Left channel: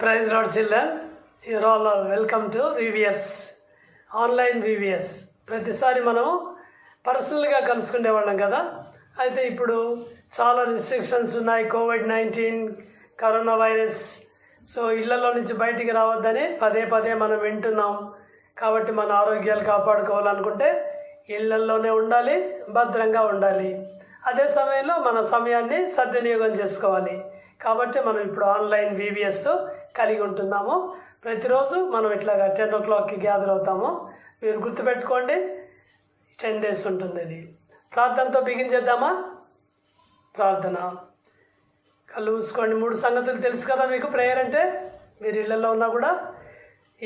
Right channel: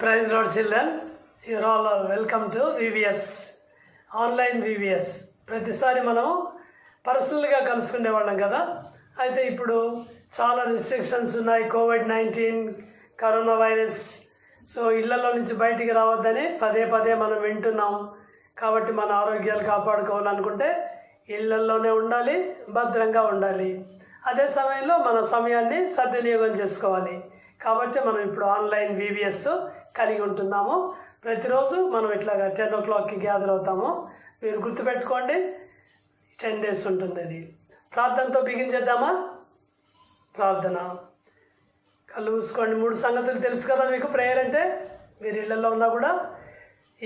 Praise Lord children, you're all welcome to VVS, online VVS. ప్రతిసారి మనం పర్సనల్గా కలుసుకునే వాళ్ళం కదా. అయితే ఇప్పుడు చాలా రిస్ట్రిక్షన్స్ ఉన్నాయి, కోవిడ్-19 కరోనా వైరస్. సో ఇళ్లలో నుంచి బయటికి రావద్దని పదే పదే మనం వింటున్నాం. కాబట్టి మన ఆరోగ్యాలు కాపాడుకోవాలనుకుంటే ఇళ్లలోనే ఉండాలి, భద్రంగా ఉండాలి. అదే సమయంలో మన సమయాన్ని సద్వినియోగం చేసుకోవాలి. కాబట్టి మనం ఇప్పుడు ఆన్లైన్ VVS కలిగి ఉంటున్నాము. ప్రతిరోజు మనం ఇట్లాగా 10 o'clockకి గ్యాదర్ అవుతాము. మీరు గుర్తుపెట్టుకోండి, 10 days ఉంటుంది అది. ప్రార్థనతో బిగించేద్దామా? ప్రార్థన. కళ్ళు మూసుకోండి. 3 సంగతులు తెలుసు కదా మీకు. ప్రేయర్ అంటే మీరు ఇళ్లలో ఉన్నా కూడా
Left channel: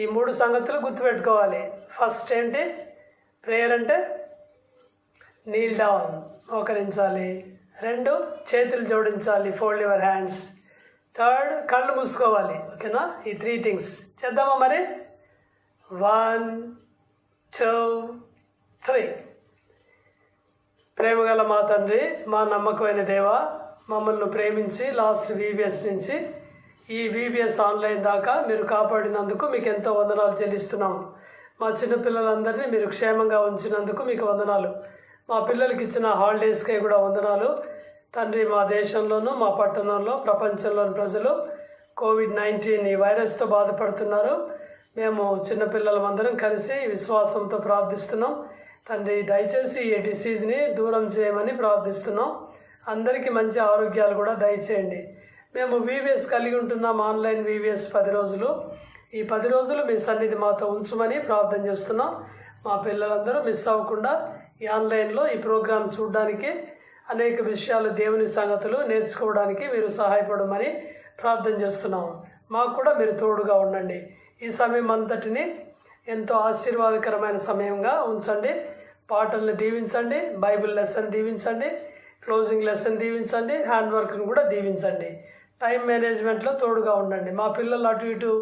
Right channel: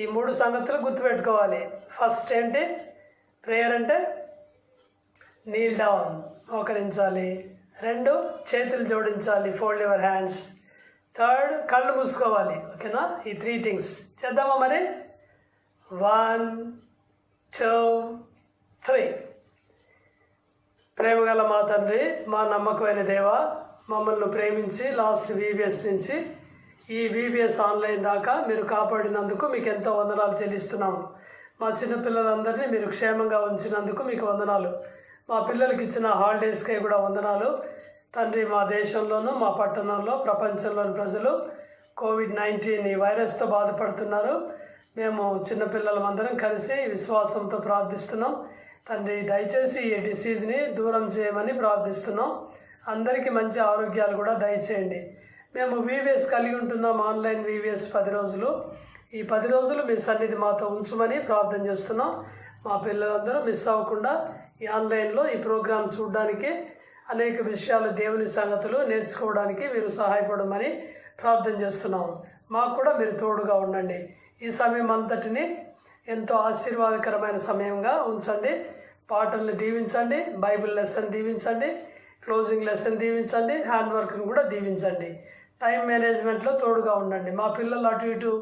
ఈ 3 సంగతులు గుర్తుపెట్టుకోవాలి. ఫస్ట్ ఏంటి? ప్రేయర్ అంటే నీల్ డౌన్, మోకరించాలి. 2 చేతులు జోడించాలి, ఫోల్డ్ యువర్ హ్యాండ్స్. 3 కళ్ళు మూసుకోవాలి. ఓకేనా? ఈ 3 things చేద్దామా మరి? 1 2 3. ప్రేమగల మా తండ్రి, మా నమ్మకమైన దేవ, మమ్మల్ని ప్రేమించి లాస్ట్ VBS నుంచి ఈ VBS ఆన్లైన్ దాకా మీరు కాపాడినందుకు మీకు ఎంతో వందనాలు చెల్లిస్తున్నాము. మా చిన్నపిల్లలందరినీ మీరు క్షేమంగా ఉంచినందుకు మీకు వందనాలు. మా పిల్లలకి ఇచ్చిన హాలిడేస్కే కూడా వందనాలు తండ్రి. మా దేశంలోనూ, మా పట్టణంలో, ప్రపంచంలోని ప్రజలు కోవిడ్-19 ఈ వైరస్తో బాధపడుతున్నారు. మేము చిన్నపిల్లలందరం కలిసి విశ్వాసంతో ప్రార్థిస్తున్నాం తండ్రి. దయచేసి ఈ డిసీజ్ని దూరం చేయమని ప్రార్థిస్తున్నాం. అందరికీ మంచి ఆరోగ్యాలు కూడా దయచేయండి. మేము VBS కలిగి ఉంటున్నాం, ఆన్లైన్ VBS 10 రోజులు. ఈ 10 రోజులు మీ సన్నిధి మాతో ఉంచమని ప్రార్థన చేస్తున్నాం. మా పిల్లలందరూ మిస్ అవ్వకుండా ఈ ఆన్లైన్లో ఈ ప్రోగ్రాం చూడడానికి, అనేక విషయాలు, దేవుని సంగతులు నేర్చుకోవడానికి మీరు సహాయపడమని ప్రార్థన చేస్తున్నాం. మాకు కూడా మీరు తోడుగా ఉండండి. ఈ సమయం అంతటిని ఎంతో ఆశీర్వాదకరమైన సమయంగా ఉంచండి. పాటల్ని దీవించండి, బైబిల్ లెసన్ దీవించండి, క్లోజింగ్ లెసన్ దీవించండి, హ్యాండ్ వర్క్ని కూడా దీవించండి. టైం మేనేజ్మెంట్లో తోడుగా ఉండండి. మా పిల్లలు అటు ఇటు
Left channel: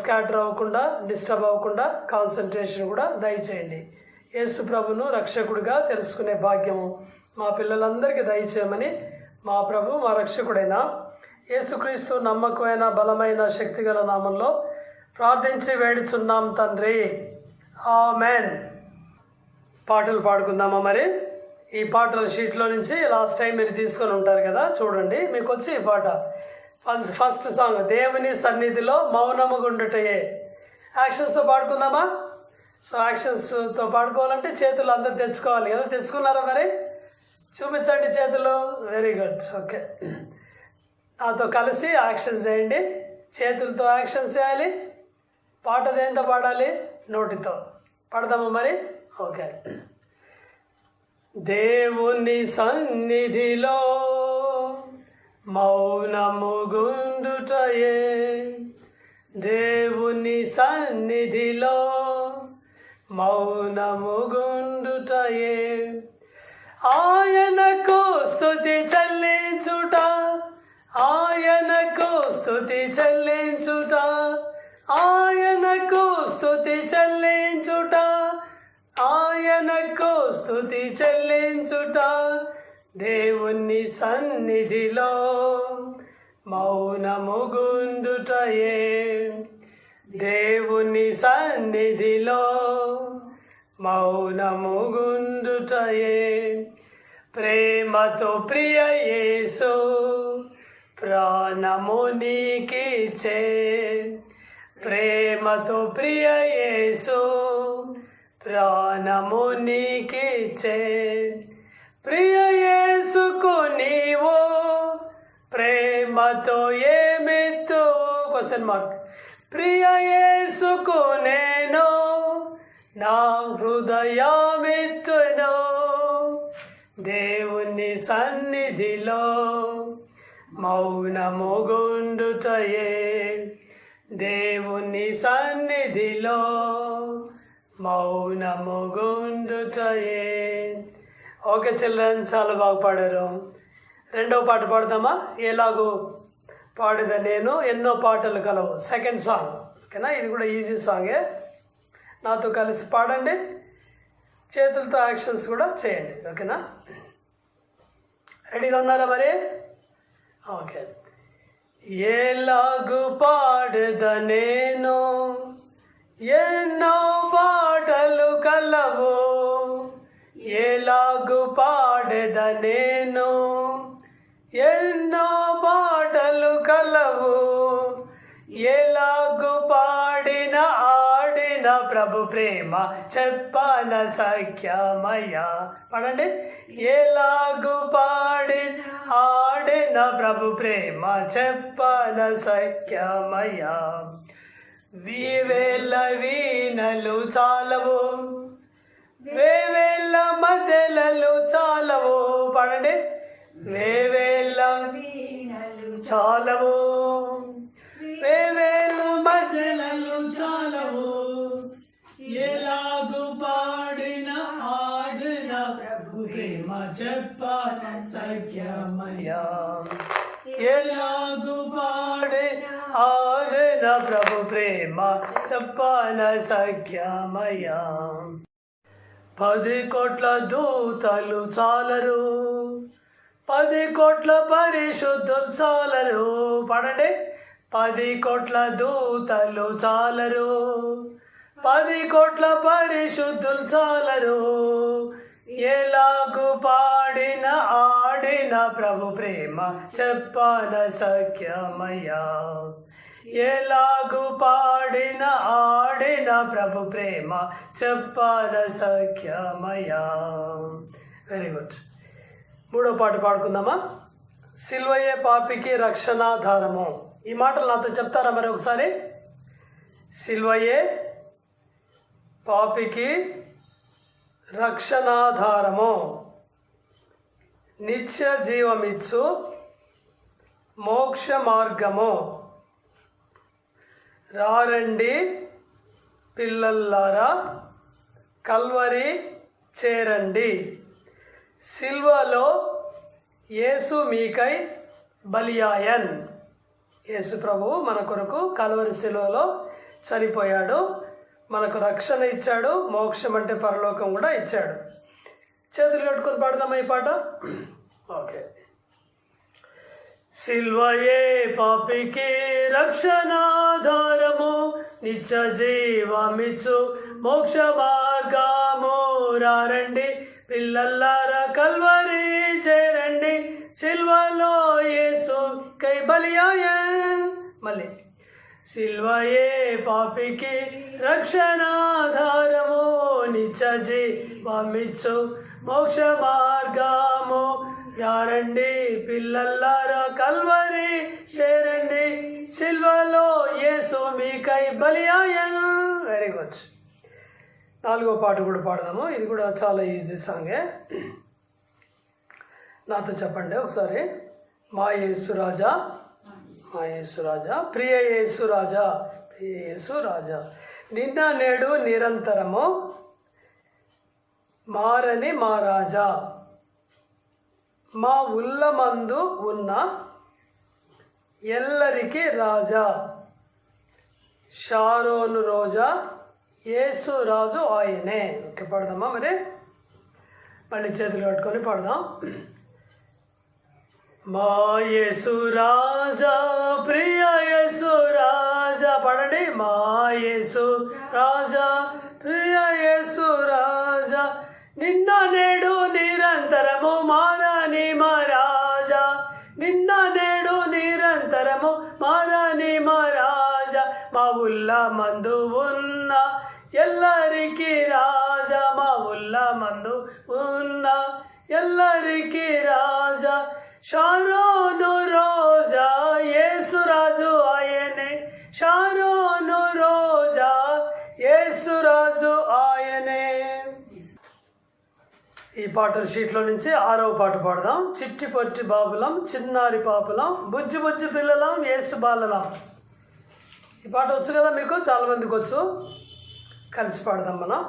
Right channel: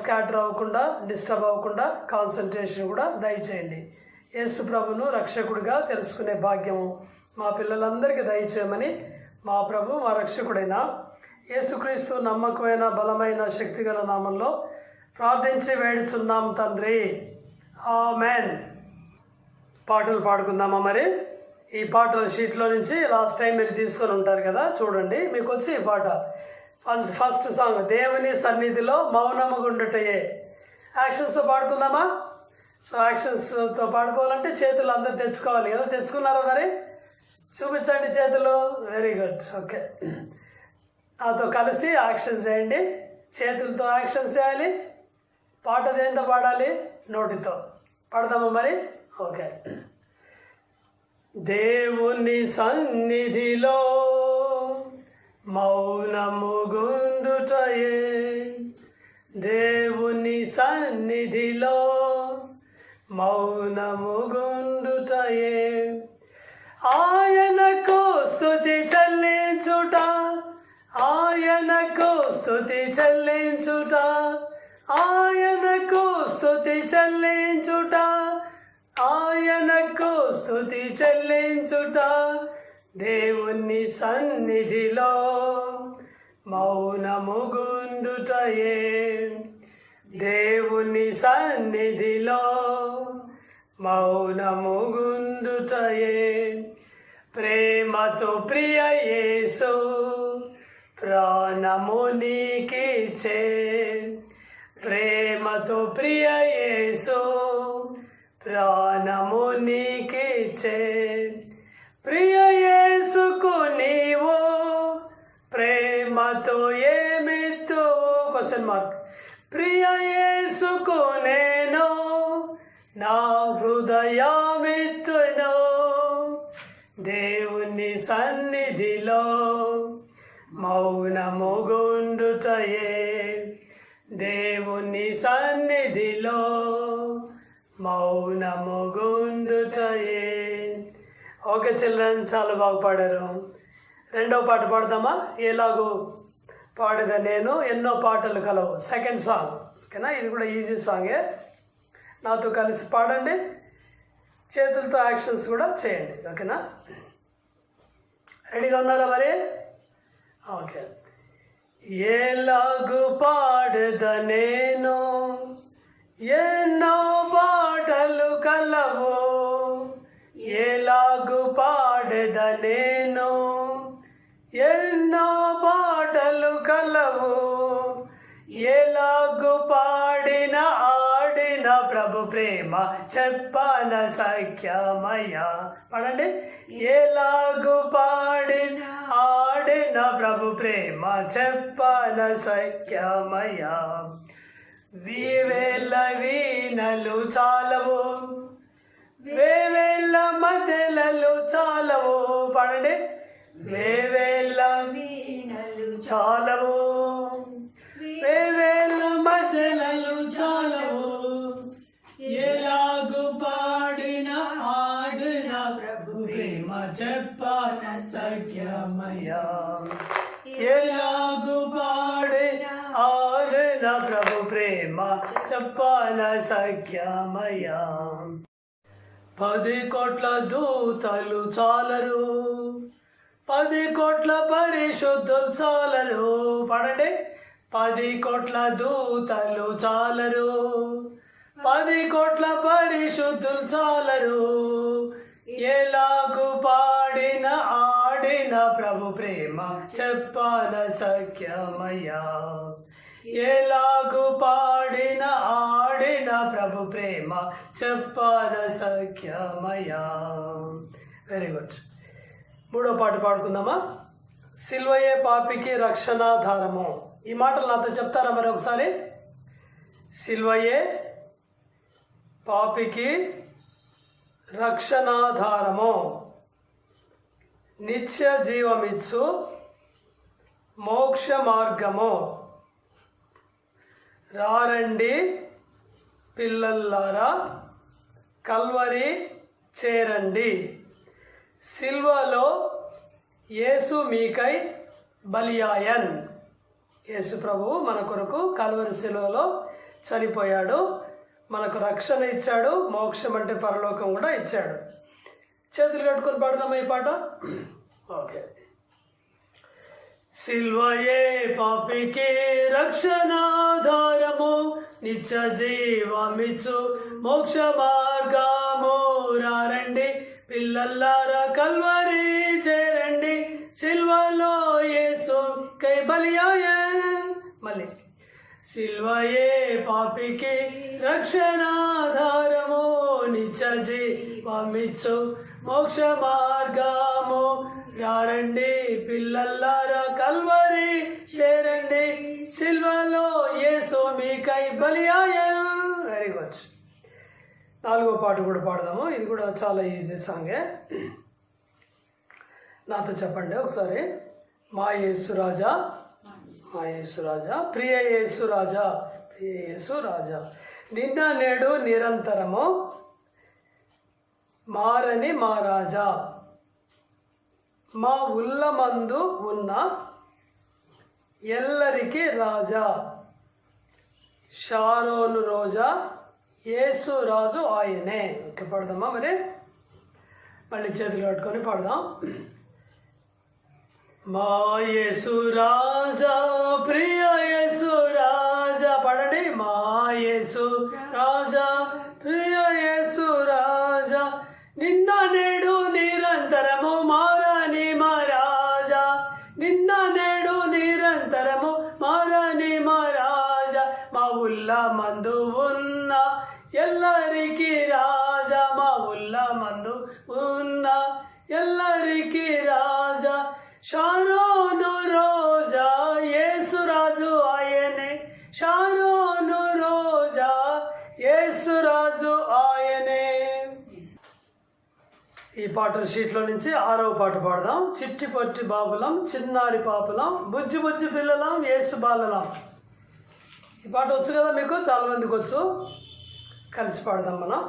స్కాటర్ అవ్వకుండా, డిస్టర్బ్ అవ్వకుండా కాన్సన్ట్రేషన్ కూడా దయచేయండి. యేసు ప్రభును రక్షకుడిగా తెలుసుకునే భాగ్యము మా పిల్లలందరికీ దయచేయమని మా ప్రభు, మా రక్షకుడైన యేసుక్రీస్తు నమ్మకమైన, బలమైన, శక్తిగల నామంలో ప్రార్థించి వేడుచున్నాం తండ్రి. ఆమెన్. పాటలు పాడుకుందామా మరి? ఈ పాటల షీట్లో నుంచి లాస్ట్ టైం మీరు తీసుకొని ఉంటారు కదా, చూడండి. మీకు వచ్చి ఈ పాట ఫస్ట్ సాంగ్, దేవుని సన్నిధిలో మౌనముగుండుటయే. యాక్షన్స్తో పాడుకుందామా? సో యాక్షన్స్తో పాడుకోవాలంటే చేతులు అందరూ తెచ్చుకోవాలి కదా. తెచ్చుకున్నారా మరి? చూపించండి చేతులు. Very good. ఓకే, నాతో కలిసి యాక్షన్ చేయండి. చేతులతో యాక్షన్ చేయాలి. పాట దేంతో పాడాలి? నోటితో. పాడదామా మరి? ఓకే. దేవుని సన్నిధిలో మౌనముగుండుటయే, దేవుని సన్నిధిలో మౌనముగుండుటయే, ఆయనకు స్తుతి చెల్లించుట, ఆయనకు స్తుతి చెల్లించుట, ఆయనకు స్తుతి చెల్లించుట, ఆయనకు స్తుతి చెల్లించుట. దేవుని సన్నిధిలో మౌనముగుండుటయే, దేవుని సన్నిధిలో మౌనముగుండుటయే. ప్రేమతో ప్రియ యేసు ప్రాణము నీకిచ్చే, ప్రేమతో ప్రియ యేసు ప్రాణము నీకిచ్చే. ప్రియ యేసుకు నీవు ప్రేమతో ఏమిత్తు? Question mark. ప్రియ యేసుకు నేను నా హృదయమిత్తును. దేవుని సన్నిధిలో మౌనముగుండుటయే, దేవుని సన్నిధిలో మౌనముగుండుటయే. ఓకే చిల్డ్రన్, చాలా బాగా పాడారు. 2వ పాట పాడదామా? ఎలాగో పాడగా నేను ఎన్నో పాటలు కలవు. Second song. ఓకేనా? ఇది కూడా ఈజీ సాంగే. నాతో కలిసి పాడండి. చేతులతో యాక్షన్స్ కూడా చేయండి. ఓకేనా? రెడీగా ఉన్నారా మరి? ఓకే. ఎలాగు పాడద నేను, ఎన్నో పాటలు కలవు. ఎలాగు పాడద నేను, ఎన్నో పాటలు కలవు. ఎలాగు పాడిన ఆడిన ప్రభు ప్రేమ చెప్పన సఖ్యమయ. పడండి. ఎలాగు పాడిన ఆడిన ప్రభు ప్రేమ చెప్పన సఖ్యమయ. వేవేల వీణలు చాలవు, వేవేల మదెలలు చాలవు. పడండి. వేవేల వీణలు చాలవు, వేవేల మదెలలు చాలవు. ఎలాగు పాడిన ఆడిన ప్రభు ప్రేమ చెప్పన సఖ్యమయ. ఎలాగు పాడిన ఆడిన ప్రభు ప్రేమ చెప్పన సఖ్యమయ. 10 కోట్ల దూతలు చాలరు, 10 కోట్ల పరిశుద్ధులు చాలరు. పడండి. 10 కోట్ల దూతలు చాలరు, 10 కోట్ల పరిశుద్ధులు చాలరు. ఎలాగు పాడిన ఆడిన ప్రభు ప్రేమ చెప్పన సఖ్యమయ. ఎలాగు పాడిన ఆడిన ప్రభు ప్రేమ చెప్పన సఖ్యమయ. Very good. 3వ పాట పాడుకుందామా? సిల్వయే పాపికి రక్షణాధారము. ఈ మాటలు నాతో చెప్తారా మరి ఒకసారి? సిల్వయే పాపికి రక్షణాధారము, నిత్య జీవమిచ్చు మోక్ష మార్గము. రారండి పిల్లల్లారా కల్వరి చేరండి. సిల్వలో యేసు మీకై బలియాయన్. యేసు ప్రభు మన కొరకు కల్వరి సిలువలో చనిపోయాడు, మనకు రక్షణ ఇచ్చాడు, మోక్షం అంటే పరలోకం కూడా ఇచ్చాడు. చేతులు కట్టుకొని పాడదామా ఈ పాట? ఓకే. సిల్వయే పాపికి రక్షణాధారము, నిత్య జీవమిచ్చు మోక్ష మార్గము. రారండి పిల్లల్లారా కల్వరి చేరండి. సిల్వలో యేసు కై బలియాయన్. మళ్ళీ. సిల్వయే పాపికి రక్షణాధారము, నిత్య జీవమిచ్చు మోక్ష మార్గము. రారండి పిల్లల్లారా కల్వరి చేరండి. సిల్వలో యేసు మీకై బలియాయన్. Very good. 4వ పాట కూడా పాడదాము. ఇది కూడా చాలా ఈజీ సాంగే. నాతో చెప్పండి ఒకసారి. మా యేసు రాజా, మా యేసు రాజా, ప్రియ యేసు రాజా, ప్రియ యేసు రాజా, నిన్న నేడు నిరంతరము మారని మా రాజా, మా ఉల్లమందు ఉన్న ఎల్లరికి రాజా, షారోను రోజా, యేసు రాజు ఆయనే. ఓకే, పాడదామా మరి? మళ్ళీ చేతులు కట్టుకొని పాడదాం. మా యేసు రాజా, ప్రియ యేసు రాజా. పాడండి. మా యేసు రాజా, ప్రియ యేసు రాజా, నిన్న నేడు నిరంతరము మారని మా రాజా, నిన్న నేడు నిరంతరము మారని మా రాజా, మా ఉల్ల మందు ఉన్న ఎల్లరికి రాజా, మా ఉల్ల మందు ఉన్న ఎల్లరికి రాజా, షారోను రోజా, యేసు రాజు ఆయనే, షారోను రోజా, యేసు రాజు ఆయనే. ఈ పాట షీట్లో నుంచి 6వ పాట పాడదాం. చిట్టి పొట్టి బాబులం, చిన్నారి పాపులం, బుజ్జి బుజ్జి పిల్లలం, యేసు బాలలం. ఈ పాట వచ్చు కదా మీకు? చాలా మందికి వచ్చు. కలిసి పాడదాం మనం.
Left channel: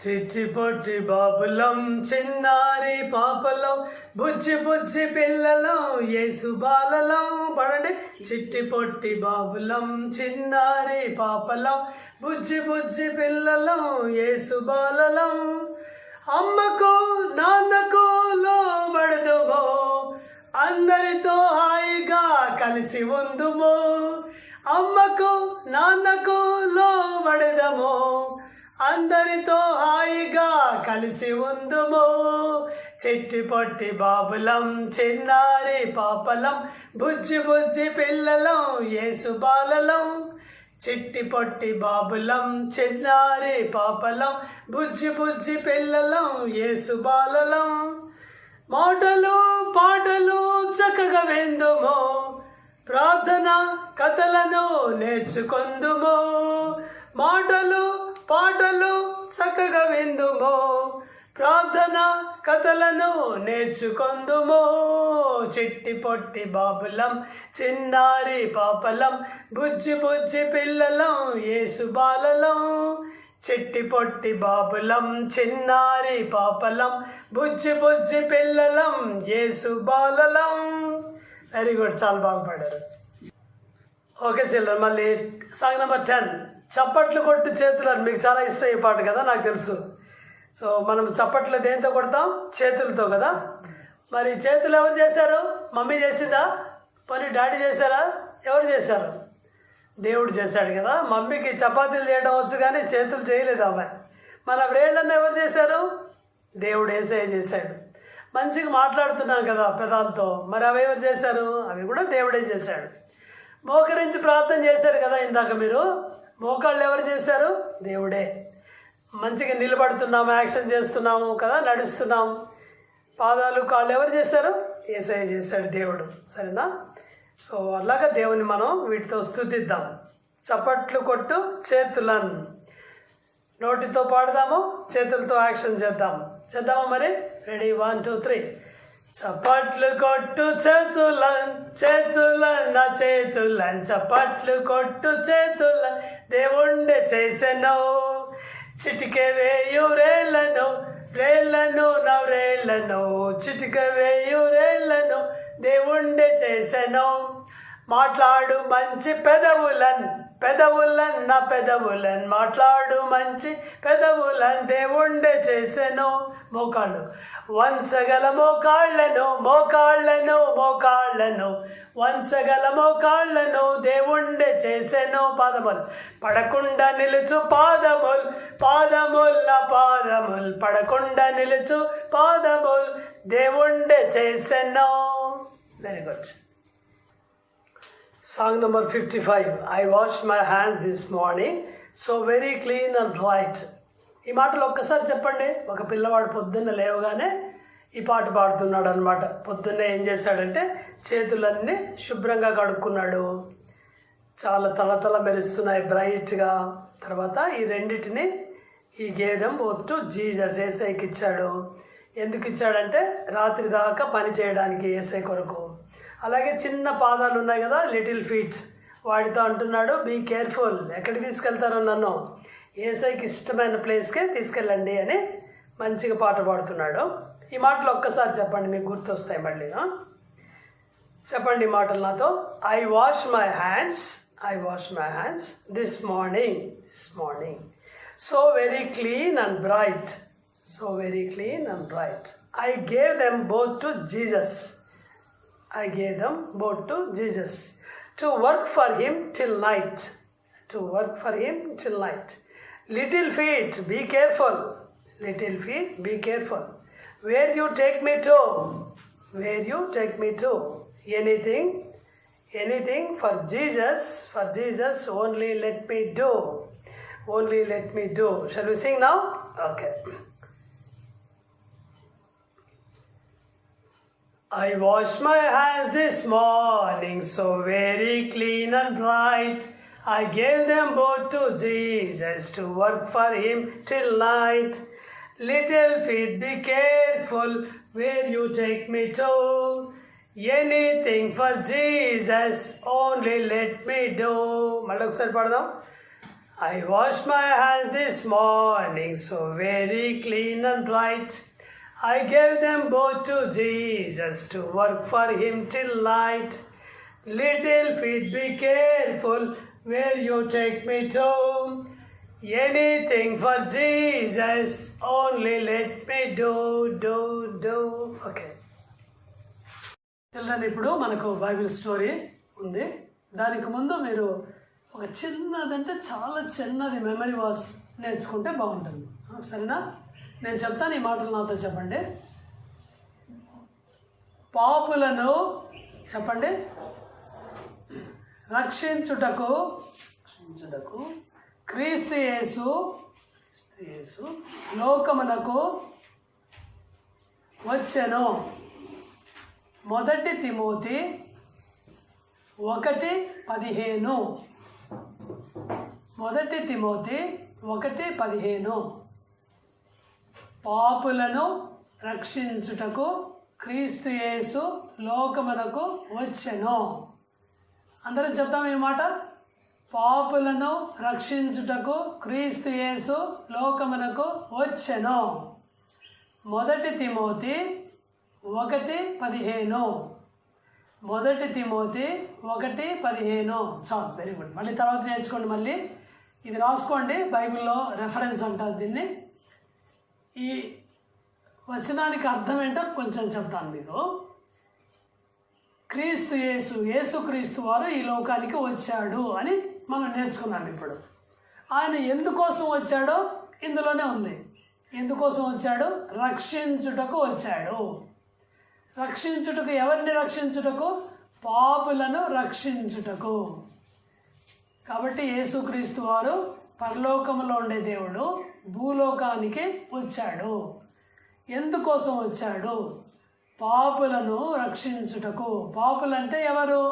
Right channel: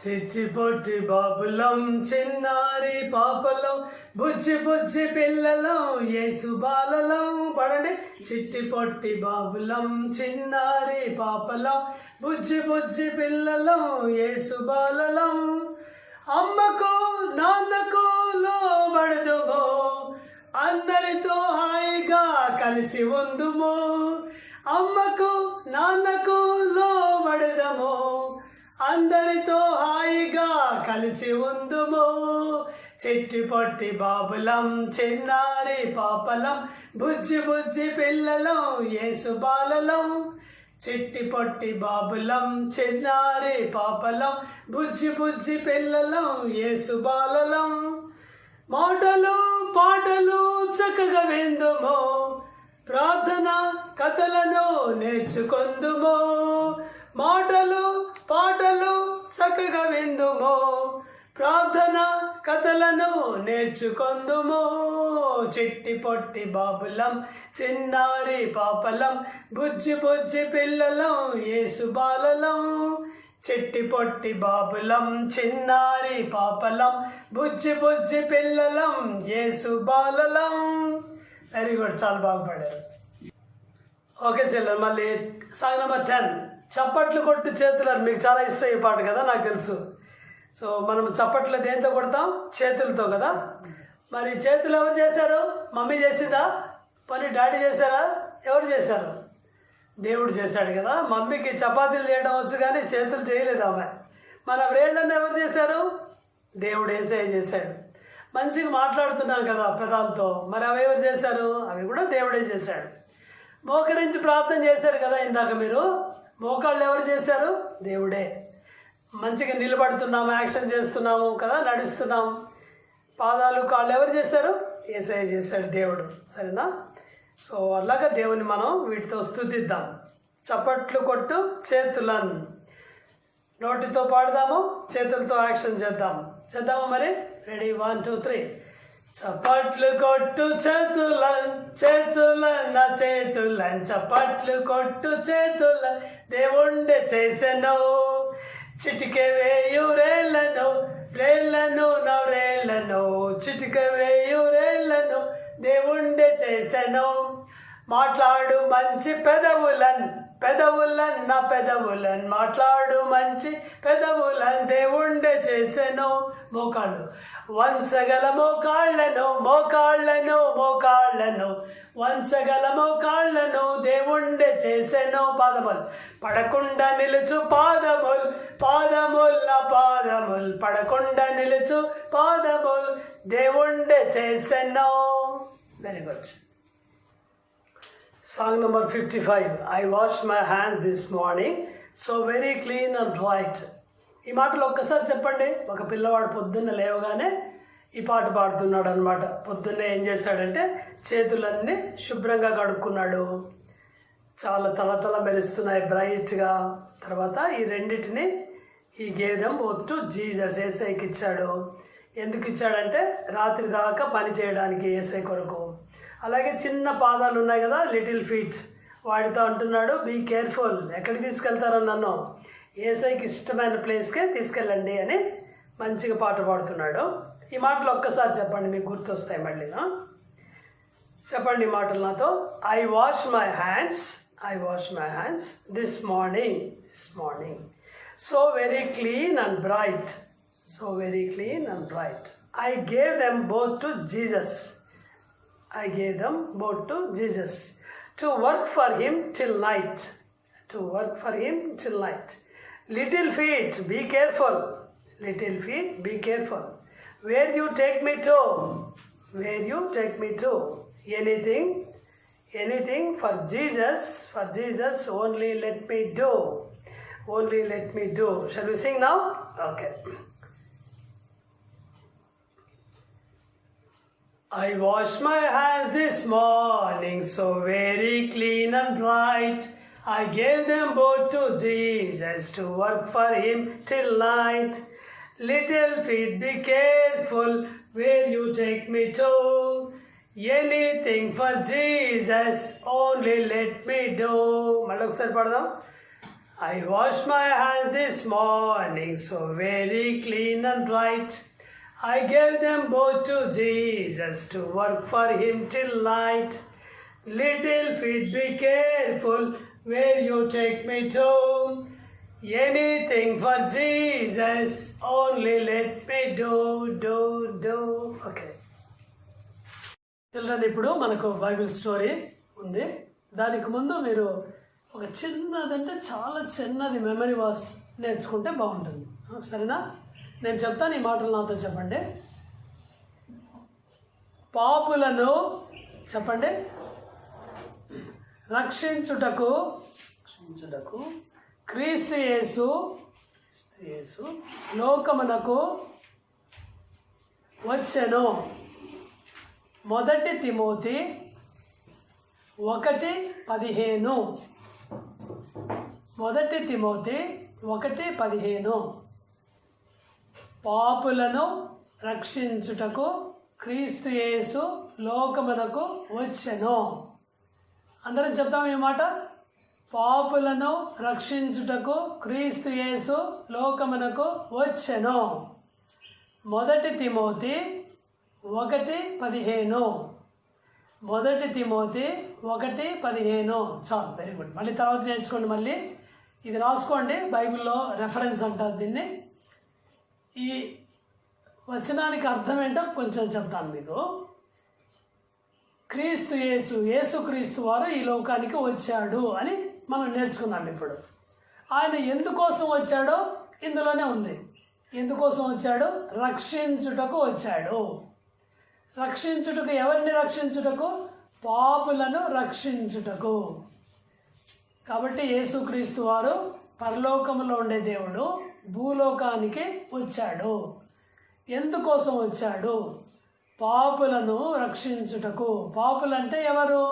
చిట్టి పొట్టి బాబులం, చిన్నారి పాపలం, బుజ్జి బుజ్జి పిల్లలం, యేసు బాలలం. పడండి. చిట్టి పొట్టి బాబులం, చిన్నారి పాపలం, బుజ్జి బుజ్జి పిల్లలం, యేసు బాలలం. అమ్మకు నాన్నకు లోబడదుమో, అందరితో హాయిగా కలిసి ఉందుము, అమ్మకు నాన్నకు లోబడెదము, అందరితో హాయిగా కలిసి ఉందుము. చిట్టి పొట్టి బాబులం చిన్నారి పాపలం, బుజ్జి బుజ్జి పిల్లలం యేసు బాలలం. చిట్టి పొట్టి బాబులం చిన్నారి పాపలం, బుజ్జి బుజ్జి పిల్లలం యేసు బాలలం. మాటలు పాటలు చక్కగా విందుము, ప్రార్థన కథలను నేర్చుకొందుము. మాటలు పాటలు చక్కగా విందుము, ప్రార్థన కథలను నేర్చుకొందుము. చిట్టి పొట్టి బాబులం చిన్నారి పాపలం, బుజ్జి బుజ్జి పిల్లలం యేసు బాలలం. చిట్టి పొట్టి బాబులం చిన్నారి పాపలం, బుజ్జి బుజ్జి పిల్లలం యేసు బాలలం. వెరీ గుడ్, చాలా బాగా పాడారు. ఓకే చిల్డ్రన్, మళ్ళీ సాంగ్ నెంబర్ 10. చప్పట్లు కొట్టు చేతులను. మీకు చాలా ఇష్టం ఈ పాట కదా, నాకు తెలుసు. సో మనం చప్పట్లు దేంతో కొడతాం? చేతులతో కదా. మరి చేతులు ఎవరు చేశారు? మమ్మీ చేసిందా? పోనీ డాడీ చేశారా? ఎవరు చేశారు? దేవుడు చేశాడు కదా. మమ్మీకి చపాతీలు చేయడం వచ్చు కానీ చేతులు చేయలేదు అమ్మాయి. మన వేళ్ళನ್ನು ఎవరు చేశారు? దేవుడు యేసయ్య చేశాడు. మంచిగా మాట్లాడుతున్నాం కదా పెదాలతో, మరి అవి ఎవరు చేశారు? అవి కూడా దేవుడే చేశాడు. మోకరించి ప్రార్థన చేశారు కదా ఇందాక మీరు, మోకాళ్ళు ఎవరు చేశారు? దేవుడే. మంచిగా నిలబడుతున్నాము, యాక్షన్ చేస్తున్నాము కదా, నడుస్తున్నాము. పాదాలు కాళ్ళు ఎవరు చేశారు? యేసయ్య చేశాడు, దేవుడు. సరేనా? సో అలాగా దేవుని మనం వీటితో స్తుతిద్దాం. చప్పట్లు కొట్టు చేతులను. నోటితో పాడదాము, చేతులతో యాక్షన్ చేద్దాం. చేద్దామా మరి? రెడీ, 1 2 3. చప్పట్లు కొట్టు చేతులను, చేతులన్న చేతులను, చప్పట్లు కొట్టు చేతులను, దేవుండే చేసెను. చిటికె వేయు రేళ్లను, రేళ్లను నవ్రేళ్లను, చిటికె వేయు రేళ్లను దేవుండే చేసెను. మాట్లాడు మంచి పెదవులన్, పెదవులన్న పెదవులన్, మాట్లాడు మంచి పెదవులన్ దేవుండే చేసెను. మోకాళ్ళు వంచగల మోకాళ్ళను, మోకాళ్ళను మోకాళ్ళను, వంచగల మోకాళ్ళను దేవుండే చేసెను. పాదములు పడకుండా నిలుచు పాదముల్, పాదముల్ పాదముల్, పడకుండా నిలుచు పాదముల్ దేవుండే చేసెను. Very good. Song number 55. I washed my hands this morning, so very clean and bright. ఈ మాటలు ఒక్కసారి చెప్పండి. ఒక పిల్లవాడు పొద్దున్న లేవగానే ఈ పాట పాడుతున్నాడు అనమాట. పొద్దున్నే ఏం చేశాడంటే చేతులన్నీ శుభ్రంగా కడుక్కున్నాడు, చాలా తలతల మెరుస్తున్నాయి బ్రైట్గా. తర్వాత ఈ రెండింటిని ఈ గేదెం ఒట్టు జీసస్ యేసయ్యకి ఇచ్చాడు. ఎందుకు ఇచ్చాడంటే రాత్రి దాకా పని చేయడానికి యేసయ్య కొరకు. అలాగే చిన్న పాదాలు ఉన్నాయి కదా, లిటిల్ ఫీట్, వాడితో అంటున్నాడు బీ కేర్ఫుల్, ఎక్కడికి తీసుకెళ్తారో నన్ను, యేసయ్యకి ఇష్టమైన ప్లేస్కే తీసుకెళ్ళండి అని మంచిగా పాట పాడుతున్నాడు. ఈ మాటలు ఒక్కసారి చెప్పండి, మీకు గుర్తొస్తాయి మళ్ళీ. చెప్పండి ఈ మాటలు నాతో. I wash my hands, I wash my hands this morning, this morning, so very clean and bright, so very clean and bright. I gave them both to Jesus, I gave them both to Jesus, to work for him till night, to work for him till night. Little feet, be careful, little feet, be careful. Where you take me to, where you take me to. Anything, anything for Jesus, only let me do, only let me do. Shall we sing now? Okay. I washed my hands this morning, so very clean and bright. I gave them both to Jesus, to work for him till night. Little feet, be careful where you take me to. Anything for Jesus, only let me do. Malokasari padadam. I washed my hands this morning, so very clean and bright. I gave them both to Jesus, to work for him till night. Little feet, be careful where you take me to. Anything for Jesus, only let me do. Okay. Children, ఇప్పుడు మనకు Bible story ఉంది. దానికి ముందు మీరు ఒక చిన్నదంటే చాలా చిన్నది memory was నేర్చుకుంటే బాగుంటుంది. సరేనా? నేను చెప్తాను, ఈ మాటలు నాతో చెప్పండి. పాపులను చెప్పండి రక్షించుటకు క్రీస్తు యేసు లోకమునకు వచ్చెను. 1 తిమోతి 1:15. 1 తిమోతి 1:15. పాపులను రక్షించుటకు క్రీస్తు యేసు లోకమునకు వచ్చెను. అందరం చెప్తాం ఈ మాట. పాపులను రక్షించుటకు క్రీస్తు యేసు లోకమునకు వచ్చెను. 1 తిమోతి 1:15. 1 తిమోతి 1:15. చాలు, వెరీ గుడ్. మళ్ళీ తర్వాత నేర్చుకోండి. మళ్ళీ ఇది రాసుకోండి, బైబిల్లో రెఫరెన్స్ అంటారు దీన్ని. ఈ వచనానికి అర్థం ఏంటో కొంచెం చెప్తాను మీకు. క్రీస్తు యేసుక్రీస్తు వారు ఈ లోకానికి వచ్చాడు అని మనం నేర్చుకున్నాం. ఇప్పుడు ఆయన ఎందుకోసం వచ్చాడో ఇందులోనే ఉంది. ఎందుకోసం వచ్చాడు? రక్షించుటకు వచ్చాడు. రక్షించుటకు ఎవరిని రక్షించుటకు? పాపులను రక్షించుటకు. కాబట్టి యేసుక్రీస్తు వారు పరలోకములో ఉండే దేవుడు భూలోకానికి వచ్చాడు. ఎందుకోసం వచ్చాడు? పాపులను రక్షించుటకు. పాపులంటే ఎవరు?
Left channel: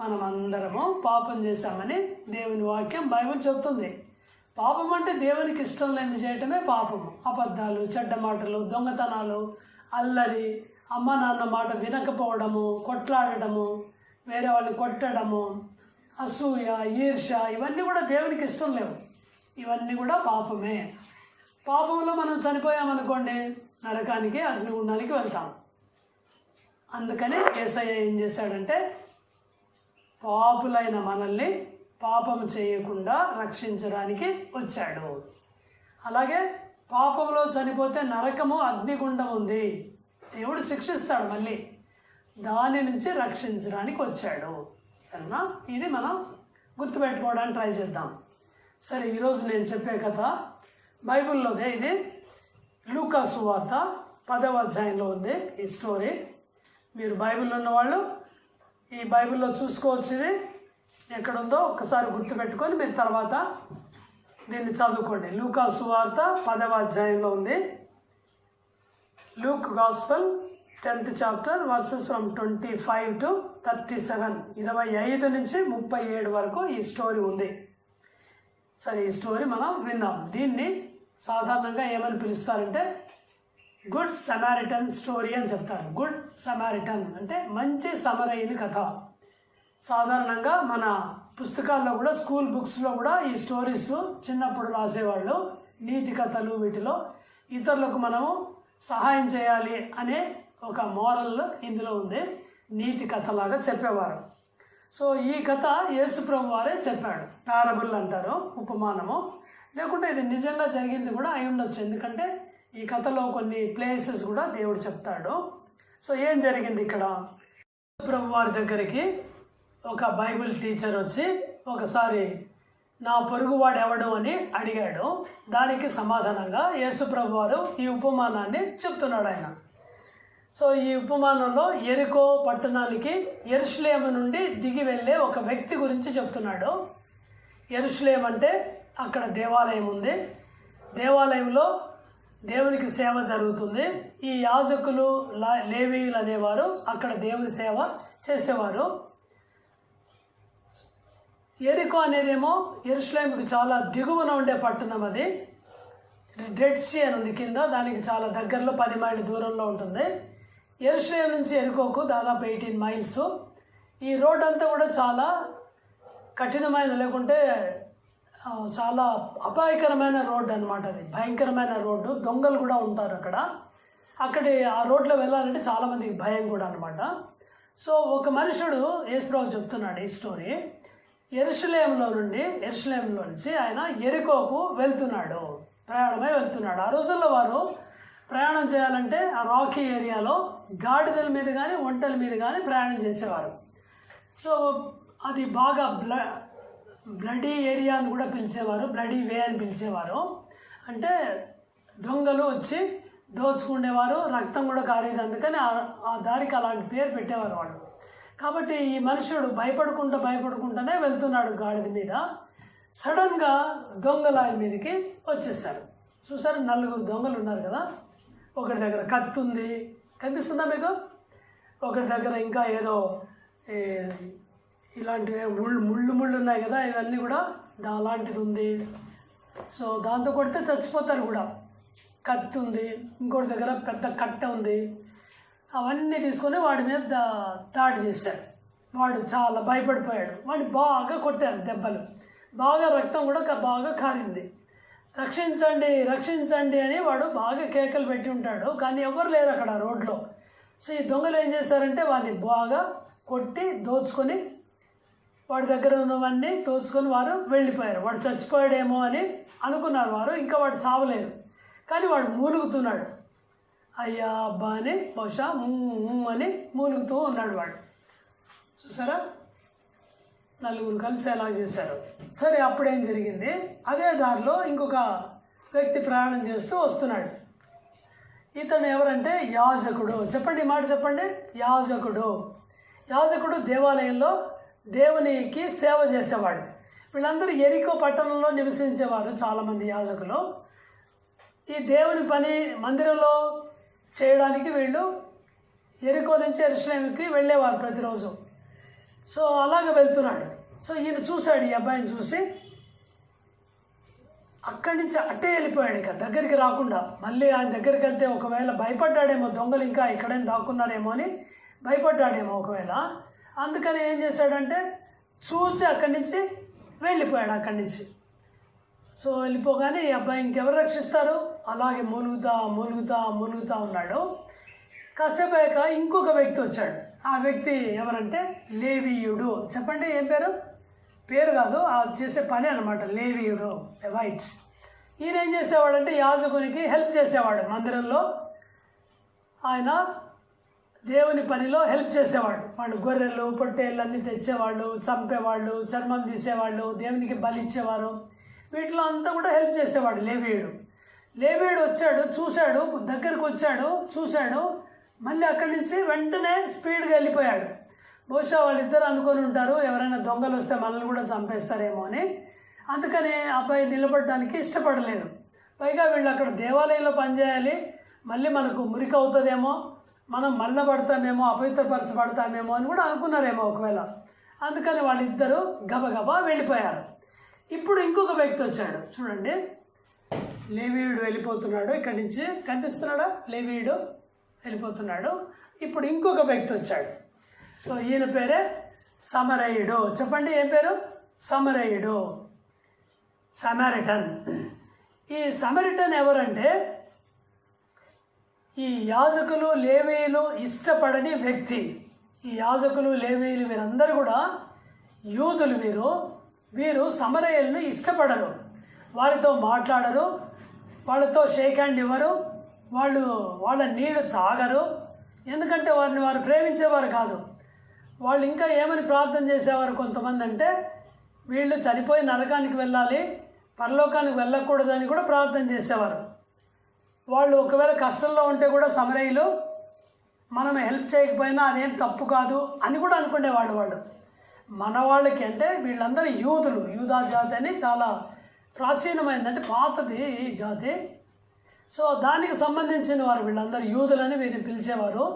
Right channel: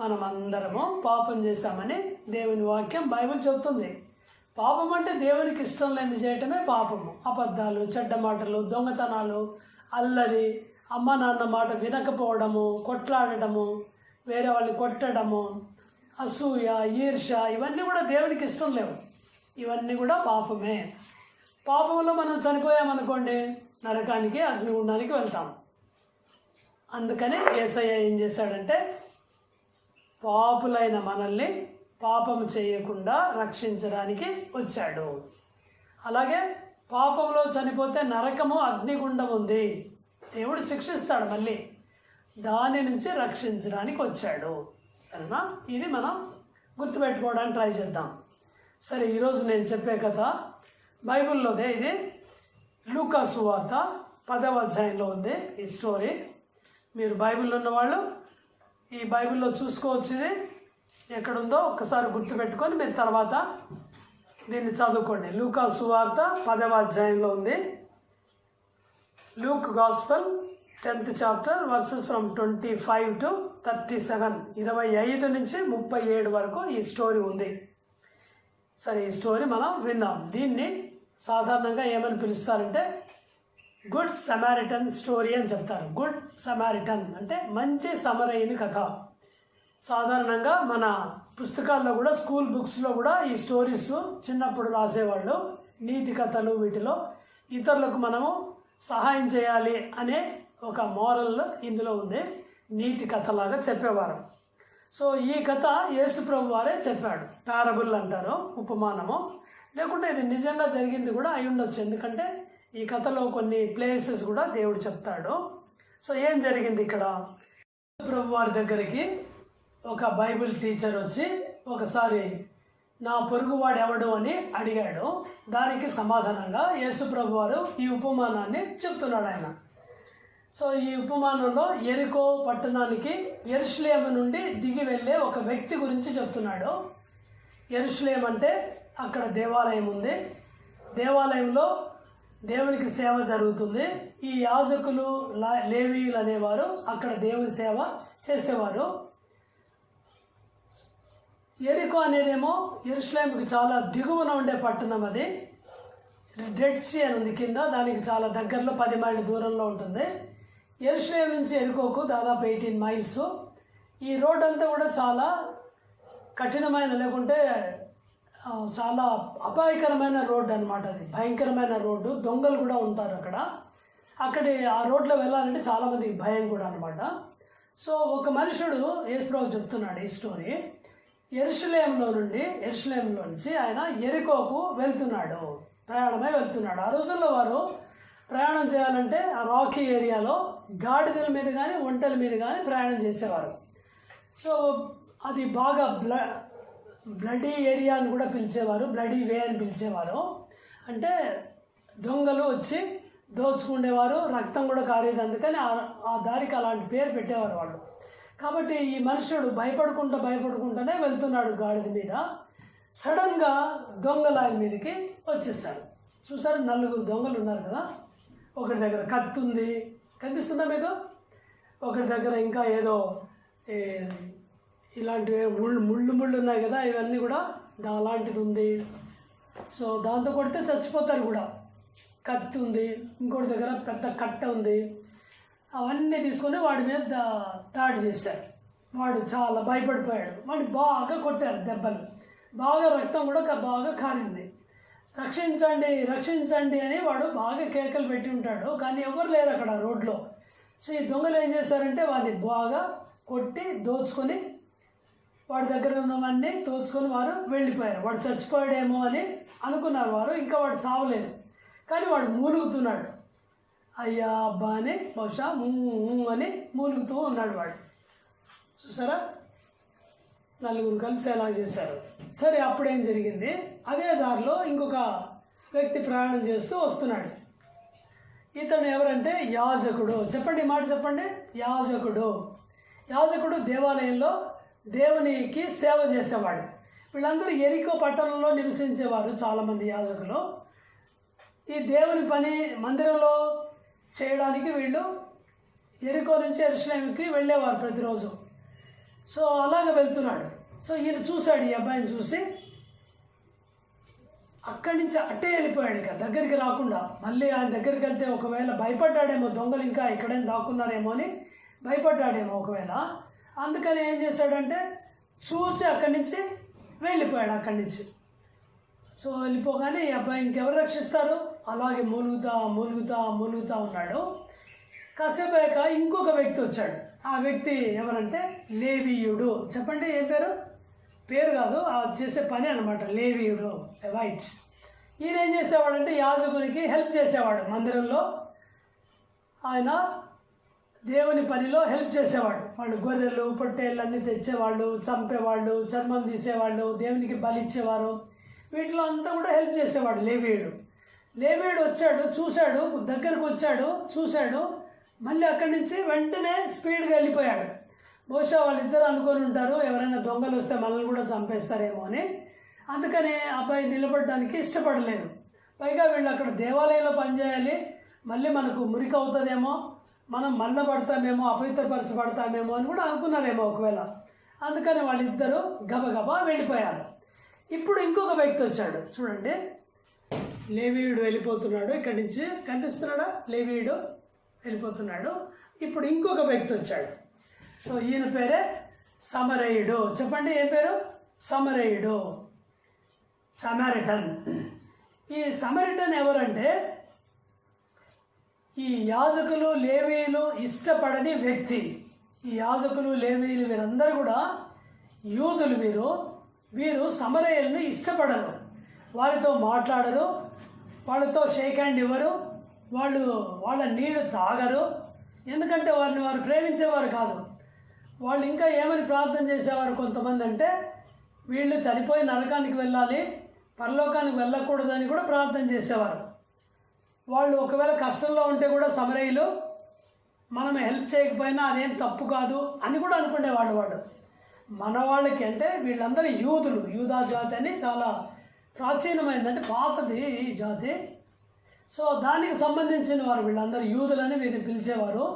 మనం అందరము పాపం చేశామని దేవుని వాక్యం బైబిల్ చెబుతుంది. పాపం అంటే దేవునికి ఇష్టం లేని చేయటమే పాపము. అబద్ధాలు, చెడ్డ మాటలు, దొంగతనాలు, అల్లరి, అమ్మ నాన్న మాట వినకపోవడము, కొట్లాడటము, వేరే వాళ్ళని కొట్టడము, అసూయ, ఈర్ష, ఇవన్నీ కూడా దేవునికి ఇష్టం లేవు. ఇవన్నీ కూడా పాపమే. పాపంలో మనం చనిపోయామనుకోండి, నరకానికి, అగ్నిగుండానికి వెళ్తాం. అందుకని యేసయ్య ఏం చేశాడంటే పాపులైన మనల్ని పాపం చేయకుండా రక్షించడానికి వచ్చాడు. అలాగే పాపంలో చనిపోతే నరకము, అగ్నిగుండం ఉంది. దేవుడు శిక్షిస్తాడు, మళ్ళీ దాని నుంచి రక్షించడానికి వచ్చాడు. సరేనా? ఇది మనం గుర్తుపెట్టుకోవడానికి ట్రై చేద్దాం. సరే, ఈరోజు నేను చెప్పే కథ బైబిల్లోదే. ఇది లూకా సువార్త 10వ అధ్యాయంలో ఉంది ఈ స్టోరీ. మీరు బైబిల్లో ఉన్నవాళ్ళు ఈ బైబిల్లో చూసుకోవచ్చు. ఇది ఎక్కడుందో ఒకసారి గుర్తుపెట్టుకొని మీరు తర్వాత దీన్ని చదువుకోండి. లూకా సువార్త 10వ అధ్యాయంలో ఉంది. Luke gospel 10th chapter versus from 25 to 37. 25 నుంచి 37 వరకు ఈ స్టోరీ ఉంది. సరే, ఈ స్టోరీ మనం విందాం. దీన్ని సాధారణంగా ఏమని పిలుస్తారంటే గుడ్ సమారిటన్ స్టోరీ అని చెప్తారు. గుడ్ సమారిటన్ అంటే మంచి సమరయుని కథ. సాధారణంగా మన పుస్తకాల్లో కూడా, స్కూల్ బుక్స్లో కూడా ఈ స్టోరీస్ చిన్నప్పుడు రాసేవాళ్ళు. నీతి కథలు, వీటిలో ఇతరులకు మనము సహాయం చేయాలి అనే ఒక మోరల్ ఇందులో ఉంది. నీతి కథలాగా చెప్పేవారు. సో ఈ కథ యేసుప్రభు వారే చెప్పాడు. పారబుల్ అంటారు, ఉపమానము. లేకుంటే ఇది నిజంగా జరిగింది కూడా అయి ఉండొచ్చు, ఎందుకంటే ఈ కథలో కొన్ని ప్లేసెస్ కూడా దేవుడు చెప్తాడు. సో ఏం జరిగింది ఇక్కడ? యేసుప్రభు వారి దగ్గరికి ఒక బైబిల్ టీచర్ వచ్చి ఒకసారి నా పొరుగువాడు ఎవడు అని అడిగాడు. దానికి సమాధానంగా యేసుప్రభు వారు ఈ ఉపమానాన్ని చెప్తున్నాడు ఆయన. సో ఈ ఉపమానంలో యెరికో పట్టణానికి యెరూషలేము నుండి దిగి వెళ్ళే ఒక వ్యక్తి గురించి చెప్తున్నాడు. యెరూషలేం అంటే అక్కడ దేవాలయం ఉంది. దేవాలయంలో దేవునికి సేవ జరుగుతుంది. ఈ యాజకులు, లేవీయులు అనేవారు అక్కడ దేవుని సేవ చేసేవారు. యెరికో అనేదేమో యెరూషలేముకి చాలా దిగువన ఉండే పట్టణం. అది డెడ్ సీ అని ఉంది కింద, దానికి చాలా దగ్గరలో 10 మైళ్ళ దూరంలో ఉంటుంది. యెరూషలేం నుంచి యెరికోకు దాదాపు 18 మైల్స్. ఈ రోడ్ అంతా కూడా చాలా కఠినమైన, లేకుంటే చాలా అపాయకరమైన రోడ్డు అనమాట. అది భయంకరమైన రోడ్డు. దొంగలు కూడా ఉంటారు అక్కడ. ఆ రోడ్లో వెళ్ళాలంటే చాలామందికి భయం కూడా అనమాట. సో ఒక మనుషుడు యేసుప్రభు చెప్తున్నాడు ఈ స్టోరీ. యెరూషలేంలో నుంచి ఆయన యెరికోకు ప్రయాణమై వెళ్తున్నాడు. ఆ రోజుల్లో వారు ప్రయాణం చేయాలంటే ఆ రాకీ ఏరియాలో గాడిదల మీద కానీ ఒంటెల మీద కానీ ప్రయాణం చేసేవారు. సో అది బాగా బ్లడీ ఏరియా అని కూడా పిలిచేవారు, బ్లడీ వే అని పిలిచేవారు. అంటే దొంగలు వచ్చి దోచుకునేవారు, రక్తం కూడా కారేది, అందుకని ఆ దారికి అలాంటి పేరు పెట్టేవారు వాళ్ళు. కాబట్టి ఈ మనుషుడు భయపడుకుంటూనే వెళ్తున్నాడు గాడిద మీద. సడన్గా దొంగలు ఆయన మీదకి వచ్చేసారు. చూసారు, 4 దొంగలు ఉన్నారు కదా. ఒకటి దగ్గర కత్తి ఉంది, కనిపిస్తుందా మీకు? ఒకటి దగ్గర ఇంకా ఏదో ఇలాంటివి ముళ్ళు ఉన్నాయి కదా, ఇవన్నీ కూడా అలాంటిది ఉంది. సో దాంతో కొడితే చచ్చిపోతారు కూడా. కత్తి ఉంది, ఇంకోటి దగ్గర పెద్ద కట్ట ఉంది. అవన్నీ తీసుకొని వాడి మీద దాడి చేశారు. వాడు చాలా భయపడిపోయాడు. వాడిని బాగా కొట్టారు దెబ్బలు, బాగా రక్తం కూడా బాగా కారింది. రక్షించండి రక్షించండి అని వాడు బాగా కేకలు పెట్టి ఉంటాడు, కానీ ఎవరు లేరు అక్కడ రోడ్లో. సో ఈ దొంగలు ఏం చేశారంటే వాడిని బాగా కొట్టి దోచుకొని, వాడి దగ్గర ఉన్నవన్నీ దోచుకొని వారు వెళ్ళిపోయారు. వాడు చచ్చిపోయాడేమో అని అనుకున్నారు వారు. ఇంకా వాడు చావలేదు, కానీ వాడు మూలుగుతున్నాడు. అయ్యా అబ్బా అని బహుశా అని మూలుగుతూ ఉన్నాడు వాడు. చూసారా, 4 కలిసి ఎలా చేశారు. సరే, అప్పుడేం జరిగింది, అదే దారిలో ఇంకొక వ్యక్తి ప్రయాణం చేస్తూ వస్తున్నాడు. ఇతను ఎవరంటే యాజకుడు. చెప్పండి, మాట చెప్పండి. యాజకుడు దేవాలయంలో దేవునికి సేవ చేసేవాడు. వీళ్ళందరూ ఎరికో పట్టణంలో నివసించేవారు చాలామంది యాజకులు. ఈ దేవుని పని మందిరంలో చేయడానికి వీళ్ళు ఎరికో నుంచి యెరూషలేముకి వెళ్ళేవారు ప్రతిరోజు. సో అలాగ వెళ్తున్నాడు. సో ఈయన చూశాడు, ఈ అబ్బాయిని చూసి అక్కడి నుంచి అట్టే వెళ్ళిపోయాడు. ఇక దగ్గరికి రాకుండా, మళ్ళీ ఆయన దగ్గరికి వెళ్తే ఒకవేళ భయపడ్డాడేమో, దొంగలు ఇంకా ఇక్కడేం దాక్కున్నారేమో అని భయపడ్డాడేమో ఒకవేళ. అందుకని ఏం చేశాడంటే చూసి అక్కడి నుంచి వెళ్ళిపోయాడు అక్కడి నుంచి. సో వెళ్ళిపోగానే ఈ అబ్బాయి ఇంకెవరు రక్షిస్తారు, అలాగే మూలుగుతా ఉన్నాడు. కాసేపు అయ్యాక ఇంకొక వ్యక్తి వచ్చాడు. ఆ వ్యక్తి ఎవరంటే లేవీయుడు. చెప్పండి, ఏం పేరు కాదు, ఆ చేసే పని అనమాట, లేవీయుడు, లెవైట్స్. ఈయన ఏం చేసేవాడంటే యాజకునికి హెల్ప్ చేసేవాడు. మందిరంలో ఆయన దేవుని పనిలో హెల్ప్ చేసేవాడు. వాళ్ళు గొర్రెలు పొట్టేళ్ళు అన్నీ తెచ్చేవాళ్ళు, చంపేవాళ్ళు, చర్మం తీసేవాళ్ళు, దేవునికి బలి ఇచ్చేవారు. వీటిలో అంతా కూడా హెల్ప్ చేసేవాడు లేవీయుడు వచ్చాడు, చూశాడు, దగ్గరకు వచ్చాడు, చూశాడు, మళ్ళీ అక్కడి నుంచి వెంటనే స్పీడ్గా వెళ్ళిపోయాడు. బహుశా వాళ్ళిద్దరు అనుకొని ఉంటారు, ఎవరైనా దొంగలు వస్తే మనల్ని కూడా చంపేస్తారేమో అని. అందుకని అబ్బాయి నిలబడడానికి ఇష్టపడలేదు. పైగా వీళ్ళు అక్కడ దేవాలయంలో పనిచేయాలి, మళ్ళీ మనకు మురికి అవుతుందేమో, మనం మల్లబడతామేమో, అపవిత్రపరచబడతామేమో అని కూడా అనుకున్నారేమో ఒకవేళ. అందుకని వాళ్ళిద్దరూ గబగబా వెళ్ళిపోయారు. ఇప్పుడు ఇంకొక వ్యక్తి వచ్చాడు. చూడండి, లేవీయుడు వెళ్ళిపోతున్నాడు. ఇక్కడి నుంచి కనిపిస్తున్నాడా? లేవీయుడు వెళ్ళిపోతున్నాడు. ఇప్పుడు ఇంకొక వ్యక్తి వచ్చాడు. సో ఈయన పేరే సమరయుడు. చెప్పండి, ఏం పేరు? సమరయుడు, సమారిటన్. ఈ సమరిటన్ ఎవరంటే ఈ యాజకులు లేవీయులు ఇష్టపడని వ్యక్తి. ఈ యాజకులు లేవీయులు వీరందరూ కూడా యూదులు. వీరు సమరయులను ఇష్టపడరు, వారితో మాట్లాడరు, వాళ్ళతో షేక్ హ్యాండ్ ఇవ్వరు, వాళ్ళ నీళ్ళు తాగరు. ఎందుకంటే వారు ప్రేమించేవారు కాదు. వాళ్ళు ఇంకా ఏమని ప్రార్థన చేసేవారు కొంతమంది అంటే, వీళ్ళు చనిపోయి నరకానికి వెళ్ళాలి, పరలోకానికి వెళ్ళకూడదని కూడా ప్రార్థన చేసేవారు. వాళ్ళు ఒకవేళ కష్టంలో ఉంటే కూడా సమరయులు మనం హెల్ప్ చేయకపోయినా అదేం తప్పు కాదు అని కూడా అనుకునేవాడు. మన వాళ్ళకి అంటే వీళ్ళందరూ యూదా జాతి అని చాలా ప్రాచీనమైందంటే పాతది ఈ జాతి. సో దానికి సంబంధించిన వారు వీళ్ళందరూ యూదులని వీరిని పిలిచేవారు.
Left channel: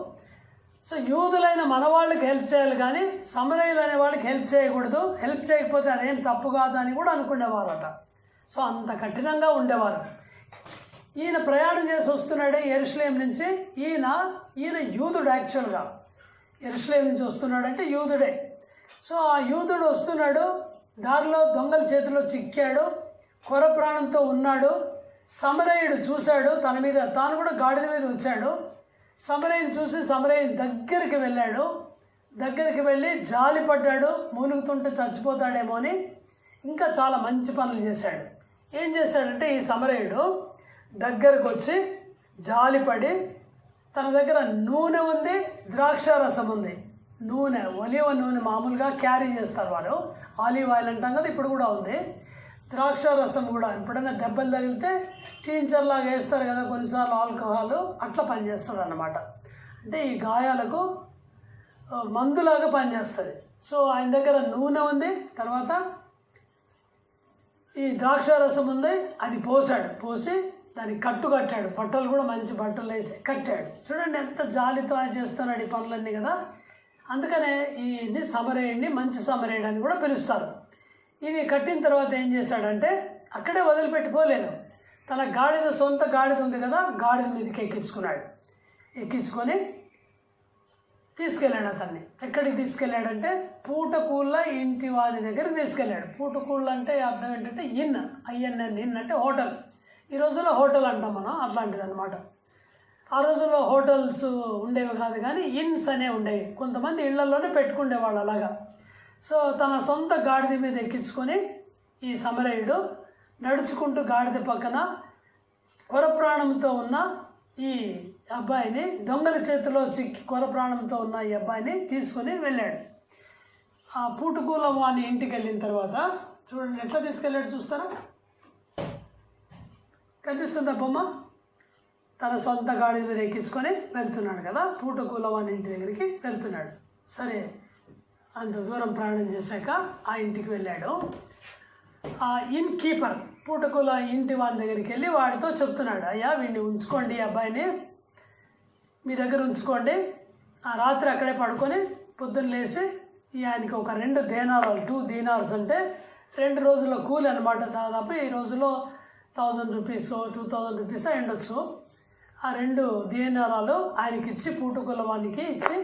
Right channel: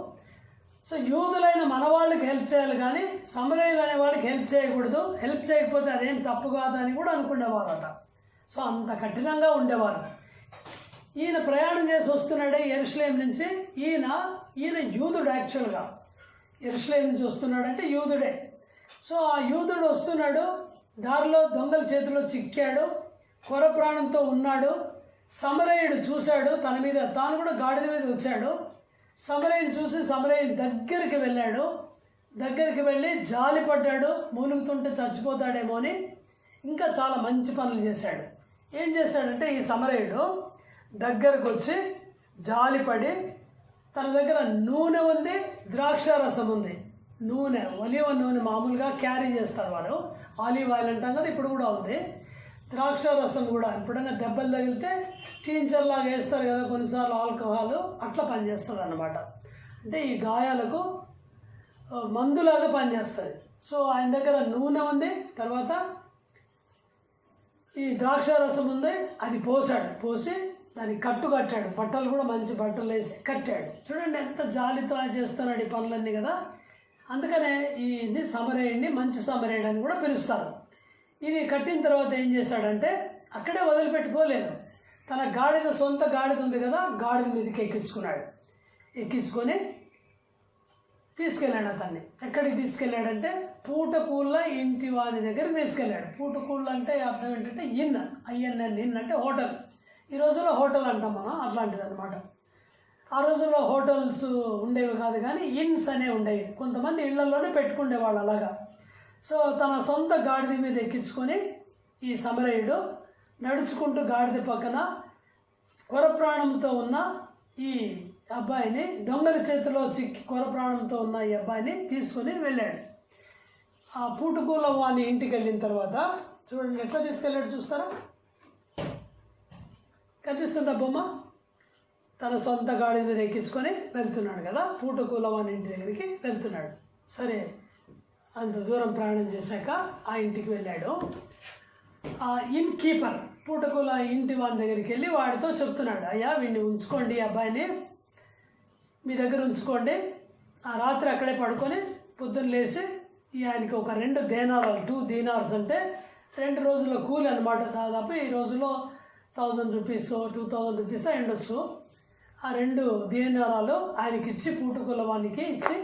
సో యూదులైన మన వాళ్ళకి హెల్ప్ చేయాలి, కానీ సమరయులు అనే వాళ్ళకి హెల్ప్ చేయకూడదు, హెల్ప్ చేయకపోతే అదేం తప్పు కాదు అని కూడా అనుకునేవారట. సో అంత కఠినంగా ఉండేవారు. ఈయన ప్రయాణం చేసి వస్తున్నాడే యెరూషలేం నుంచి. ఈయన యూదుడు. యాక్చువల్గా యెరూషలేం నుంచి వస్తున్నాడంటే యూదుడే. సో ఆ యూదుడు వస్తున్నాడు, దారిలో దొంగల చేతిలో చిక్కాడు, కొర ప్రాణంతో ఉన్నాడు. సమరయుడు చూశాడు, తాను కూడా గాడిద మీద వచ్చాడు. సమరయుని చూసి సమరయుని దగ్గరికి వెళ్ళాడు. దగ్గరికి వెళ్ళి జాలిపడ్డాడు, మూలుగుతుంటే చచ్చిపోతాడేమో అని. ఇంకా చాలా మంచి పనులు చేశాడు. ఏం చేశాడంటే ఈ సమరయుడు దగ్గరకు వచ్చి జాలిపడి తన దగ్గర నూనె ఉంది, ద్రాక్ష రసం ఉంది. నూనె, ఒలివ నూనె మామూలుగా క్యారీ చేస్తారు వాళ్ళు, ఆలివ్ ఆయిల్ అంటాం కదా, ఇప్పుడు కూడా ఉంది. ద్రాక్ష రసం కూడా ఎప్పుడైనా దెబ్బలు తగిలితే టీంచర్లాగా వేస్తారు కదా కొన్నిసార్లు, ఆల్కహాల్ అట్లా పనిచేస్తుంది అన్నమాట. అంటే ఈ గాయాలకు మందులాగా పనిచేస్తుంది. సో ఆయన దగ్గర నూనె ఉంది, తర్వాత ఈ ద్రాక్ష రసం ఉంది, అది పోసాడు. పోసి దానికి కట్టు కట్టాడు, బట్టలు కూడా మంచి బట్టలు వేసి కట్టాడు. చూడండి ఎంత జాలితో చేస్తున్నాడు ఈ పనులన్నీ కదా. అందుకనే ఈ సమరేయుడిని మంచి సమరేయుడు అని కూడా పిలుస్తారు. ఇది కట్టిన తర్వాత ఏం చేశాడంటే అక్కడే వదిలిపెట్టుకోలేదు, తన గాడిద, సొంత గాడిద ఉంది కదా, గాడిద మీదకి ఎక్కించుకున్నాడు. ఎక్కించుకొని తీసుకెళ్ళాడు అతన్ని. ఎక్కడికి తీసుకెళ్ళాడంటే పూటకూళ్ళ ఇంటి వారి దగ్గరికి తీసుకెళ్ళాడు. పూటకూళ్ళ అంటే అర్థం ఏంటంటే ఇన్, ఐఎన్ఎన్, ఇన్ అంటే హోటల్. ఈ రోజుల్లో హోటల్ అంటాం మనం, అట్లాంటిది అనమాట. ఆ రోజుల్లో హోటల్స్ ఉండేవి కాదు కానీ ఇన్స్ అనేవి ఉండేవి. కొంతమంది ఇళ్లలోనే పెట్టుకునేవాళ్ళు అలాగా. సో తన సొంత గాడిద మీద ఎక్కించుకొని ఈ సమరయుడు నడుచుకుంటూ గాడిద పక్కన కొరప్రాణంతో ఉన్న ఈ అబ్బాయిని, దొంగల చేతిలో చిక్కి కొరప్రాణంతో ఉన్న ఈ అబ్బాయిని తీసుకొని వెళ్ళాడు. ఆ పూటకూల వాని ఇంటికి వెళ్ళిన తర్వాత చూడండి ఎట్లా తీసుకెళ్ళాడు చూస్తారా, కనిపిస్తుందా బొమ్మ? తన సొంత గాడి మీద ఎక్కించుకొని వెళ్తున్నాడు కదా, పూటకూల వాని ఇంటి దగ్గరికి వెళ్తున్నాడు. సరే, అంత దూరం ప్రయాణం చేశాక ఆ ఇంటికి వెళ్ళాడు. ఆ ఇన్ కీపర్ పూటకూల ఇంటి వాని దగ్గరికి వెళ్ళి వాడితో చెప్తున్నాడు, అయ్యా వీడిని ఉంచుకోండి, ఈ అబ్బాయిని మీ దగ్గర ఉంచుకోండి, ఆ రాత్రి అక్కడే పడుకొని పొద్దున్న లేచి ఆయనకి ఒక 2 దేనారాలు, 2 దీనార్స్ అంటే 2 రోజుల కూలి అనమాట. దాదాపు ఈ రోజులో 1000 రూపీస్ 2000 రూపీస్ ఉండొచ్చు. ఆ 2 దీనారాలు ఆయనకి ఇచ్చి, పూటకూల వానికి ఇచ్చి,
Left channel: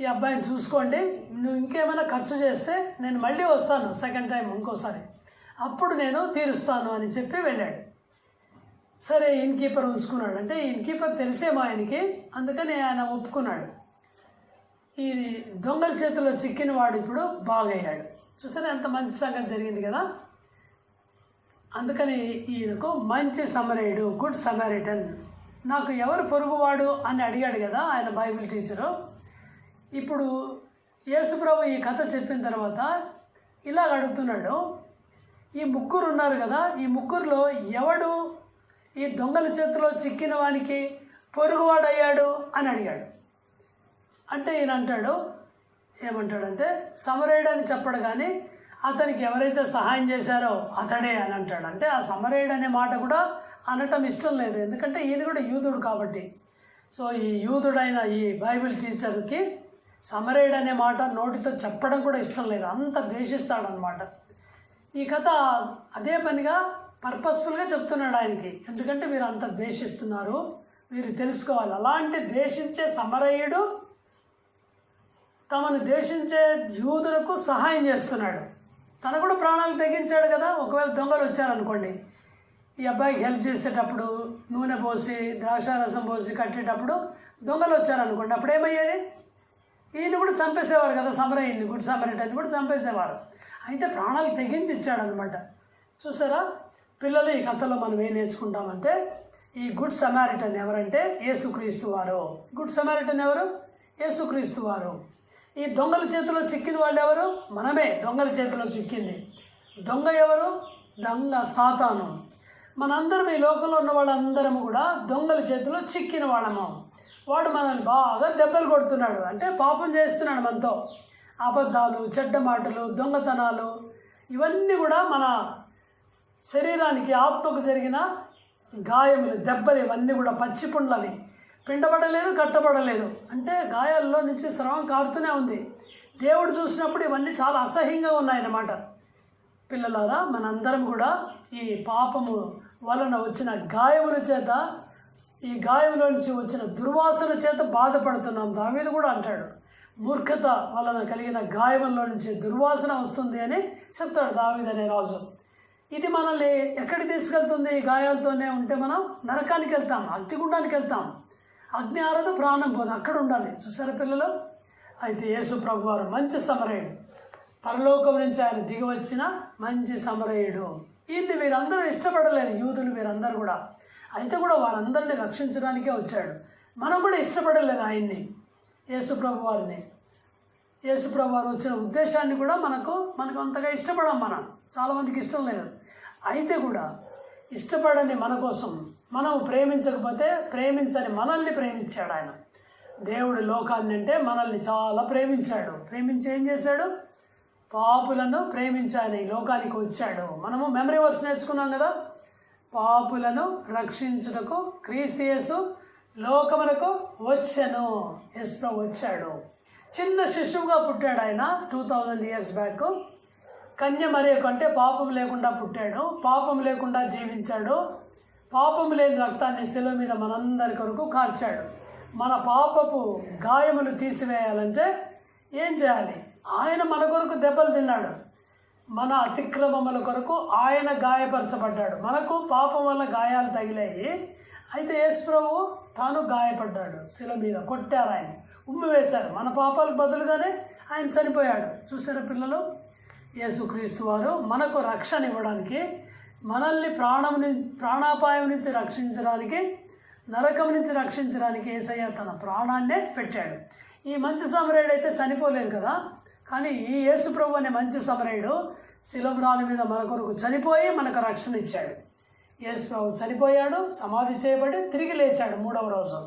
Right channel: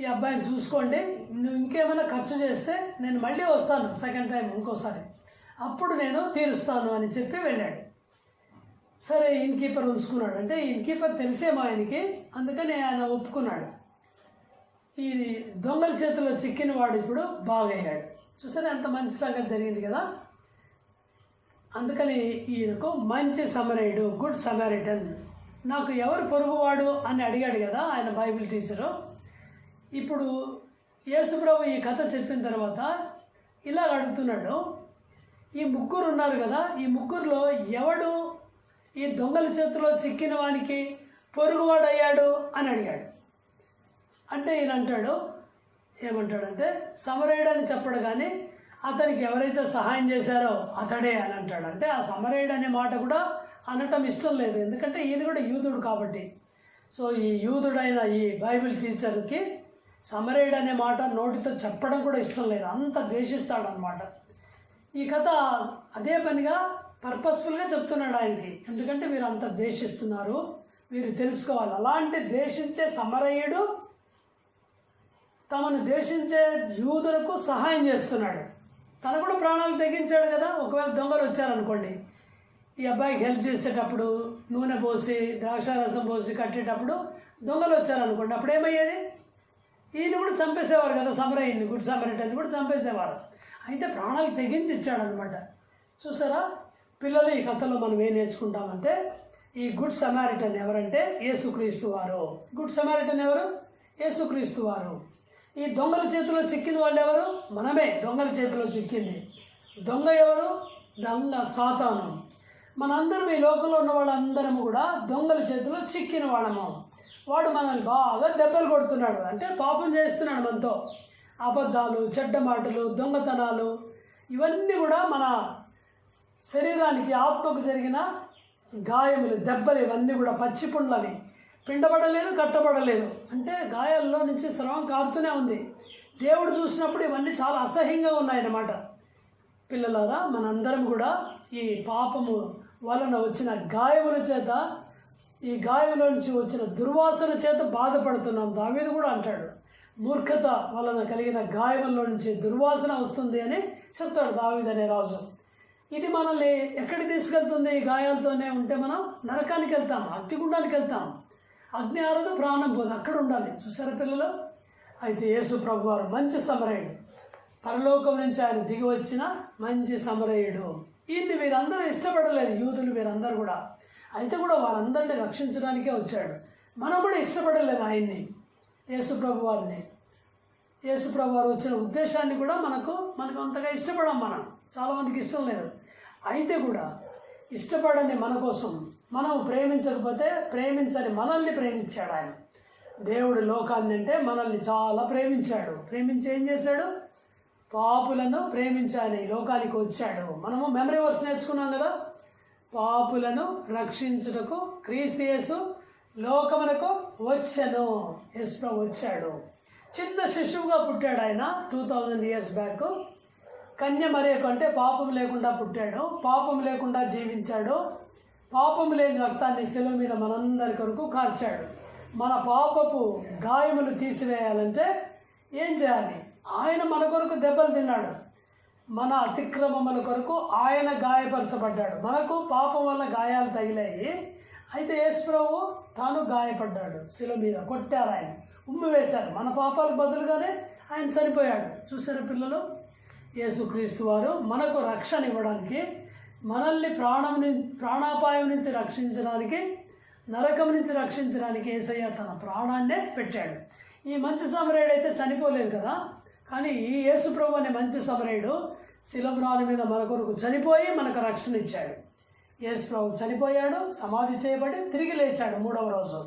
ఈ అబ్బాయిని చూసుకోండి, నువ్వు ఇంకేమైనా ఖర్చు చేస్తే నేను మళ్ళీ వస్తాను సెకండ్ టైం ఇంకోసారి, అప్పుడు నేను తీరుస్తాను అని చెప్పి వెళ్ళాడు. సరే, ఇన్ కీపర్ ఉంచుకున్నాడు. అంటే ఇన్ కీపర్ తెలిసేమో ఆయనకి, అందుకని ఆయన ఒప్పుకున్నాడు. ఈ దొంగల చేతిలో చిక్కిన వాడు ఇప్పుడు బాగయ్యాడు. చూసారా ఎంత మంచి సంగతి జరిగింది కదా. అందుకని ఈయనకు మంచి సమరేయుడు, గుడ్ సమారిటన్. నాకు ఎవరు పొరుగువాడు అని అడిగాడు కదా ఆయన బైబిల్ టీచరు. ఇప్పుడు యేసుప్రభు ఈ కథ చెప్పిన తర్వాత ఇలా అడుగుతున్నాడు, ఈ 3 ఉన్నారు కదా, ఈ 3లో ఎవడు ఈ దొంగల చేతిలో చిక్కిన వానికి పొరుగువాడయ్యాడు అని అడిగాడు. అంటే ఈయన అంటాడు, ఏమంటాడంటే సమరేయుడు అని చెప్పడు కానీ అతనికి ఎవరైతే సహాయం చేశారో అతడే అని అంటాడు. అంటే ఆ సమరేయుడు అనే మాట కూడా అనటం ఇష్టం లేదు, ఎందుకంటే ఈయన కూడా యూదుడు కాబట్టి. సో ఈ యూదుడైన ఈ బైబిల్ టీచర్కి సమరేయుడు అనే మాట నోటితో చెప్పడం కూడా ఇష్టం లేదు, అంత ద్వేషిస్తాడు అనమాట. ఈ కథ అదే పనిగా పర్పస్ఫుల్గా చెప్తున్నాడు ఆయనకి, ఎందుకంటే మీరు అంత ద్వేషిస్తున్నారు, మీరు తెలుసుకోవాలి. అలాంటి ద్వేషించే సమరయుడు తమను ద్వేషించే యూదులకు సహాయం చేస్తున్నాడు. తను కూడా ప్రాణాలు తెగించాడు కదా. ఒకవేళ దొంగలు వచ్చారనుకోండి, ఈ అబ్బాయికి హెల్ప్ చేసేటప్పుడు నూనె పోసి ద్రాక్షారసం పోసి కట్టేటప్పుడు దొంగలు వచ్చారనుకోండి, అప్పుడు ఏమయ్యేది? ఈయన కూడా చంపేసేవారు కదా, సమరయుడిని, గుడ్ సమరయుడిని కూడా చంపేసేవారు. అయితే ప్రాణాలు తెగించి ఇచ్చాడనమాట. చూసారా పిల్లలు, ఈ కథలో మనం ఏం నేర్చుకుంటామంటే ఈ గుడ్ సమారిటన్ ఎవరంటే యేసుక్రీస్తు వారు. గుడ్ సమారిటన్ ఎవరు? యేసుక్రీస్తు వారు. ఈ దొంగల చేతిలో చిక్కిన వాళ్ళు ఎవరు? మనమే దొంగల చేతిలో చిక్కింది. దొంగ ఎవరు? దొంగ సాతాను. మనందరం ఈ లోకంలో ఉన్న వాళ్ళందరం కూడా దొంగల చేతిలో చిక్కిన వాళ్ళము. వాడు మనల్ని బాగా దెబ్బలు కొడుతున్నాడు, అంటే పాపం చేస్తున్నాడు మనతో. అబద్ధాలు, చెడ్డ మాటలు, దొంగతనాలు, ఇవన్నీ కూడా మన శరీరానికి, ఆత్మకు జరిగిన గాయములు, దెబ్బలు, ఇవన్నీ కూడా పచ్చిపుండ్లవి. పిండబడలేదు, కట్టబడలేదు, అంటే గాయాల్లో నుంచి స్రవం కారుతూనే ఉంది. దేవుడు చూసినప్పుడు ఇవన్నీ చాలా అసహ్యంగా ఉన్నాయన్నమాట. పిల్లలారా, మనందరం కూడా ఈ పాపము వలన వచ్చిన గాయముల చేత, ఈ గాయముల నుంచి వచ్చిన దుర్వాసన చేత బాధపడుతున్నాం. దావీదు కూడా అంటాడు, మూర్ఖత వలన కలిగిన గాయముల నుంచి దుర్వాసన వస్తుంది అని చెప్తాడు దావీదు అనే రాజు. ఇది మనల్ని ఎక్కడికి తీసుకెళ్తుంది? ఈ గాయాలతోనే ఉంటే మనం నరకానికి వెళ్తాం, అగ్నిగుండానికి వెళ్తాం. అగ్ని ఆరదు, ప్రాణం పోదు, అక్కడ ఉండాలి. చూసారా పిల్లలు? అయితే యేసు ప్రభు వారు మంచి సమరయుడు, పరలోకం నుంచి ఆయన దిగి వచ్చిన మంచి సమరయుడు. ఈయన్ని వీరందరూ ఇష్టపడలేదు, యూదులు వీరందరూ కూడా. అయితే కూడా వారందరినీ రక్షించడానికే వచ్చాడు. మనం కూడా ఇష్టపడలేదు ఆయన్ని, యేసుప్రభు వారిని. యేసుప్రభు వారు వచ్చిన ఉద్దేశాన్ని కూడా మనకు అంతగా ఇష్టపడం. చాలామందికి ఇష్టం లేదు. అయితే కూడా ఇష్టపడని మన కోసం, మనం ప్రేమించకపోతే ప్రేమించని మనల్ని ప్రేమించాడు ఆయన. దేవుడు లోకాన్ని అంటే మనల్ని చాలా ప్రేమించాడు. ప్రేమించి ఏం చేశాడు? పాపులను ప్రేమించి ఆయన ఈ లోకానికి వచ్చాడు. మనము మెమరీ వర్స్ నేర్చుకున్నాం కదా, పాపులను రక్షించుటకు క్రీస్తు యేసు లోకమునకు వచ్చెను. యేసుప్రభు వచ్చాడు. చిన్న శిశువుగా పుట్టాడు ఆయన 2000 years బ్యాక్. కన్య మరియ కంటే పాపం లేకుండా పుట్టాడు, పాపం లేకుండా జీవించాడు, పాపం లేని రక్తాన్ని శిలువ మీద మనందరి కొరకు కార్చాడు. మన పాపపు గాయములు తీసివేయాలంటే ఏం చేయాలి? ఆయన మన కొరకు దెబ్బలు తిన్నాడు. మన అతిక్రమముల కొరకు ఆయన గాయపరచబడ్డాడు. మనకు పాపం వల్ల గాయాలు తగిలాయి. అయితే యేసుప్రభు తాను గాయపడ్డాడు. శిలువ మీద కొట్టారు, ఆయన ఉమ్మి వేశారు. మన పాపాలకు బదులుగానే ఆయన చనిపోయాడు. చూసారా పిల్లలు? యేసుక్రీస్తు వారు మనకు రక్షణ ఇవ్వడానికి, మనల్ని ప్రాణాపాయం నుంచి రక్షించడానికి, నరకం నుంచి రక్షించడానికి యేసయ్య తన ప్రాణాన్నే పెట్టాడు. ఈ మంచి సమరయుడు అయితే చనిపోలేదు కదా, కానీ ఈ యేసుప్రభు అనే మంచి సమరయుడు శిలువ మీద మన కొరకు చనిపోయి మనకు రక్షణ ఇచ్చాడు. యేసుప్రభు చనిపోయాడు, సమాధి చేయబడి తిరిగి లేచాడు 3వ రోజు.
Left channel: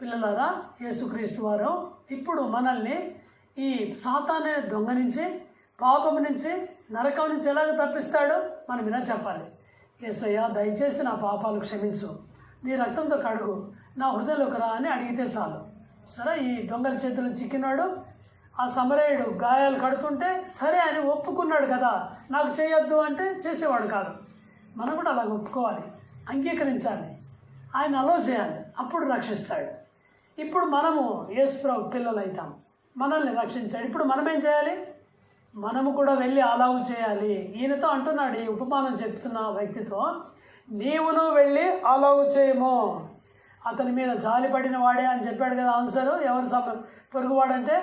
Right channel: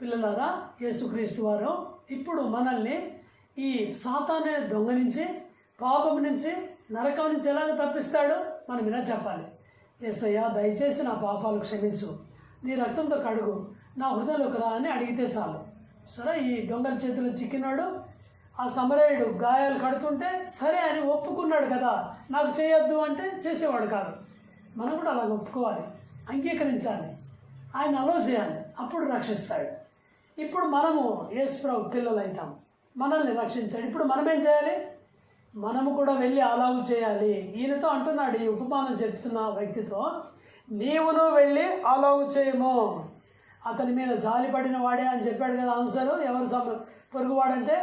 పిల్లలారా, యేసుక్రీస్తు వారు ఇప్పుడు మనల్ని ఈ సాతాను దొంగ నుంచి, పాపం నుంచి, నరకం నుంచి ఎలాగ తప్పిస్తాడో మనం ఇలా చెప్పాలి. యేసయ్య, దయచేసి నా పాపాలు క్షమించు, నీ రక్తంతో కడుగు, నా హృదయంలోకి రా అని అడిగితే చాలు. సరే, ఈ దొంగల చేతులు చిక్కినాడు. ఆ సమరయుడు గాయాలు కడుతుంటే సరే అని ఒప్పుకున్నాడు కదా, నాకు చేయొద్దు అంటే చేసేవాడు కాదు. మనం కూడా అలాగ ఒప్పుకోవాలి, అంగీకరించాలి, ఆయన అలో చేయాలి, అప్పుడు రక్షిస్తాడు. ఇప్పుడు మనము యేసుప్రభు పిల్లలు అవుతాం, మనల్ని రక్షించాడు. ఇప్పుడు మనం ఏం చేయాలి? మనము కూడా వెళ్ళి అలాగు చేయాలి. ఈయనతో అంటున్నాడు, ఈ ఉపమానం చెప్తున్న వ్యక్తితో, నీవును వెళ్ళి అలాగు చేయము. అతని మీద జాలిపడిన వాడే అని చెప్పాడు కదా ఆన్సరు. ఎవరు పొరుగువాడంటే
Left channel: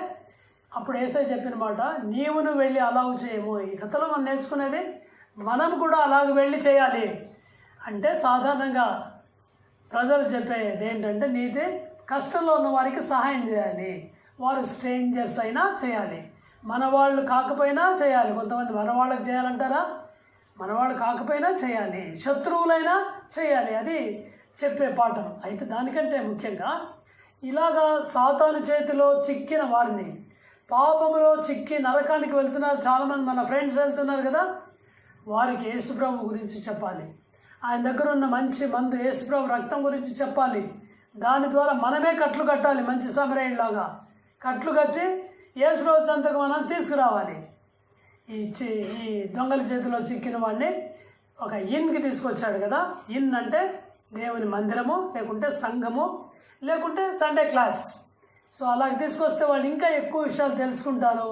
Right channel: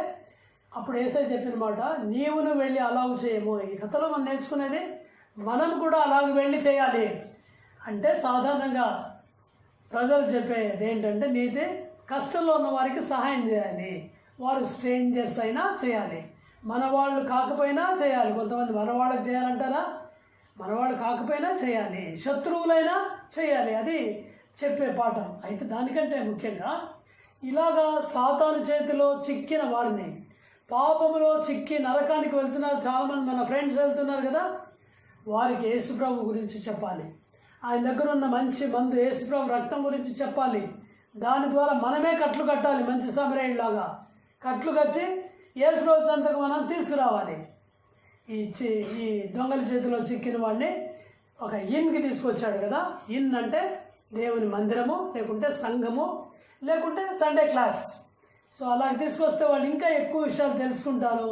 అప్పుడు యేసయ్య చెప్పిన మాట, నీవును వెళ్ళి అలాగు చేయము. ఈ కథలో మనం నేర్చుకునేది, మనం కూడా అలాగ వెళ్ళి చేయాలి. అంటే సాధారణంగా ప్రజలు చెప్పేది ఏంటంటే, నీతి కష్టంలో ఉన్న వారికి సహాయం చేయాలి. వారు స్ట్రేంజర్స్ అయినా చేయాలి, మన వాళ్ళు కాకపోయినా చేయాలి. కొంతమంది మన వాళ్ళకి చేయాలంటారా? మన వాళ్ళు కాకపోయినా చేయాలి, శత్రువులైనా చేయాలి. అది చెప్పే పాఠం. అయితే దానికంటే ముఖ్యంగా ఇలాగా సాతాను చేతిలో చిక్కిన వారిని, పాపములో చిక్కి నరకానికి వెళ్తున్నారు చాలామంది, మన ఫ్రెండ్స్ వెళ్తున్నారు కదా, వారికి యేసుప్రభు గురించి చెప్పాలి. ఆయన దగ్గర ఉన్న మంచి మందు యేసుప్రభు రక్తం గురించి చెప్పాలి. దాని ద్వారా మనమే కట్లు కట్టాలి. మంచి సమరయుడిలాగా కట్లు కట్టి యేసుప్రభు చెంతకు మనం తీసుకురావాలి. ఈ దొంగల చేతిలో చిక్కిన వాడిని ఒక ఇన్కి తీసుకొచ్చాడు కదా. ఇన్ అంటే దేవుని మందిరము, లేకుంటే సంఘము, లేకుంటే సండే క్లాస్. సో అలాగే తీసుకొస్తే వాళ్ళు ఇంకా ఎక్కువ విషయాలు తెలుసుకుంటారు,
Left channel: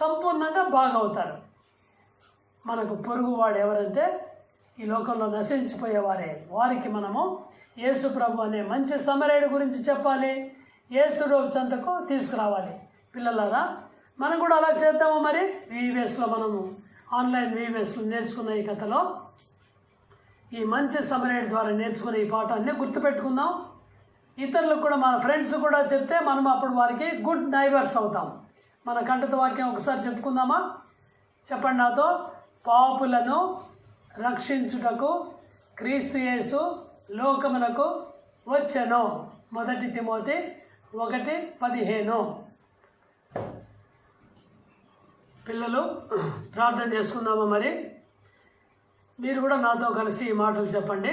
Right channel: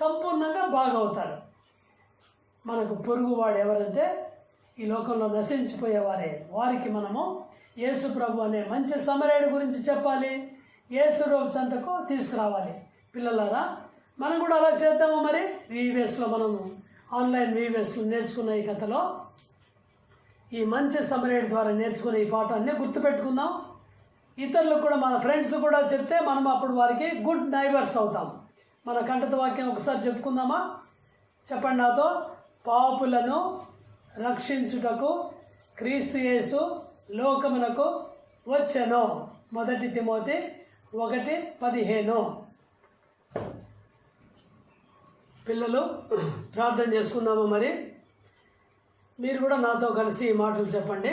సంపూర్ణంగా బాగవుతారు. మనకు పొరుగువాడు ఎవరంటే ఈ లోకంలో నశించిపోయేవారే. వారికి మనము యేసుప్రభు అనే మంచి సమరయుడు గురించి చెప్పాలి, యేసుప్రభు చెంతకు తీసుకురావాలి. పిల్లలారా, మనం కూడా అలా చేద్దాము. మరి వీవేస్లో మనము ఆన్లైన్ వీవేస్లో నేర్చుకున్న ఈ కథలో ఈ మంచి సమరయుడి ద్వారా నేర్చుకునే ఈ పాఠాన్ని గుర్తుపెట్టుకుందాం. ఇతరులకు కూడా, మన ఫ్రెండ్స్ కూడా చెప్తే మనం అప్పుడు వారికి గుడ్ నైబర్స్ అవుతాం. మన కంఠత వాక్యం ఒకసారి చెప్పుకుందామా? చెప్పండి నాతో. పాపులను రక్షించుటకు క్రీస్తు యేసు లోకమునకు వచ్చెను. 1 తిమోతి 1:15. పిల్లలు, ప్రార్థన చేసుకుందామా? మరి మీరు కూడా నాతో కలిసి ఈ మాటలు చెప్పండి.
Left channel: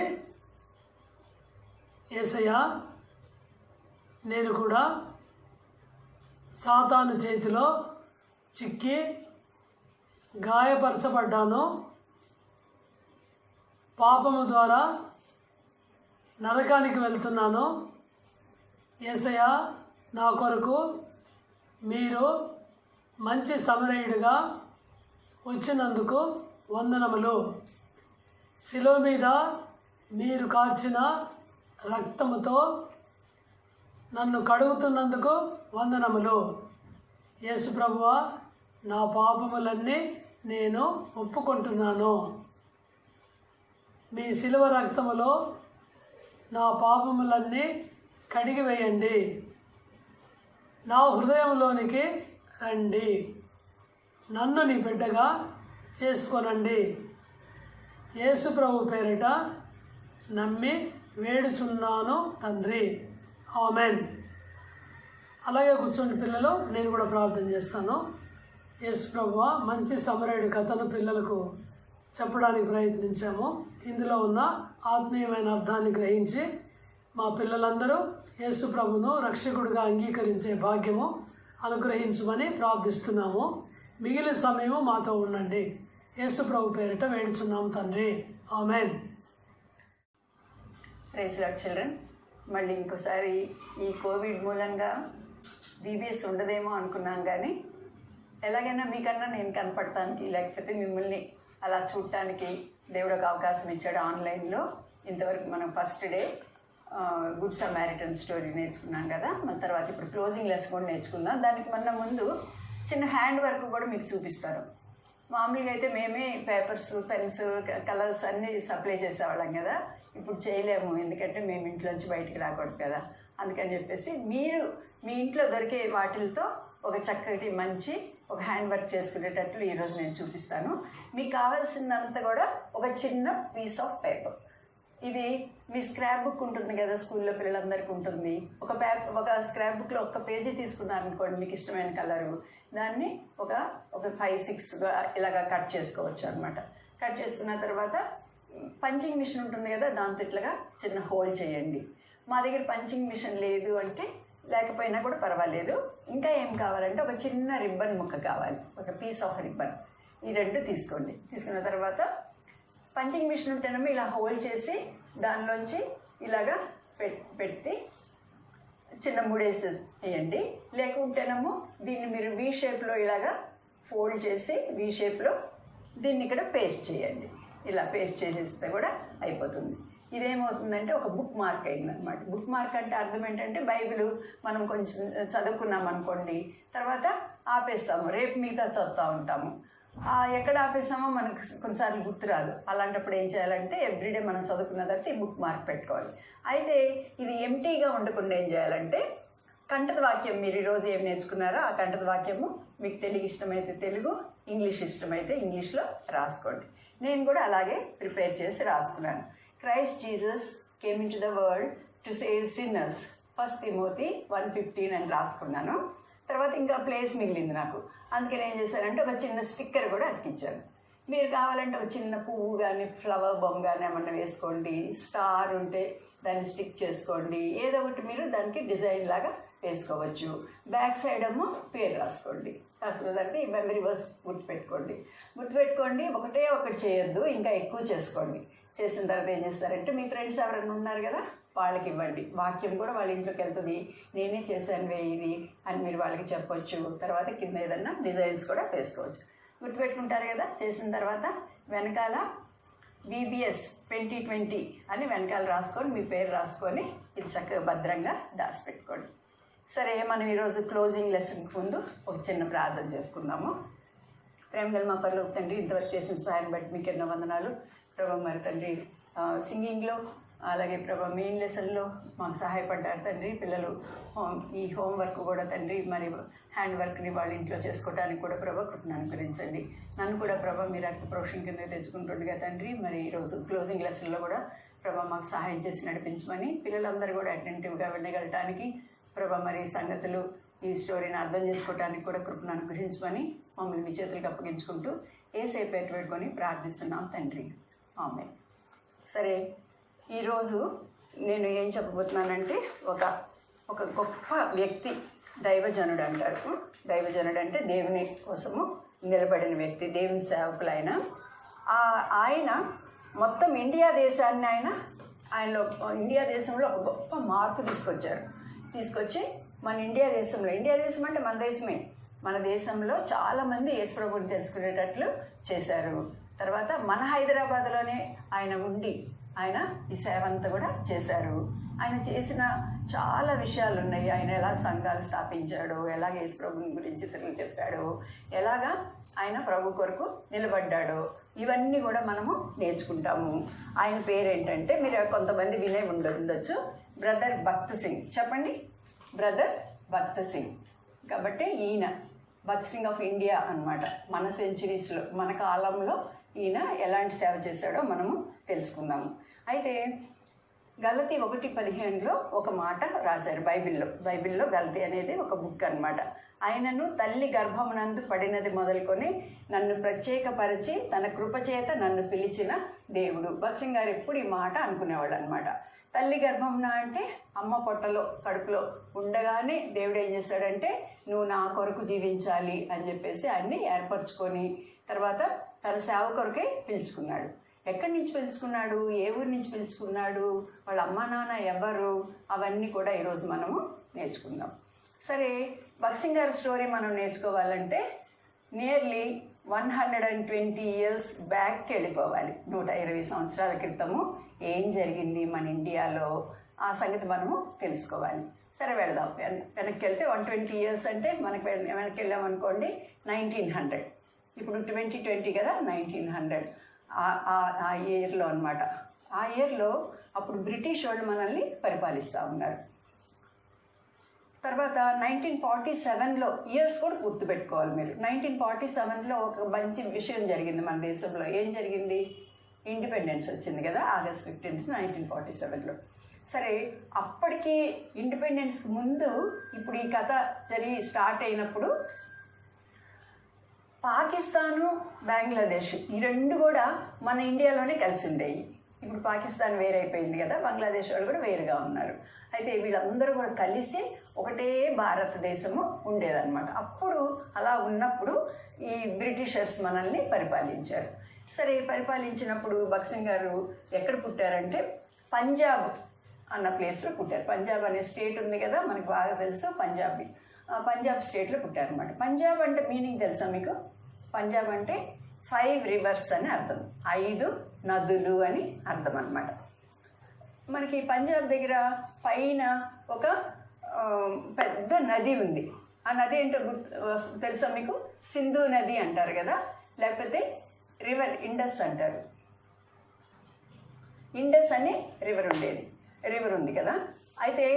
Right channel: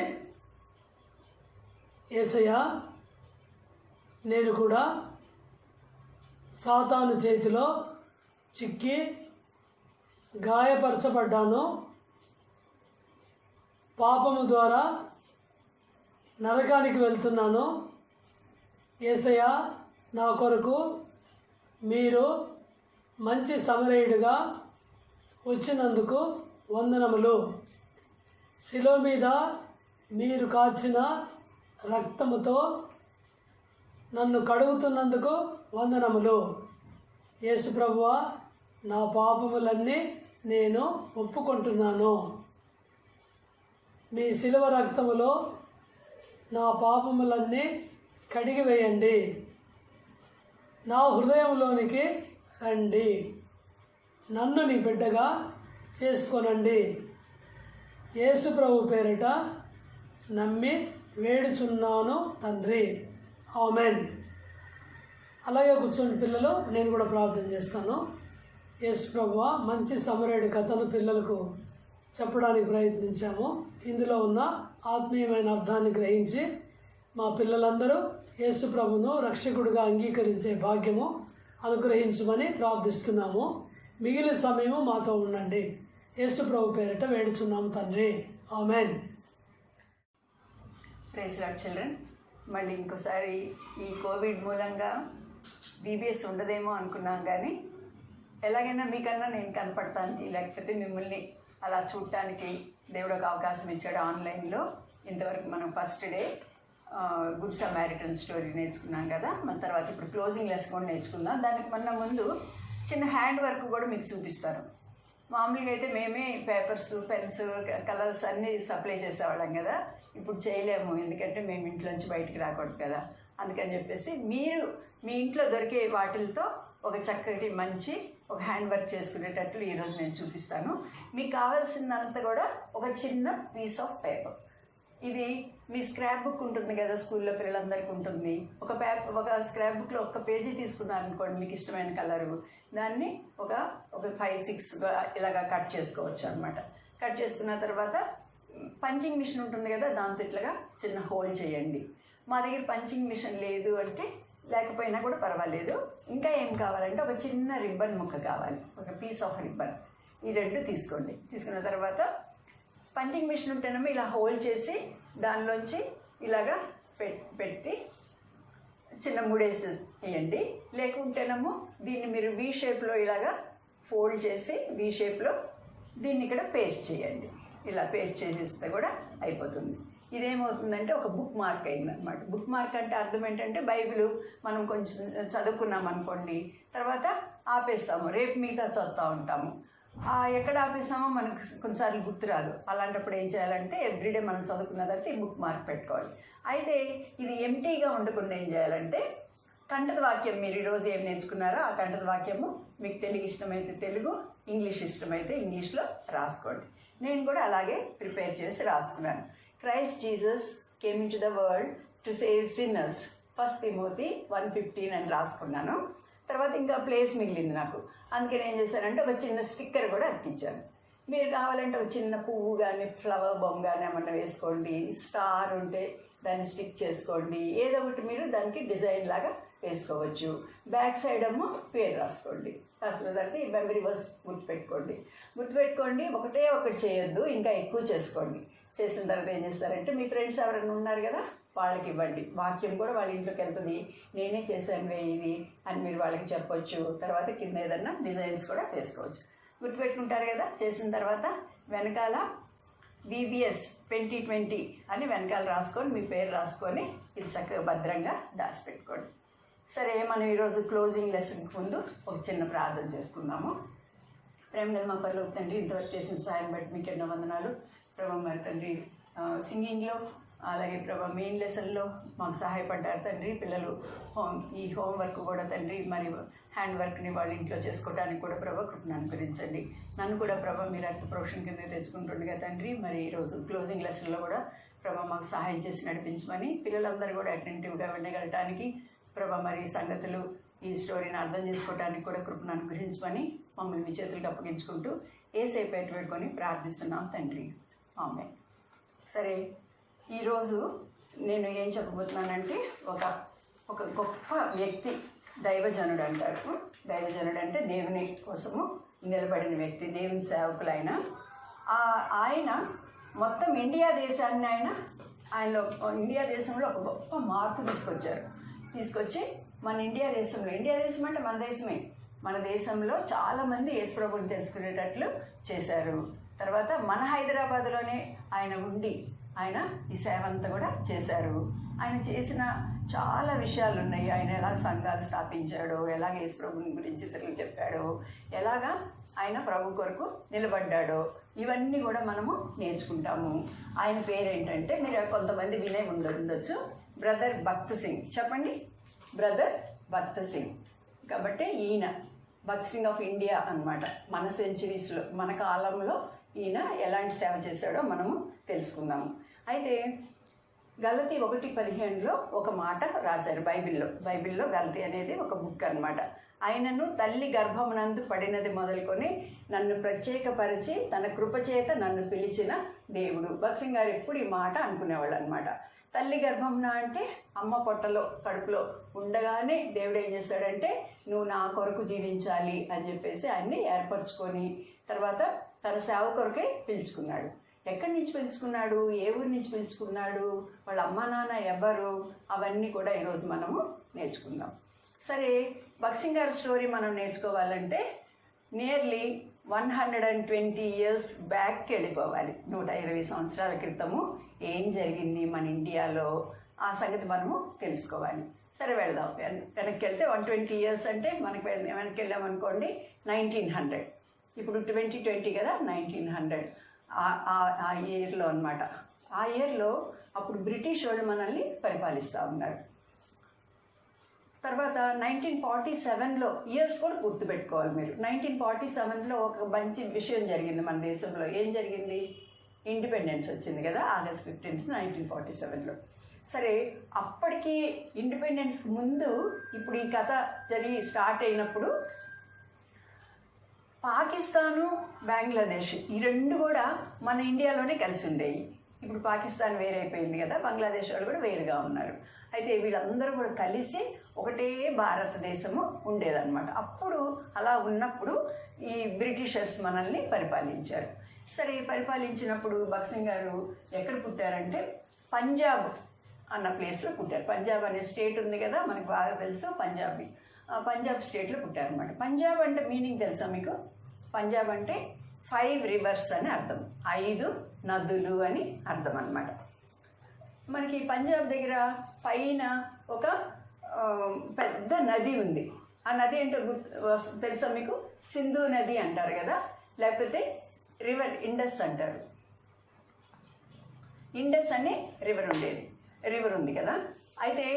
యేసయ్య, నేను కూడా సాతాను చేతిలో చిక్కి గాయపరచబడ్డాను. పాపము ద్వారా నరకానికి వెళ్తున్నాను. యేసయ్య, నా కొరకు మీరు మంచి సమరయుడిగా వచ్చినందుకు వందనములు. శిలువ మీద మీరు కార్చిన రక్తముతో నన్ను కడుగుతున్నందుకు వందనములు. యేసు ప్రభువా, నా పాపములన్నీ నేను ఒప్పుకుంటున్నాను. మీ శిలువ రక్తములో నా పాపములన్నీ కడిగి వేయండి. నా హృదయంలోనికి రండి. నన్ను నీ బిడ్డగా చేసుకొనండి. యేసు ప్రభు పేరిట నమ్మి వేడుచున్నాను తండ్రి. ఆమెన్. అలాగే కూర్చోండి పిల్లలు, నేను కూడా ప్రార్థన చేస్తాను. యేసు ప్రభువా, మంచి సమరయుడి కథను పిల్లలకు చెప్పడానికి ప్రయత్నించాము. ఇందులో ఉన్న ఆత్మీయమైన అర్థాన్ని గ్రహించి మా పిల్లలందరూ యేసు ప్రభును రక్షకుడిగా అంగీకరించే భాగ్యము అనుగ్రహించమని ప్రార్థిస్తున్నాము. మిగిలిన సమయము మాతో ఉండండి. యేసు ప్రభు పేరిట వేడుచున్నాము తండ్రి. ఆమెన్. Praise Lord children. మళ్ళీ ఇంకోసారి ఈ కోవిడ్ మూలంగా బీబీఎస్ ఉండదేమో అనుకున్నాం, కానీ ఎలాగైనా మీకన్నా నేను కనపడటానికి, లేకపోతే మిమ్మల్ని అలా చూడటానికి దేవుడు ఒక అవకాశం ఇచ్చాడు ఆన్లైన్లో. ఇంతవరకు మనం first day good Samaritan story నేర్చుకున్నాం కదా. మన తర్వాత ఇప్పుడు క్లోజింగ్ లెసన్ కూడా నేర్చుకుందాం. దానికి ముందు చిన్న హ్యాండ్ వర్క్ కూడా మీకు చూపిస్తారు. మామూలుగా అయితే మేమే పేపర్స్, పెన్స్, కలర్స్ అన్నీ సప్లై చేసేవాళ్ళం కదా. ఇప్పుడు చేయలేము, ఎందుకంటే మేము ఇంట్లోంచి బయటికి రాకూడదు కదా. అందుకని చెప్పేసి మీరు మీ ఇంట్లో దొరికే వాటిలతో ఒక చక్కటి మంచి ఒక హ్యాండ్ వర్క్ చేసుకునేటట్లు ఈరోజు నేను చూపిస్తాను. మీకు కావాల్సిందంతా కూడా ఒక చిన్న పీస్ ఆఫ్ పేపర్. ఇది మీ స్క్రాప్ బుక్ ఉంటుంది కదా, స్కూల్లో పిల్లలందరికీ ఉంటుంది. ఒక స్క్రాప్ బుక్లో ఒక పేజీ తీసుకున్నారనుకోండి, మీకు ఇష్టమైన కలరు, దాన్ని ఒక 5-6గా ఇలాగా కట్ చేసుకోవచ్చు అనమాట. కట్ చేసుకున్న తర్వాత పంచింగ్ మిషన్ ఉంటుంది కదా, దాంతో ఇట్లాగా చిన్న హోల్ చేయండి. మా దగ్గర పంచింగ్ మిషన్ లేదు అంటే, లేకపోయినా కూడా పర్వాలేదు. ఇంకా ఏం కావాలంటే ఒక చిన్న రిబ్బన్ ముక్క కావాలి, ఒక పీస్ ఆఫ్ రిబ్బన్. ఈ రెండు తీసుకోండి. తీసుకున్న తర్వాత పంచింగ్ మిషన్ ఉంటేనేమో ఇలా హోల్డ్ చేసి దానిలోంచి ఇలాగా పెట్టి చిన్న ముడేసి వేయండి. లేకుంటేనేమో దీన్ని మీరు వీ షేప్లో ఇలాగా ఫోల్డ్ చేసి వీ షేప్లో దీన్ని ఇక్కడ పేస్ట్ చేయండి. ఇలా పేస్ట్ చేసేస్తే కూడా అయిపోతుంది. ఇదేమవుతుందంటే ఒక బుక్ మార్క్ అయిందనమాట. బుక్ మార్క్ అంటే అర్థం ఏంటంటే, బైబిల్ మనం కొంచెం చదువుకున్నాం అనుకోండి, తర్వాత ఆపేస్తాము, రేపు మిగతా చదువుతూ ఉంటాము. ఎక్కడ ఆపేసామో మనకు కొన్నిసార్లు గుర్తురాదు. అలాంటప్పుడు ఏం చేయాలంటే, ఎవ్రీడే మనం చదువుకున్న తర్వాత ఈ బుక్ మార్క్ పెట్టుకోవాలి. అయితే ఇది ఎంటీగా ఉండకుండా ఏం చేయాలంటే, కంఠత వాక్యం మీరు ఈరోజు ఏం నేర్చుకున్నారో ఆ కంఠత వాక్యము మీకు తెలుగు ఇష్టమైతే తెలుగు, ఇంగ్లీష్ ఇష్టమైతే ఇంగ్లీష్లో రాసుకోండి. నేను కూడా అలాగే ప్రిపేర్ చేసి రాసుకున్నాను. Christ Jesus came in to the world to save sinners, 1 Timothy 1:15 అని రాసుకున్నాను. తర్వాత ఇంకా ప్లేస్ మిగిలింది నాకు. అందుకని ఏం చేశానంటే ఒక చిన్న స్టిక్కర్ కూడా అతికించాను. మీరు కావాలంటే ఒక చిన్న పువ్వు కానీ ఫ్లవర్ బొమ్మ కానీ ఏమన్నా వేసుకోండి. స్టార్ ఉంటే దాన్ని స్టిక్ చేసుకోండి. ఏదో ఒకటి మీరు దానికి డిజైన్ లాగా వేసుకోవచ్చు. బ్యాక్ సైడ్ ఏమో పేరు రాసుకోండి. రాసుకున్న తర్వాత ఈ మెమరీ వర్స్ గుర్తుపెట్టుకోండి. ఒకటి చేయొద్దు, ఇంకా ఎక్కువ చేసుకోండి. చేసిన తర్వాత ఏం చేస్తారంటే, మీ ఫ్రెండ్స్ ఎవరైనా ఉన్నారు కదా, వాళ్ళకి ఇవ్వండి. వాక్యం కూడా వాళ్ళ ఇంట్లోకి వెళ్తుంది. నేనే చేశాను ఇది అని మీరు వాళ్ళకి చెప్పొచ్చు. తర్వాత కింద ఏదన్నా డిజైన్స్ కూడా వేసుకోవచ్చు. గుర్తుపెట్టుకుంటారు కదా. చేసిన తర్వాత వెనకాల VBS 2020 అని వెనకాల రాసుకొని మీ పేరు రాసుకొని ఇది చక్కగా భద్రంగా దాచిపెట్టుకోండి. సరే, మనం ఈరోజు క్లోజింగ్ లెసన్కి ముందు ఒక చిన్న ప్రార్థన చేసుకుందాము. ప్రేమగల మా పరలోక తండ్రి, ఇంతవరకు చేసిన సాయం బట్టి మీకు ఎన్నో వందనాలు ప్రభు. మరి తండ్రి, సింగింగ్లో అలాగే ప్రభు మెయిన్ లెసన్లో మాకు సహాయపడ్డారు తండ్రి. పిల్లలు ఈ హోంవర్క్ కూడా తండ్రి, మరి హ్యాండ్ వర్క్ని వాళ్ళ ఇంట్లో చేసుకోవడానికి కూడా ప్రభు కృపను అనుగ్రహించండి. నన్ను కూడా ప్రభు మీరు అర్థ ప్రొఫెషన్ కింద తెచ్చుకుంటుండగా తండ్రి, మరి ఈరోజు క్లోజింగ్ లెసన్లో కూడా ప్రభు మాకు సహాయం చేసి నడిపించమని, పిల్లలందరూ కూడా అటెంటివ్గా వినగలటానికి ప్రభు మరి సంగతులు ఈ స్టోరీని అర్థం చేసుకోవడానికి కూడా కృపను అనుగ్రహించమని మమ్మల్ని మీ చేతులకు అప్పగించుకుంటూ ఏసై పేరు పెట్టుకొని ప్రార్థిస్తున్నాం తండ్రి. ఆమె. సరే, ఈరోజు నేను ఏం చెప్పబోతున్నానంటే, ఒక గొప్ప వ్యక్తి, దైవజనుడు అంటారు. దైవజనుడు అంటే దేవుని కోసము నిలబడిన వ్యక్తి, దేవుని సేవకులైన ఆయన మొత్తం ఇండియా దేశాన్ని ఆయనలో ఇండియా దేశంలో ఒక గొప్ప మార్పు తీసుకొచ్చి మన ఇండియా దేశం అంటే మన దేశమే, మన దేశంలో చాలామంది యేసుప్రభుని తెలుసుకునేటట్లు చేశారు. తర్వాత మన హైదరాబాద్లోనే ఆయన ఉండి ఆయన ఈ సేవ అంతా కూడా చేశారు. ఆయన చేసిన చాలా విషయాలు ఉన్నాయి. ఆయన ఎలా సంఘాలు స్థాపించాడు, ఎలాగ యేసు ప్రభుని గురించి ఇతరులకు చెప్పాడు, ఎలాగా ఆయన ప్రభు కొరకు నిలబడ్డాడో ఇవన్నీ కూడా మనము నేర్చుకుంటాము. ఆయన పేరేంటంటే మీరు కొంతమంది వినే ఉండొచ్చు, బ్రదర్ భక్త్ సింగ్. చెప్పండి, బ్రదర్ భక్త్ సింగ్. కాబట్టి ఈయన భక్త్ సింగ్ ఆఫ్ ఇండియా అన్నమాట. మన సెంచురీస్లో, మన కాలంలో ఈయన ఎలాంటి సేవ చేశాడో మనము తెలుసుకుందాము. అయితే గలతీ 1:15 ఒక మాట రాశారు బైబిల్లో గలతీ అనేది ఒక బుక్ అన్నమాట. ఆయనను తల్లి గర్భమునందు పడినది మొదలుకొని నన్ను ప్రత్యేకపరిచి తన కృపచేత నన్ను పిలిచిన దేవుడు. భక్త్ సింగ్ గారు ఎప్పుడు ఈ మాట అనుకునేవాళ్ళు అనమాట. తల్లి గర్భమున అంటే అమ్మ పొట్టలో కడుపులో ఉండగానే దేవుడు ఏం చేశాడంటే నువ్వు నా కొరకు జీవించాలి అని చెప్పేసి అన్ని ఏర్పరచుకొని తర్వాత తన సేవ కొరకే పిలుచుకున్నాడు. ఎక్కడి నుంచి పిలుచుకున్నాడు, ఏ ఊరి నుంచి పిలుచుకున్నాడు, వాళ్ళ అమ్మ నాన్న ఎవరు, అవన్నీ కూడా ఈరోజు మనము నేర్చుకుందాం. సరే, భక్త్ సింగ్ గారి స్టోరీ మనం నేర్చుకోవాలంటే నియర్లీ 120 years బ్యాక్కి వెళ్ళిపోవాలి. 120 సంవత్సరాల క్రితము ఏం జరిగింది మన ఇండియాలో, ఆ సంగతి మనము తెలుసుకోవాలి. సరే, వెళదాం. వెనక్కి వెళ్తే 120 years అంటే మనకి వెనక్కి వెళ్ళామనుకోండి 1900. ఇప్పుడు 2020 కదా, 1900 ఆ ఇయర్లో అనమాట. ఆ ఇయర్లో అప్పుడు బ్రిటిష్ వాళ్ళు మనల్ని పరిపాలిస్తూ ఉన్నారు. తర్వాత 1947లో ఇయర్స్ కూడా గుర్తుపెట్టుకోవాలి మీరు. 1947లో ఒక మంచి విషయం జరిగింది మన దేశంలో. ఏం జరిగింది? ఇండిపెండెన్స్ వచ్చింది కదా, August 15, 1947లో. సరే, అప్పటికి ఇండిపెండెన్స్ ముందు ఇప్పుడు ఈ కథ జరిగి స్టార్ట్ అయినప్పుడు పాకిస్తాను, బంగ్లాదేశ్ ఈ రెండు కూడా మన ఇండియాలోనే కలిసి ఉండేవి. ఇప్పుడు పాకిస్తాన్ వేరైపోయింది కదా, బంగ్లాదేశ్ వాళ్ళు కూడా వేరుగా ఉన్నారు. అయితే వీళ్ళందరూ కూడా కలిసి ఒకటే భారతదేశము ఉండేదన్నమాట. అప్పుడు అలా ఉన్నప్పుడు ఈ బ్రిటిషర్స్ మనల్ని పరిపాలించారు. సరే, పరిపాలించినప్పుడు భక్త్ సింగ్ గారు ఎక్కడ పుట్టారంటే పంజాబ్ అన్న ప్లేస్లో పుట్టారు. పంజాబ్ అనే స్టేట్ ఉంది కదా, మనకు బాగా తెలుసు. పంజాబ్ స్టేట్లో పుట్టారనమాట. పంజాబ్ అంటే మీనింగ్ తెలుసా మీకు? పంజాబ్ అంటే 5 rivers అని అర్థం, 5 నదులు అని అర్థం అన్నమాట. మనకి పంజాబ్ దగ్గర పైన ఒక పెద్ద నది ఉంది. ఆ నది ఏంటో తెలుసా మీకు? సింధు నది అంటారు కదా, లేకపోతే రివర్ ఇండస్ అంటారు. ఇండస్ అనే రివర్ ఉంది కదా. అయితే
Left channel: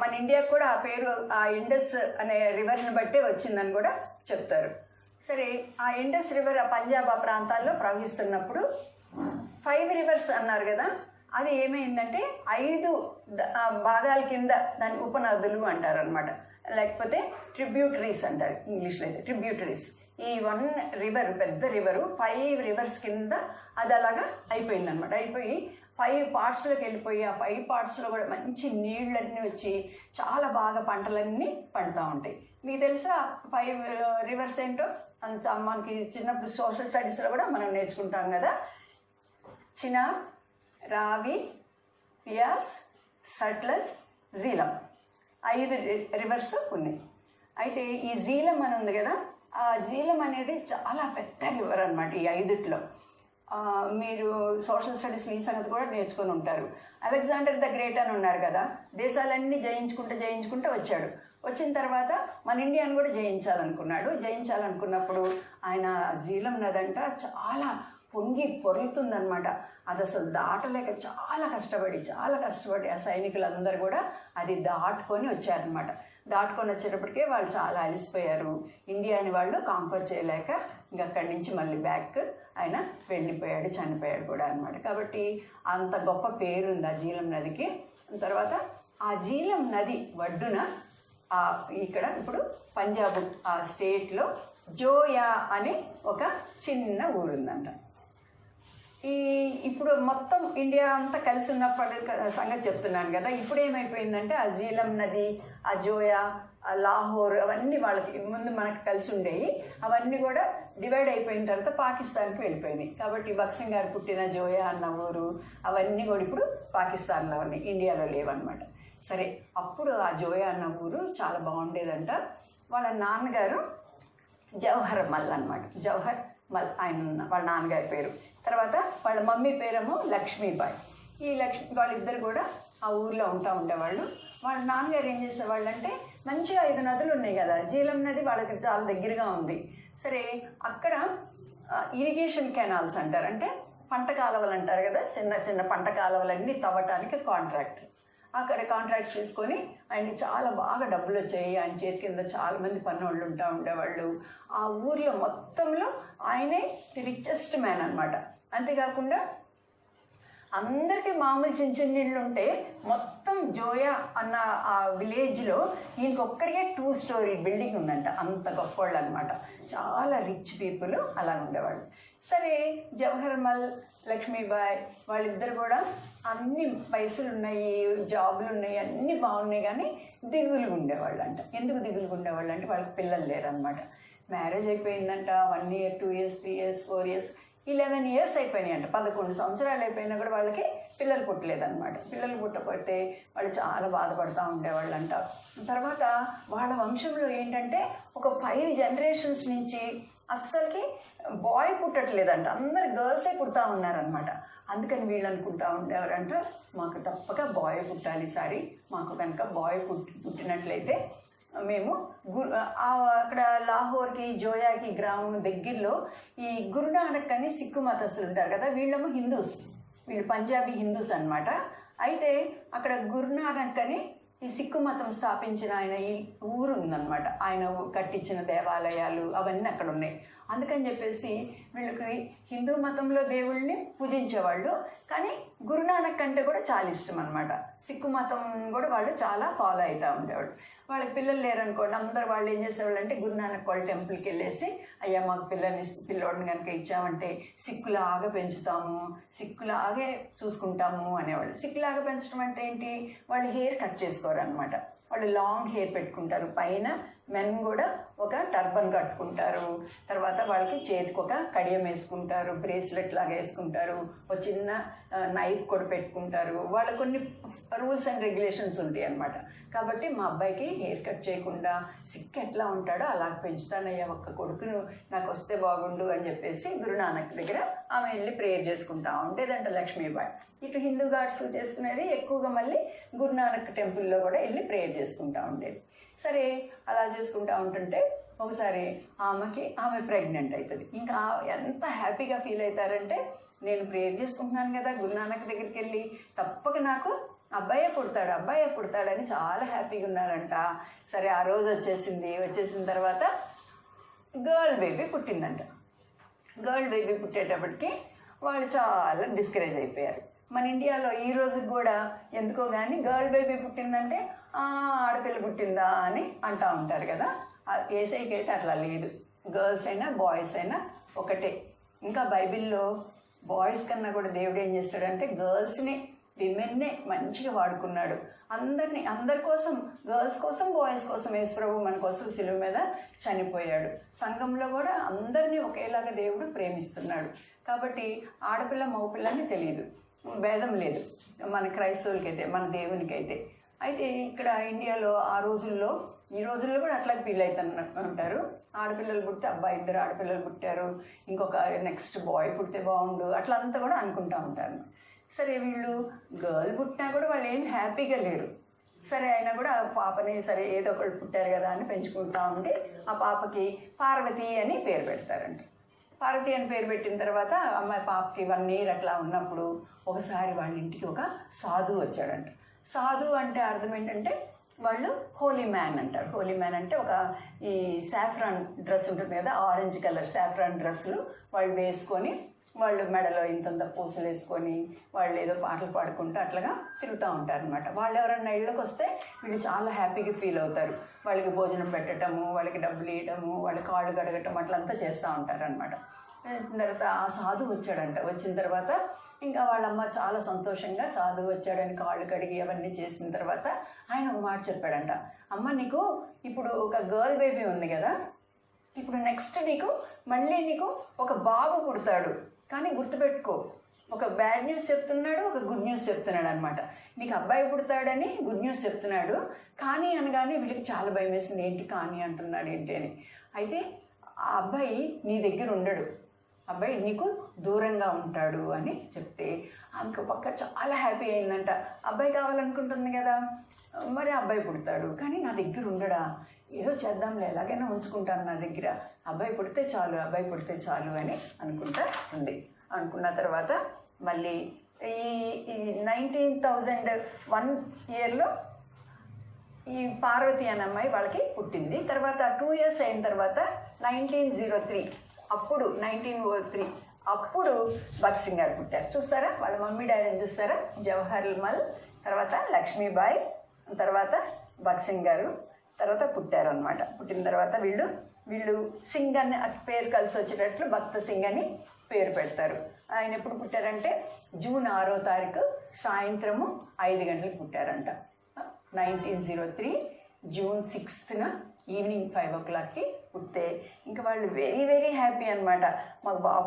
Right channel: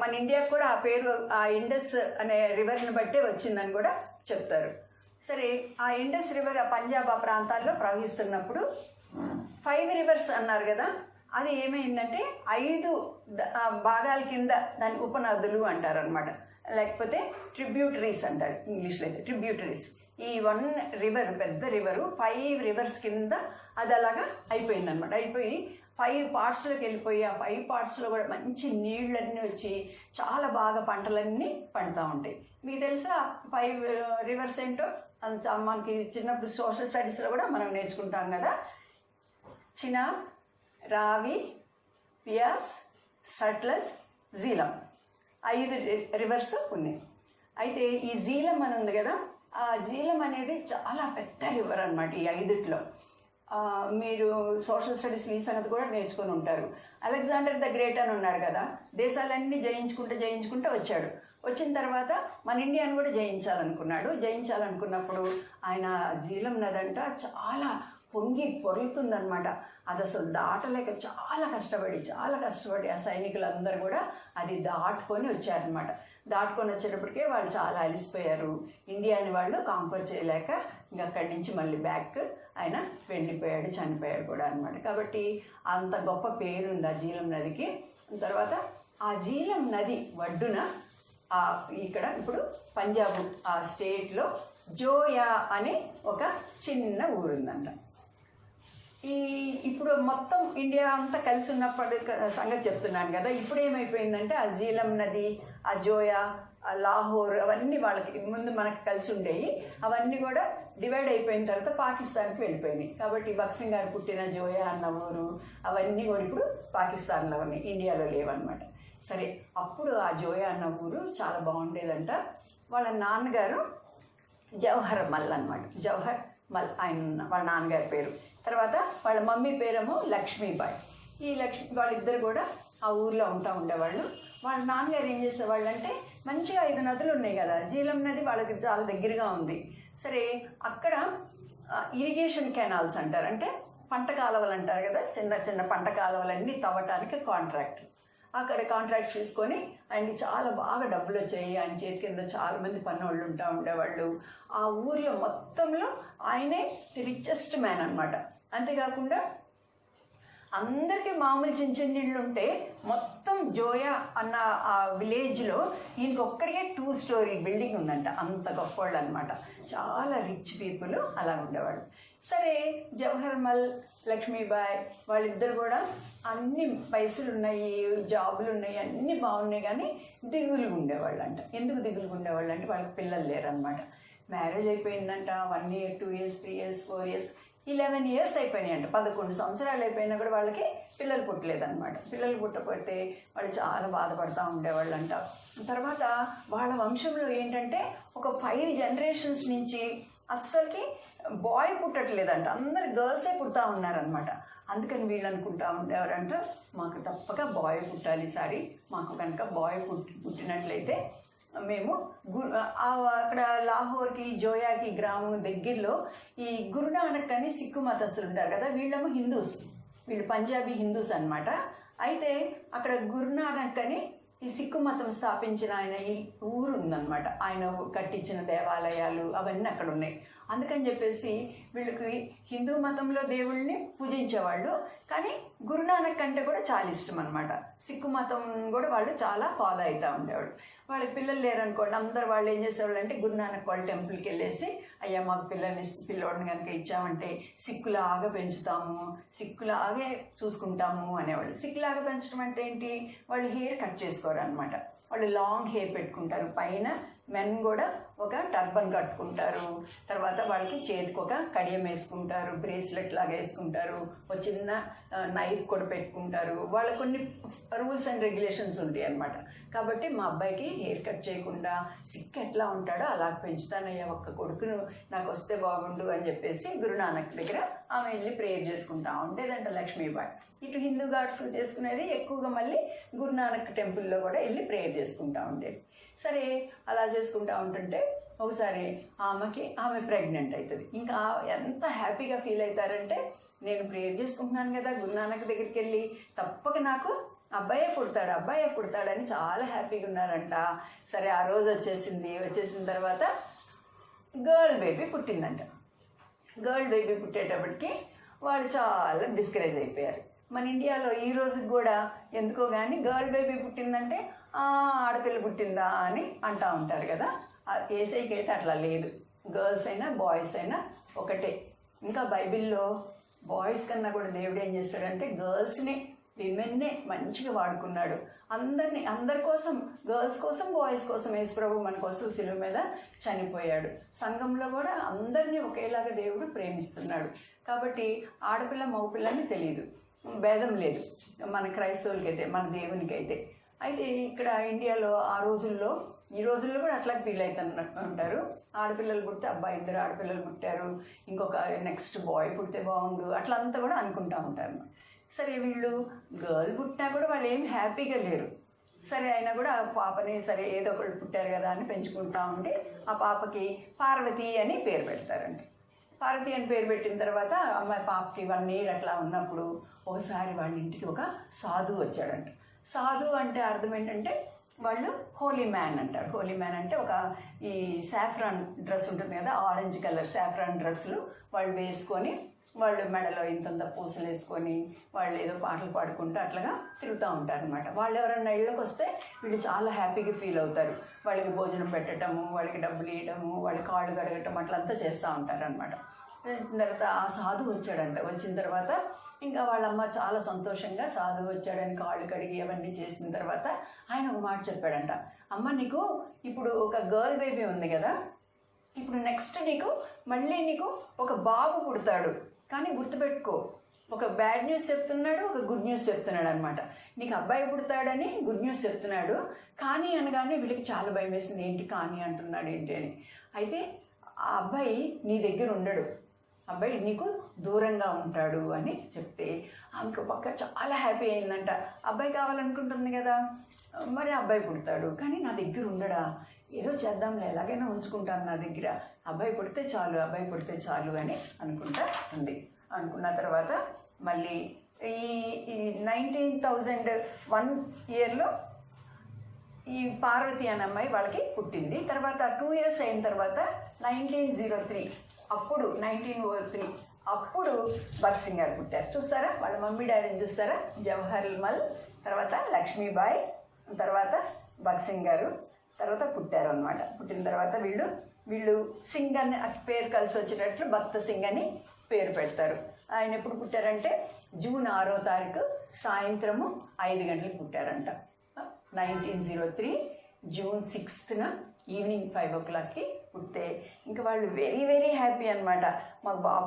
మన ఇండియాకు కూడా ఆ పేరు ఆ ఇండస్ అనే రివర్ని బట్టే వచ్చిందని కూడా చెప్తారు. సరే, ఆ ఇండస్ రివర్ ఆ పంజాబ్ ఆ ప్రాంతాల్లో ప్రవహిస్తున్నప్పుడు 5 rivers అన్నారు కదా, అది ఏమైందంటే 5 భాగాల కింద దాని ఉపనదులు అంటారు అనమాట, లేకపోతే ట్రిబ్యూటరీస్ అంటారు ఇంగ్లీష్లో అయితే. ట్రిబ్యూటరీస్, ఈ 1 river పెద్ద రివరు 5 rivers కింద అది అలాగా అయిపోయిందనమాట. అయిపోయి 5 partsలోకి వెళ్ళిపోయి ఆ 5 partsలో కూడా మంచి నీళ్ళన్నీ వచ్చి చాలా బాగా పంటలన్నీ పండుతూ ఉంటాయి. మీకు తెలుసా 5 rivers ఏంటో? అంత మనకి చిన్నప్పుడు సోషల్ స్టడీస్లో కూడా మనం నేర్చుకుంటాం కదా. చినాబ్, రావి, బియాస్, సట్లెజ్, జీలం, 5 rivers ఉన్నాయి. అయితే ఈ జీలం అని ఉంది కదా, ఆ జీలం అనేది చాలా పెద్ద రివర్ అనమాట. ఈ 5లో మీరు సోషల్ స్టడీస్ ఈ సంగతి కూడా నేర్చుకొని ఉంటారు. అలెగ్జాండర్ ద గ్రేట్ అని ఉన్నాడు కదా, దేశాలన్నీ జయించుకుంటూ వచ్చాడు. వచ్చిన తర్వాత మన ఇండియాను కూడా జయించాలనుకున్నప్పుడు ఆయన జీలం నదంట చాలా పొరుగుతుందనమాట. అది అసలు దాటలేక చాలా కష్టపడి ఆ సైనికులందరూ కూడా అది దాటుకొని వచ్చారనమాట. దాటుకొని వచ్చేటప్పటికే వాళ్ళు చాలా అలిసిపోయారు. ఇండియాని వాళ్ళు కాంపర్ చేయలేక ఇంకా అక్కడి నుంచి మళ్ళీ బ్యాక్ ఆయన వెళ్ళిపోయాడు, చనిపోయాడు కూడా అనమాట. కాబట్టి అంత గొప్ప పేరు ఉంది ఆ జీలం నదికి. తర్వాత ఆ జీలం నది ఒడ్డున ఇక్కడ ఇప్పుడు పంజాబ్ ఆ స్టేట్లో జోయా అనే ఒక చిన్న ఊరుందంట. ఇప్పుడు మొత్తం ఇండియా అంతా కలిసి ఉన్నప్పటి సంగతి చెప్తున్నాను కదా. ఇప్పుడు ఏమైపోయిందంటే ఆ జీలం నది, ఆ జోయా, ఆ లాహోర్ అవన్నీ వాళ్ళకి ముందు మనకు కలిసి ఉండేవి. అవన్నీ కూడా డివైడ్ అయిపోయిన తర్వాత పాకిస్తాన్కి వెళ్ళిపోయినాయి. కాబట్టి భక్త్ సింగ్ గారు పుట్టిన జోయా అన్న ఊరు అవన్నీ కూడా ఇప్పుడు పాకిస్తాన్లో ఉన్నాయి, ఇండియాలో లేవన్నమాట. సరే, అప్పుడు ఆ జోయా అన్న ఊరు చాలా బాగుండేదంట. వాళ్ళ నాన్నగారు జవహర్ మల్ అనమాట. జవహర్ మల్ ఆయన వాళ్ళ నాన్నగారి పేరు. తర్వాత వాళ్ళ మమ్మీ పేరేమో లక్ష్మీబాయి. ఈ వాళ్ళిద్దరు కూడా ఆ ఊర్లో ఉండేవాళ్ళు. వాళ్ళ నాన్నగారు ఏం చేసేవాళ్ళు అంటే, మంచిగా 5 నదులు ఉన్నాయి కదా, జీలం నది వాళ్ళకి చాలా దగ్గరగా ఉంది. సరే, అక్కడ ఇరిగేషన్ కెనాల్స్ అంటారు, అంటే పంట కాలువలు అంటారు కదా, చిన్న చిన్న పంట కాలువలన్నీ తవ్వటానికి కాంట్రాక్ట్. అక్కడ కాంట్రాక్ట్స్ తీసుకొని ఆయనకి చాలా బాగా డబ్బులు వచ్చాయి. ఆయన చేతి కింద చాలామంది పన్నోళ్ళు ఉండేవాళ్ళు. ఆ ఊర్లో మొత్తంలో ఆయనే రిచెస్ట్ మ్యాన్ అనమాట. అంతేకాకుండా అందరికీ మామూలు చిన్న చిన్న ఇళ్ళు ఉంటే, మొత్తం జోయా అన్న ఆ విలేజ్లో ఈయనకి ఒక్కడికే 2 స్టోరీ బిల్డింగ్ ఉందంట. అంత గొప్పవాళ్ళు అనమాట, చాలా రిచ్ పీపుల్ అలా ఉండేవాళ్ళు. సరే, జవహర్లాల్ లక్ష్మీబాయి వాళ్ళిద్దరు కూడా అన్ని పైసలు ఉన్నాయి, జాబులు ఉన్నాయి, అన్నీ బాగున్నాయి, కానీ దిగులుగా ఉండేవాళ్ళు అంట. ఎందుకు దిగులుగా ఉండేవాళ్ళు అంటే, వాళ్ళకి పిల్లలు లేరనమాట. మ్యారేజ్ అయిపోయిందంట 1 year 2 years 3 years 4 years 11 years అయిపోయినాయి అంట. 11 సంవత్సరాలు అయిపోయినా కూడా వాళ్ళకి పిల్లలు పుట్టలేదన్నమాట. పిల్లలు పుట్టకపోతే వాళ్ళు చాలా బాధపడుతూ ఉండేవాళ్ళంట. తర్వాత వాళ్ళ వంశంలో ఏంటంటే, ఒక 5 generations నుంచి అస్సలకి బాయ్ పుట్టట్లేదంట, అందరు గర్ల్సే పుడతా ఉన్నారనమాట. అందుకని వీళ్ళు అనుకుంటా ఉండేవారంట, మాకు తప్పక బాయ్ పుట్టాలి ఈసారి, మాకు కనుక బాయ్ పుట్టినట్లయితే మేము అక్కడ లాహోర్కి జోయాకి గ్రామం దగ్గరలో ఈ గురునానక్ అని సిక్కు మతస్థులు ఉంటారు కదా, వీళ్ళేమో హిందూస్, వీళ్ళు పంజాబీ హిందూస్ అనమాట. అయితే అక్కడ గురునానక్ అని ఈ సిక్కు మతం స్థాపించిన ఆయన ఈ ఊరు ఉందన్నమాట. ఆయన కట్టించిన దేవాలయాలు అవన్నీ అక్కడ ఉన్నాయి. అందుకని చెప్పేసి వీళ్ళకి హిందూ మతంలో దేవుళ్ళని పూజించేవాళ్ళు, కానీ గురునానక్ అంటే కూడా చాలా ఇష్టం అనమాట. సిక్కు మతం కూడా వాళ్ళు చాలా ఫాలో అవుతూ ఉండేవాళ్ళు. వాళ్ళకి పిల్లలు లేరనుకోండి, అందరు వాళ్ళు ఏం చేసేవాళ్ళు అంటే, గురునానక్ వాళ్ళ టెంపుల్కి వెళ్ళేసి, అయ్యా మాకు పిల్లోడిని కనుక ఇచ్చామంటే సిక్కులాగా పెంచుతాము, సిక్కులాగే చూసుకుంటాము అనేవాళ్ళు. సిక్కులాగా పెంచడం అంటే ఏంటి, వాళ్ళు హెయిర్ కట్ చేసుకోరు అనమాట. వాళ్ళు లాంగ్ హెయిర్ పెట్టుకుంటారు. పైన మెన్ కూడా ఒక టర్బన్ కట్టుకుంటారు. తర్వాత వాళ్ళకి చేతికి ఒక కడియం వేసుకుంటారు, బ్రేస్లెట్ లాగా వేసుకుంటారు, ఒక చిన్న నైఫ్ కూడా పెట్టుకుంటారు. వాళ్ళ కొన్ని రూల్స్ అండ్ రెగ్యులేషన్స్ ఉంటాయి అన్నమాట. కాబట్టి మా అబ్బాయికి హెయిర్ కట్ చేయకుండా సిక్ ఎట్లా ఉంటాడో అలా పెంచుతానయ్యా, ఒక్క కొడుకును నాకు వస్తే బాగుండు అని చెప్పేసి గురునానక్ దగ్గర ఆమె వెళ్ళి ప్రేయర్ చేసుకుంటా ఉండేదంట లక్ష్మీబాయి. ఇటు హిందూ గాడ్స్ చేసుకునేది ఎక్కువగా, మళ్ళీ గురునానక్ టెంపుల్లో కూడా వెళ్ళి ప్రేయర్ చేసుకుంటా ఉండేది. సరే, అలా చేసుకుంటా ఉంటుంటే ఒకసారి ఆమె ప్రెగ్నెంట్ అవుతుంది. ఇంకా ఎంత హ్యాపీగా ఫీల్ అవుతారంటే, నేను ప్రేయర్ చేసుకుంటున్నాను కదా గురునానక్ దగ్గరికి వెళ్ళి, తప్పక నాకు అబ్బాయే పుడతాడని చాలా హ్యాపీగా ఉన్నారంట. సరే, ఆ రోజు వచ్చేసిన తర్వాత గర్ల్ బేబీ పుట్టిందంట. గర్ల్ బేబీ పుట్టేటప్పటికి వాళ్ళు చాలా డిస్కరేజ్ అయిపోయారు. మన ఇండియాలో ఈ రోజుకి కూడా ఎందుకో కానీ గర్ల్ బేబీ పుట్టిందంటే ఆడపిల్ల పుట్టిందా అని అంటూ ఉంటారు కదా. ఏసైకి అయితే అట్లా లేదు, గర్ల్స్ అయినా బాయ్స్ అయినా ఒకటే. ఇంకా బైబిల్లో బాయ్స్ కన్నా కూడా దేవుడు ఏం చేస్తాడంటే, గర్ల్స్ని విమెన్నే మంచిగా వాడుకున్నాడు. అందరి కోసం, గర్ల్స్ కోసం బాయ్స్ కోసం యేసుప్రభు మన కోసం శిలువ మీద చనిపోయాడు. సంఘంలో కూడా అందరినీ ఒకేలాగా దేవుడు ప్రేమిస్తున్నాడు. కాబట్టి ఆడపిల్ల మగపిల్లని తెలియదు, భేదం లేదు మన క్రైస్తవులకైతే, మన దేవునికైతే. అయితే ఇక్కడ ఇండియాలో ఈ రోజుల్లో కూడా అట్లా ఫీల్ అవుతారు. ఆడపిల్లలు పుడితే ఇద్దరు ఆడపిల్లలు పుట్టారు, ఇంకొక నెక్స్ట్ బాయ్ పుడితే బాగుండు, అట్లా అంతా కూడా అనుకుంటూ ఉంటారు. సరే, వీళ్ళు గర్ల్ పుట్టినా కూడా వాళ్ళు ఏం హ్యాపీగా లేరు. సరే, అయినా కూడా పాపని సరే ఏదో ఒకటి పుట్టారు కదా అని పెంచుకుంటా ఉండి, ఆ పాపకి పార్వతి అని పేరు పెడతారంట. పార్వతి అని పేరు పెట్టిన తర్వాత అమ్మాయి పాపకి 1 year అట్లా ఉన్నప్పుడు ఒకసారి వాళ్ళ ఇంటికి ఒక సాధువు వచ్చాడంట. సాధువు అంటే అర్థం ఏంటంటే, వాళ్ళు హోలీ మ్యాన్ అంటారు. హోలీ మ్యాన్ అంటే ఒక ఈ సాఫ్రాన్ డ్రెస్ ఉంటుంది కదా, ఆరెంజ్ కలర్ సాఫ్రాన్ డ్రెస్సులు వాళ్ళు వేసుకొని, వాళ్ళు మెడలో ఇంతంత పూసలు వేసుకొని వాళ్ళు ఏదో పాటలు పాడుకుంటూ అట్లాగా తిరుగుతూ ఉంటారు అనమాట. వాళ్ళు ఎవరన్నా ఇళ్ళకి వస్తే వీళ్ళు చాలా హ్యాపీగా ఫీల్ అవుతారు. వాళ్ళకి భోజనం పెట్టడము, వాళ్ళకి డబ్బులు ఇవ్వడము, వాళ్ళ కాళ్ళు కడగటం అట్లంతా చేస్తూ ఉంటారు అనమాట. తర్వాత ఆ సాధువు వచ్చాడంట. వచ్చిన తర్వాత ఇంకా వాళ్ళమ్మ చాలా సంతోషంగా సాధువు వచ్చాడని కాళ్ళు కడిగి అవన్నీ చేసిన తర్వాత ఆయన ఒక మాట చెప్పాడంట, అమ్మ నీకు ఇప్పుడు ఒక గర్ల్ బేబీ ఉంది కదా, ఇప్పుడు నెక్స్ట్ మళ్ళీ నీకు ఒక బాబు పుడతాడు, కానీ గుర్తుపెట్టుకో, ఒక బ్యాడ్ న్యూస్ చెప్తున్నాడు, ఒక గుడ్ న్యూస్ చెప్తున్నాడు అనమాట. నీకు అబ్బాయి పుడతాడని గుడ్ న్యూస్ చెప్తున్నాడు, కానీ అనగానే వీళ్ళకి చాలా భయం వేసింది, ఏంటి కానీ అంటున్నాడు ఏంటి అని. అయితే ఆ అబ్బాయి నీ దగ్గర ఉండడు, అబ్బాయి నీకు దూరంగా ఉంటాడు అని చెప్తే ఆమెకు పక్క చాలా హ్యాపీ అయిందంట. అబ్బాయి కావాలనుకుంటుంది కదా, మరి అబ్బాయి పుడతాడు కానీ నా దగ్గర ఉండడా, ఏదో చేద్దాంలే, ఎలాగైనా ఉంచుకుంటాను నా దగ్గర, అబ్బాయి పుడితే చాలు, అబ్బాయి పుడితే చాలు అని అనుకుంటా ఉంది. అనుకున్న తర్వాత మళ్ళీ ఈ 1901 ఇయర్లో ఈ పార్వతి అనే అమ్మాయి వాళ్ళకి పుట్టింది. తర్వాత 2 years అయిన తర్వాత 1903 అప్పుడు భగత్ సింగ్ గారు పుట్టారు. చూస్తారా వాళ్ళ మమ్మీ డాడీని చూస్తారా, జవహర్ లాల్, తర్వాత లక్ష్మీబాయి, తర్వాత భగత్ సింగ్ గారు తర్వాత పుట్టారు అనమాట. పుట్టిన తర్వాత వీళ్ళు సింగ్ అని పేరు కలిసి వచ్చినట్లు భక్త సింగ్ అని పేరు పెడతారు. ఆయన ఎప్పుడు పుట్టారంటే జూన్ 6వ తారీఖు సాయంత్రము 5 గంటలకు పుట్టారంట. 1903 జూన్ 6న ఈవినింగ్ 5 o'clockకి పుట్టే ఇంకా వాళ్ళు వెరీ వెరీ హ్యాపీ అనమాట. మాకు బాబు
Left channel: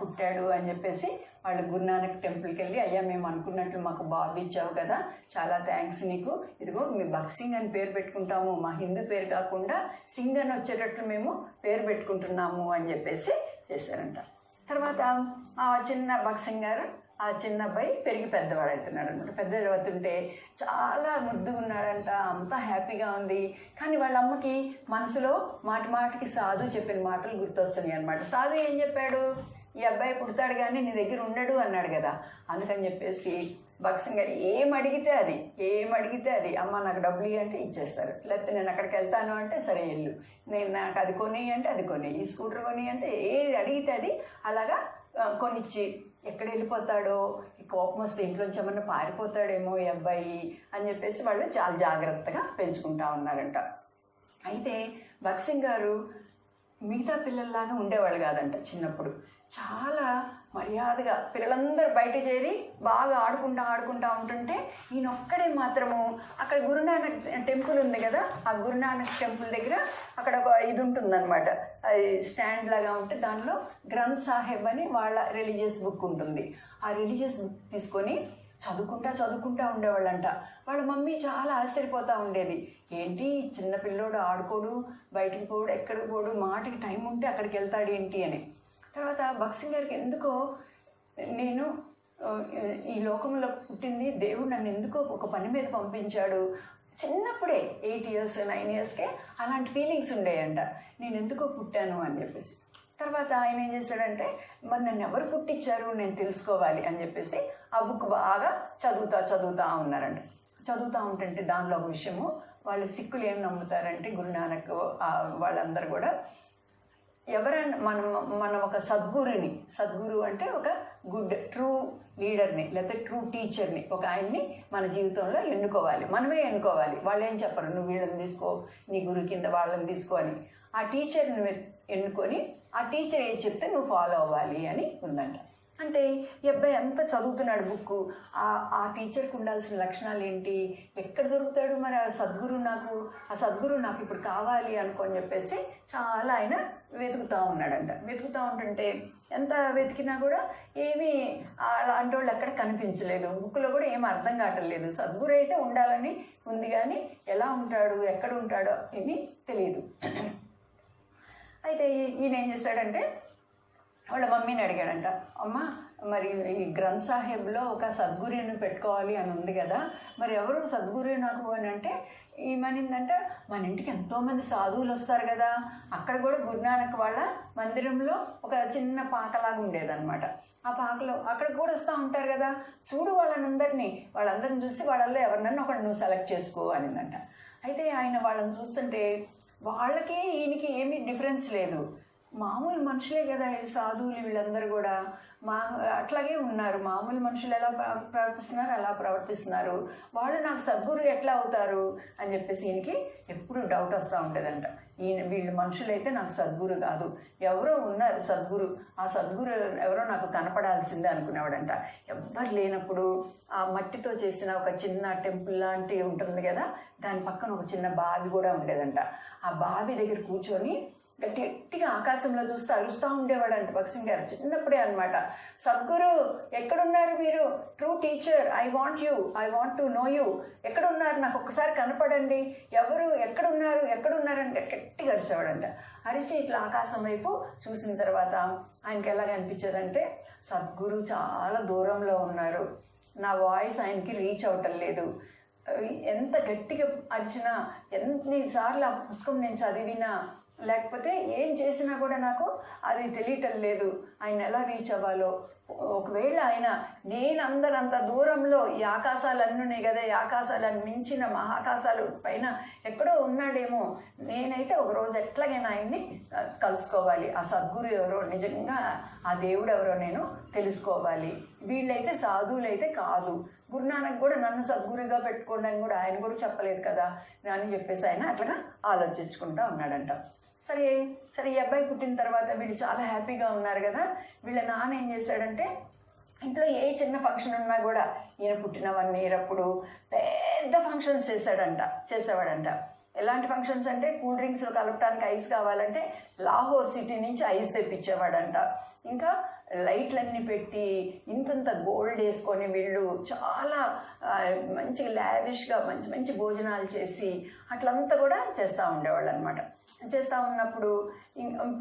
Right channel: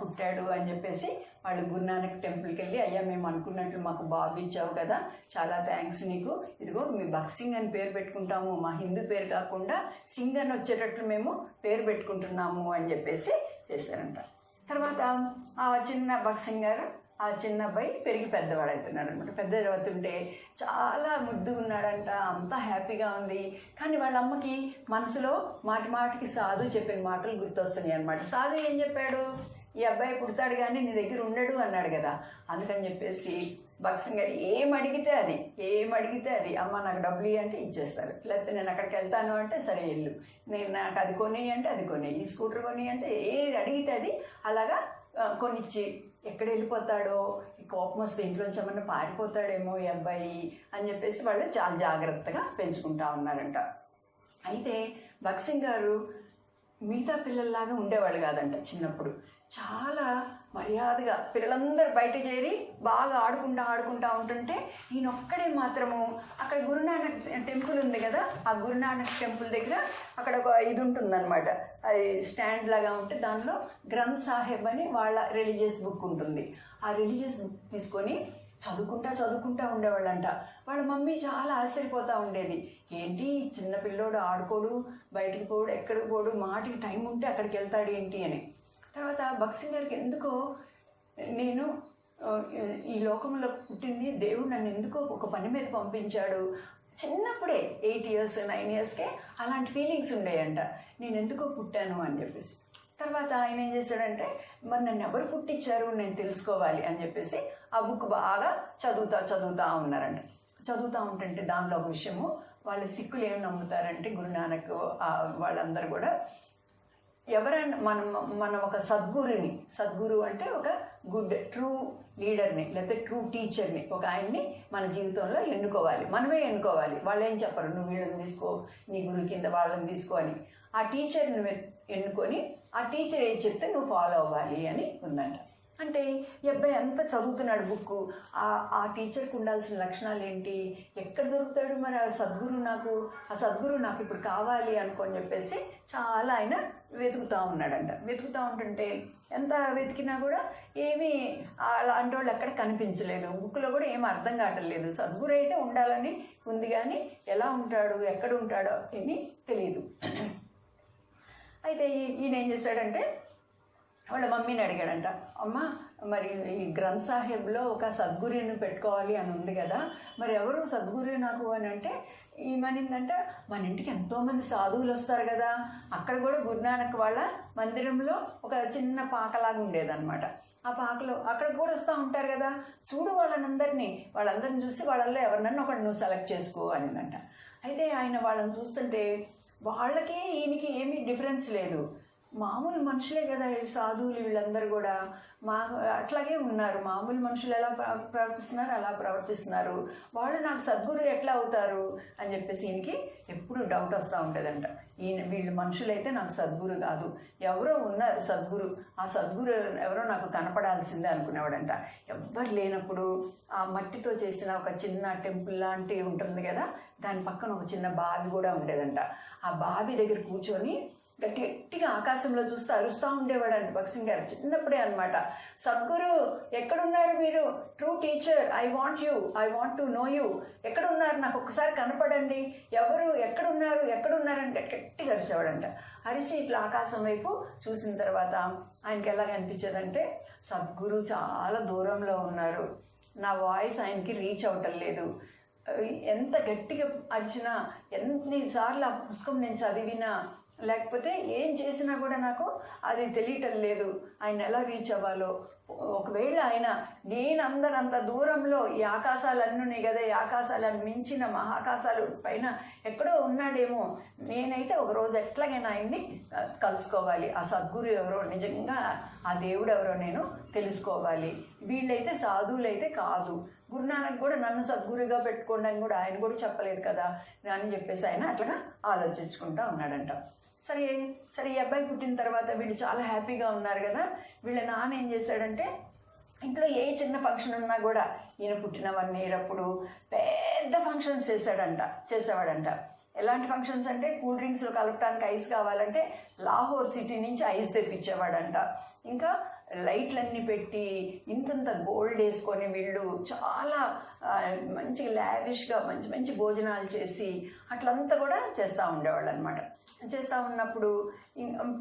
పుట్టాడు అని చెప్పేసి వాళ్ళు గురునానక్ టెంపుల్కి వెళ్ళి, అయ్యా మేము అనుకున్నట్లు మాకు బాబు ఇచ్చావు కదా, చాలా థ్యాంక్స్ నీకు, ఇదిగో మీ భగత్ సింగ్ అని పేరు పెట్టుకుంటాము, మా హిందూ పేరు కాకుండా సింగ్ అని వచ్చేటట్లు మేము పేరు పెట్టుకుంటున్నాము అని చెప్పేసి చేశారంట. తర్వాత ఆ చిన్న భగత్ సింగ్ గారు, ఆ చిన్న అబ్బాయి పెరిగి పెద్దవాడు అవుతున్నాడు అనమాట. పెద్ద అవుతుంటే చాలా ముద్దు ఉన్నాడంట, అంతా హ్యాపీగా ఉంది. కానీ వాళ్ళ అమ్మకి మనసులో మాటికి సాధు చెప్పిన మాటలు గుర్తొస్తున్నాయి అనమాట. సాధు ఏం చెప్పాడు, ఈ అబ్బాయి పుడతాడు కానీ నీ దగ్గర ఉండడు అన్నాడు కదా. అందుకని చెప్పేసి భగత్ సింగ్ గారు ఏం అడిగితే అది అమ్మ నాకు డబ్బులు అంటే ఇచ్చేస్తారు, లేకపోతే నేను అక్కడికి వెళ్తాను అంటే సరే వెళ్ళు, నేను నాకు అది కొని అంటే అది కొని, ఈ స్కూటర్ కొని అంటే ఏది అడిగితే అది అలాగా కొనిచ్చి, ఎక్కడ వెళ్ళిపోతాడో, ఈ కోపం వస్తే ఇంట్లోంచి ఏమన్నా పారిపోతాడేమో ఈ అబ్బాయి అని చెప్పేసి వాళ్ళు చాలా జాగ్రత్తగా పెంచుకుంటా ఉన్నారంట. అయితే భగత్ సింగ్ గారు మిగతా పిల్లల్లాగా ఉండేవాళ్ళు కాదంట. చిన్నప్పుడు చాలా మర్యాదగా పిల్లలందరూ బయట చేరి బాగా ఆడుకుంటా ఉంటుంటే ఈయన ఒక్కడే మాత్రము అక్కడ గురునానక్ టెంపుల్ ఉంది కదా, ఆ గురునానక్ టెంపుల్ దగ్గర అక్కడ ఒక ఇది ఉంటుందన్నమాట, అది స్టాండ్ లాగా ఉంటే దానిలో గ్రంథ్ సాహెబ్ అని వాళ్ళ రిలీజియస్ బుక్ ఉంటుంది. ఆ రిలీజియస్ బుక్ తీసుకొని చదువుకుంటా ఉండేవాళ్ళంట. వాళ్ళ మమ్మీ చాలా ఆశ్చర్యపోతూ ఉండేది, ఏంటి చిన్న పిల్లోడు ఆడుకోడు, బయటికి పోడు, ఎక్కడికి పోడు, మాటికి టైం ఉంటే అక్కడికి వెళ్తాడు ఏంటి అని. తర్వాత భగత్ సింగ్ గారికి ఎందుకో నేను ఈ లోకంలో పుట్టింది, దేవుడు నన్ను ఎందుకో ఒక పని మీద పంపించాడు, చిన్నప్పుడే 8 years 9 yearsకే అలాంటి ఫీలింగ్స్ ఉండేయంట, నేను ఎందుకో పుట్టాను అని చెప్పేసి. తర్వాత ఆయన ఏం చేశాడంటే మరి నన్ను ఎవరు పుట్టించారు నేను తెలుసుకోవాలి అని చెప్పేసి ఆ బుక్ బాగా చదువుతా ఉన్నారంట. చదువుతూ ఉంటుంటే దానిలో ఒక విషయము, వాళ్ళు సిక్కులు ఏం నమ్ముతారంటే గురునానక్ వాళ్ళందరూ కూడా ఎవరైనా మనం ఒక సద్గురు అంటే ఒక గుడ్ ట్రూ లీడర్ని లేకపోతే ట్రూ టీచర్ని, ఒక ఆయన్ని మన జీవితంలో మనమే ఎన్నుకోవాలి. వాళ్ళు ఏం చెప్పరు, నువ్వు వీళ్ళని తీసుకో, నీ గురు కింద వాళ్ళని తీసుకో అని. ఆ టీచర్ని ఎన్నుకొని ఆ టీచర్ ఏం చెప్తే నువ్వు ఫాలో అవ్వాలి అని ఉందంట. అంటే ఈ అబ్బాయి అంతా చదువుతున్నాడు బుక్, ఆ టీచర్కి ఉండాల్సిన లక్షణాలు ఏంటి, ఎక్కడ దొరుకుతాడు మరి ఆ సద్గురు నాకు ఇప్పుడు కావాలి అనుకొని చెప్పేసి చాలా ఆయన వెతుకుతూ ఉన్నాడంట. వెతుకుతూ ఉంటుంటే ఎంత వెతికినా కూడా ఏమీ అలాంటి వాళ్ళు ఎక్కడ కనిపించలేదు, బుక్లో కూడా ఏమీ అర్థం కావట్లేదు. సద్గురు అయితే ఉండాలని ఉంది కానీ ఎలా ఉంటాడు, ఎక్కడ ఉంటాడో ఏమీ తెలియదు. అయితే ఈయన ఏం చేశాడంటే వాళ్ళ మమ్మీని అడిగాడంట, అమ్మ మరి ఈ గ్రంథ్ సాహెబ్లో ఒక సద్గురుని పెట్టుకోవాలి అని ఉంది కదా, మరి ఎవరు సద్గురు నాకు అని అంటే ఏమనిందంటే మన ఇంటికి ఎంతోమంది సాధువులు వస్తారు కదా, అక్కడ కూడా గురునానక్ వాళ్ళ మందిరంలో ఒక చిన్న పాకలాగా ఉండేదన్నమాట. ఆ పాకలో అక్కడ కూడా వస్తూ ఉంటారు కదా, చూడు వాళ్ళందరినీ చూసి వాళ్ళల్లో ఎవరినన్నా ఒకటి నువ్వు సెలెక్ట్ చేసుకో అనిందంట. అయితే ఆయన వాళ్ళని చూస్తుంటే వాళ్ళకి ఈయనకి ఏమీ డిఫరెన్స్ లేదు, మామూలు మనుషులే కదా ఈ సాధువులు వీళ్ళందరూ కూడా, అట్లాగే ఉన్నారు, మామూలు మనుషులు ఎలా ప్రవర్తిస్తున్నారు అలా ప్రవర్తిస్తున్నారు, వాళ్ళు నాకు సద్గురు ఎట్లా అవుతారు అని చెప్పేసి ఈయనకి ఎప్పుడు డౌట్ వస్తూ ఉండేదంట. వీళ్ళు మనుషులైతే నాకు సద్గురు కాదు, ఎవరో ఉన్నారు సద్గురు, ఆ సద్గురు ఎవరో నాకు కనపడాల్సిందే అనుకునేవాడంట. ఎవ్వరు లేనప్పుడు ఆ మట్టితో చేసిన ఒక చిన్న టెంపుల్ లాంటివి ఉంటుంది కదా, దాని పక్కన ఒక చిన్న బావి కూడా ఉండేదంట. ఆ బావి దగ్గర కూర్చొని గట్టిగా ఆకాశంలో చూస్తూ అరుస్తూ ఉండేవాడంట భగత్ గారు చిన్నప్పుడే అనమాట. సద్గురు ఎక్కడున్నారు మీరు, true teacher, I want to know you, ఎక్కడున్నారు, నాకు ఒక్కసారి కనపడండి, ఎవరు ఎక్కడున్నారని గట్టిగా అరిచేవాడంట. అరిచి ఇట్లా ఆకాశం వైపు చూసిన తర్వాత ఆయనకి ఎలాగ అనిపించేదంటే సద్గురు చాలా దూరంలో ఉన్నారు, నా వాయిస్ ఆయనకి రీచ్ అవటం లేదు, ఎంత గట్టిగా అరిచినా ఎన్నిసార్లు ఆ పుస్తకం నేను చదివినా లేకపోతే ఏం చేసినా కూడా నాకు అది తెలియటం లేదు, ఆయన ఎలా రీచ్ అవ్వాలో. ఒకవేళ ఆయన నేను అందరంత దూరంలో ఈ ఆకాశాలన్నీ ఉన్నాయి కదా, ఈ ఆకాశాలను మించిన మహాకాశాలు పైన ఎక్కడో ఉన్నాడేమో, నేనైతే ఒకరోజు ఎట్లాగైనా ఆయన్ని కలుసుకోవాలి, ఆ సద్గురు ఎవరో, నిజంగా ఆ దేవుడు ఎవరో నేను తెలుసుకోవాలి, వీళ్ళైతే సాధువులైతే కాదు, గురునానక్ కూడా నన్ను సద్గురుగా పెట్టుకోండి అని కూడా ఆయన కూడా చెప్పలేదు కదా అని చెప్పేసి ఆయన అట్లా ఆలోచించుకుంటూ ఉన్నాడంట. సరే ఈ అబ్బాయి పుట్టిన తర్వాత వీళ్ళు చాలా హ్యాపీగా ఉన్నారు కదా. వీళ్ళ నాన్న ఏం చేశాడంటే ఇంట్లో ఏ చిన్న ఫంక్షన్ ఉన్నా కూడా ఈయన పుట్టిన 1 year అప్పుడు పెద్ద ఫంక్షన్స్ చేసేవాడంట. ఎలాంటి ఫంక్షన్స్ అంటే కూల్ డ్రింక్స్లో కలపడానికి ఐస్ కావాలంటే లాహోర్ సిటీ నుంచి ఐస్ తెప్పించేవాడంట. ఇంకా లైట్లన్నీ పెట్టి ఇంతంత గోల్డ్ వేసుకొని వీళ్ళు చాలా మంచి లావిష్గా మంచి భోజనాలు చేసి అట్లంతా కూడా చేస్తూ ఉండేవాళ్ళు అనమాట. చేస్తూ ఉన్నప్పుడు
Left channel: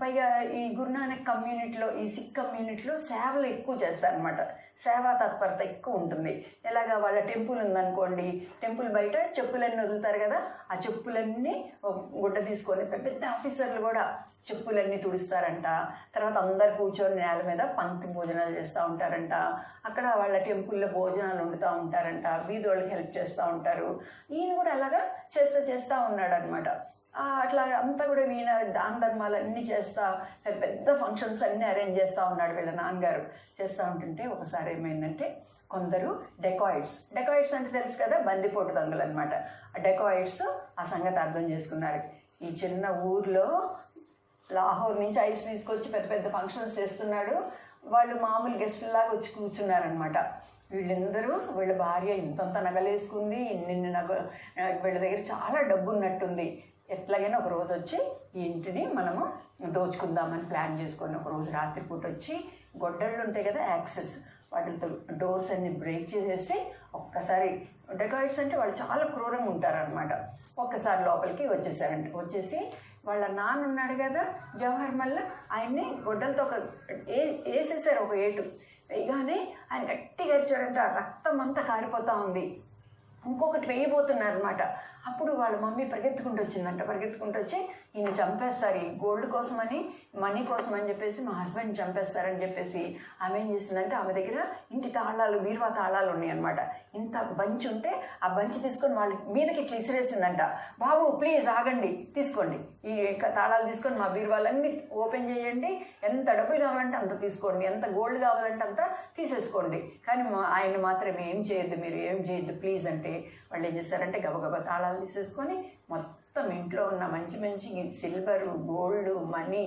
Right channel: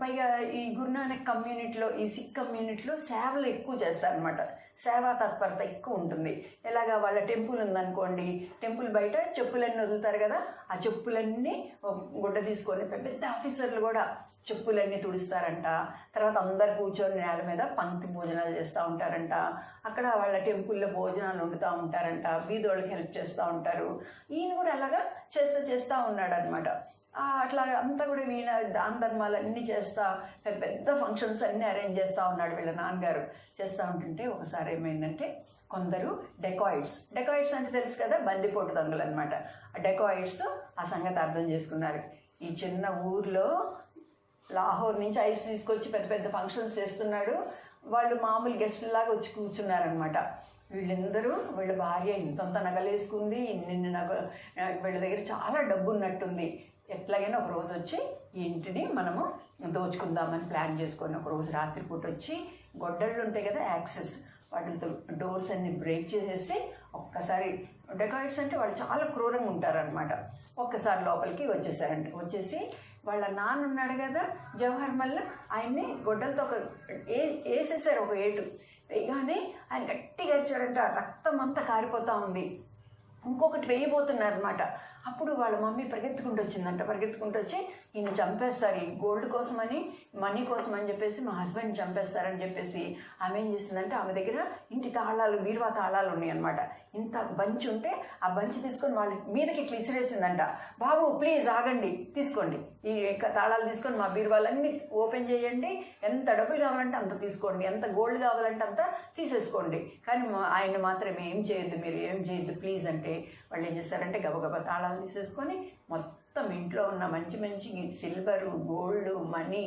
పైగా ఈ గురునానక్ కమ్యూనిటీలో, ఈ సిక్ కమ్యూనిటీలో సేవలు ఎక్కువ చేస్తారనమాట. సేవా తత్పరత ఎక్కువ ఉంటుంది. ఎలాగా వాళ్ళ టెంపుల్ ఉందనుకోండి, టెంపుల్ బయట చెప్పులన్నీ వదులుతారు కదా, ఆ చెప్పులన్నీ గుడ్డ తీసుకొని పెద్ద ఆఫీసర్లు కూడా చెప్పులన్నీ తుడుస్తారంట. తర్వాత అందరు కూర్చొని నేల మీద పంక్తి భోజనాలు చేస్తూ ఉంటారంట. అక్కడ వాళ్ళ టెంపుల్లో భోజనాలు వండుతూ ఉంటారంట, బీదోళ్ళకి హెల్ప్ చేస్తూ ఉంటారు. ఈయన కూడా అలాగా చేస్తూ ఉన్నాడు అనమాట. అట్లా అంతా కూడా ఈయన దాన ధర్మాలన్నీ చేస్తా పెద్ద ఫంక్షన్స్ అన్నీ అరేంజ్ చేస్తూ ఉన్నాడు వీళ్ళ నాన్నగారు. చేస్తూ ఉంటుంటే ఒకసారి ఏమైందంటే కొందరు డెకాయిడ్స్ అంటే తెలుసు కదా, బందిపోటు దొంగలు అనమాట. ఆ డెకాయిడ్స్ ఆ సంగతి అర్థం చేసుకున్నారు. ఈ చిన్న ఊర్లో లాహోర్ నుంచి ఐస్ తీసుకొచ్చి పెద్ద ఫంక్షన్స్ చేస్తున్నాడు, వాళ్ళు మామూలు గెస్టులాగా వచ్చి కూర్చున్నారనమాట. వీళ్ళందరూ వీళ్ళ భార్య ఇంతంత నగలేసుకుంది, ఇన్ని నగలు, వీళ్ళ దగ్గర చాలా డబ్బు ఉన్నట్టుంది, ఎట్లాగైనా ఒక రోజు వచ్చి ఈ ఇంటిని మనము దోచుకుందామని ప్లాన్ చేసుకొని ఒకరోజు రాత్రిపూట వచ్చి గొడ్డళ్ళు ఉంటాయి కదా, యాక్సెస్, వాటితో డోర్స్ అన్ని బ్రేక్ చేసేసి ఒక్కసారి, డెకాయిడ్స్ అంటే వాళ్ళు చాలా క్రూరంగా ఉంటారనమాట, ఒక్కసారి లోపలికి వచ్చేసి వాళ్ళ నాన్న ఉన్నాడు కదా జవహర్ మల్లా, ఆయన్ని గొడ్డలతో వేసేసారు ఒక ఏటు. వేయగానే ఆయన గట్టిగా ఇచ్చాడంటే ఆ రక్తం అంతా కారిపోతూ ఉంది. ఇంకొకటి వేయబోతున్నారు అనమాట. అప్పుడు వాళ్ళ మమ్మీ పరిగెత్తుకుంటూ వచ్చి ఈయన చంపేస్తారు, ఈ గోల్డ్ కోసమని, మనీ కోసం అని చెప్పేసి మా హస్బెండ్ చంపేస్తారని చెప్పేసి ఆమె ఏం చేసిందంటే ఆమె దగ్గర ఇంటి తాళాలు, బీరువా తాళాలు ఉన్నాయి అనమాట. ఇంత బంచ్ ఉంటే ఆ బంచ్ తీసుకొని వాళ్ళ మీదకి ఇట్లా ఇసిరేసిందంట. బాబు ప్లీజ్ ఆగండి, తీసుకోండి, ఈ తాళాలు తీసుకొని మా బీరువాలన్నీ ఓపెన్ చేయండి, ఎంత డబ్బులు కావాలంటే అంత తీసుకోండి, ఎంత గోల్డ్ కావాలంటే అంత తీసేసుకోండి, కానీ ఆయన మాత్రం ఏం చేయొద్దు, మీరు ఏం చేయొద్దు ప్లీజ్ అంటే వాళ్ళు ఏం చేస్తారంటే గబగబా తాళాలు తీసేసుకొని మొత్తం ఇంట్లో ఉన్న మంచి సిల్వరు, గోల్డ్, మనీ,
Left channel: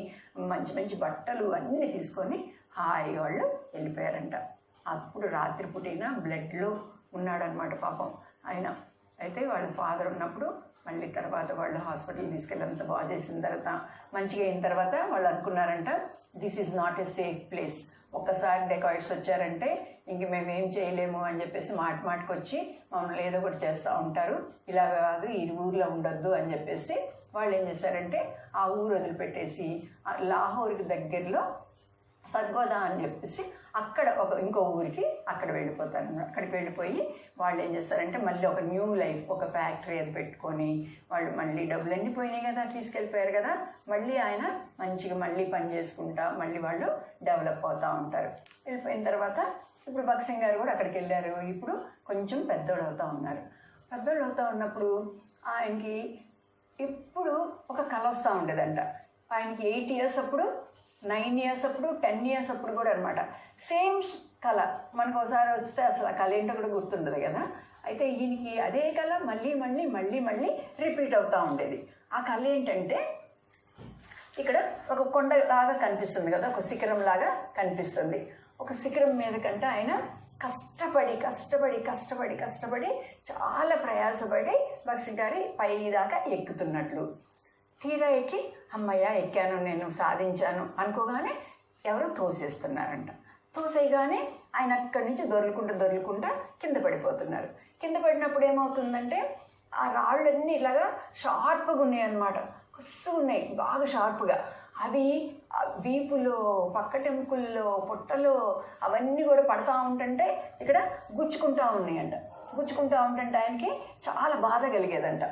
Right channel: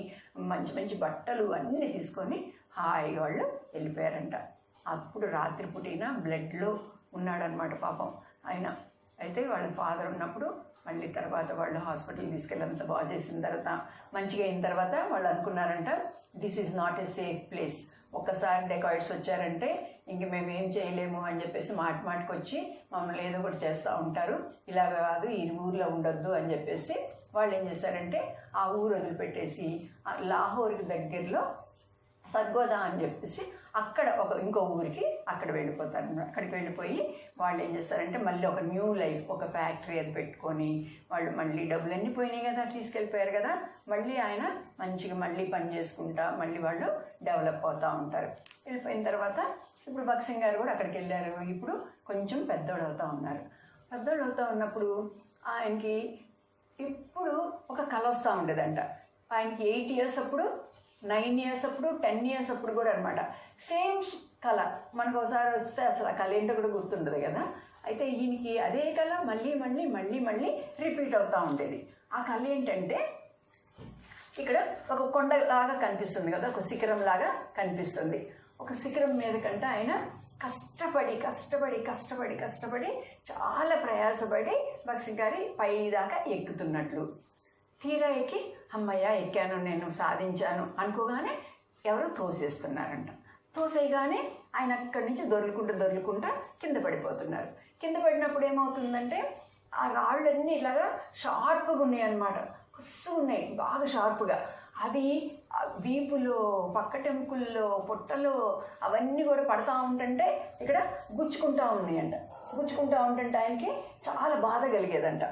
మంచి బట్టలు అన్నీ తీసుకొని హాయిగా వాళ్ళు వెళ్ళిపోయారంట. అప్పుడు రాత్రిపూటైనా బ్లడ్లో ఉన్నాడనమాట పాపం ఆయన. అయితే వాళ్ళ ఫాదర్ ఉన్నప్పుడు మళ్ళీ తర్వాత వాళ్ళు హాస్పిటల్ తీసుకెళ్ళినంత బాగా చేసిన తర్వాత మంచిగా అయిన తర్వాత వాళ్ళు అనుకున్నారంట, this is not a safe place, ఒక్కసారి డెకాయిడ్స్ వచ్చారంటే ఇంక మేము ఏం చేయలేము అని చెప్పేసి మాటికి వచ్చి మమ్మల్ని ఏదో ఒకటి చేస్తూ ఉంటారు, ఇలాగ కాదు, ఈ ఊర్లో ఉండొద్దు అని చెప్పేసి వాళ్ళు ఏం చేశారంటే ఆ ఊరు వదిలిపెట్టేసి లాహోర్కి దగ్గరలో సద్గోదా అని చెప్పేసి అక్కడ ఇంకో ఊరికి వెళ్ళిపోతారు. అక్కడికి వెళ్ళిపోయి వాళ్ళు ఏం చేస్తారంటే మళ్ళీ ఒక న్యూ లైఫ్, ఒక ఫ్యాక్టరీ అది పెట్టుకొని వాళ్ళు మళ్ళీ డబ్బులన్నీ పోయినాయి కదా, తీసుకెళ్ళిపోయారు కదా, మళ్ళీ ఆయన మంచిగా మళ్ళీ పని చేసుకుంటా మళ్ళీ వాళ్ళు డెవలప్ అవుతూ ఉంటారు. వెళ్ళిపోయిన తర్వాత ఇప్పుడు భగత్ సింగ్ గారు కూడా అక్కడికి వెళ్ళారు. ఇప్పుడు కొంచెం పెద్దోడు అవుతూ ఉన్నప్పుడు ఆయనకి ఇప్పుడు ఒక కళ వస్తూ ఉండేదంట. ఆయనకి 8 years అప్పుడు, 9 years అప్పుడు, 10 years అప్పుడు కూడా అనమాట సేమ్ కళ. మనకు ఒకసారి వస్తే అసలు ఆ కళ ఏంటో కూడా గుర్తుండదు కదా. అయితే ఈయనకి అదే కళ మళ్ళీ రిపీట్ అవుతూ ఉండేది. ఆ కళ ఏంటంటే ఇక్కడ ఒక కొండ లాగా కనిపిస్తుంది కదా, ఒక శిఖరం లాగా కనిపిస్తుంది. ఒక శిఖరం మీద కంటే ఆయన కష్టపడి చాలా ప్రయాసపడి భగత్ సింగ్ గారి పై దాకా ఎక్కుతున్నట్లు. తీరా ఎక్కి అమ్మయ్య ఎక్కాను, నేను సాధించాను అనుకోగానే ఎవరు తోసేస్తున్నారంట. తోసేయగానే ఆయన అక్కడి నుంచి దొర్లుకుంటా కింద పడిపోతున్నారు. కింద పడినప్పుడు ఏమవుతుందంటే ఆ రాళ్ళన్నీ ఇట్లాగా షార్ప్గా ఉన్నాయి అన్నమాట, కొస్సు ఉన్నాయి బాగా షార్ప్గా. అవి వీపులో, పక్కటెముకల్లో, పొట్టలో అవన్నీ కూడా పడతా ఉంటుంటే ఇక్కడ గుచ్చుకుంటా ఉన్నాయంట. గుచ్చుకుంటా ఉంటుంటే ఆయనకి చాలా బాధ కలిగేదంట.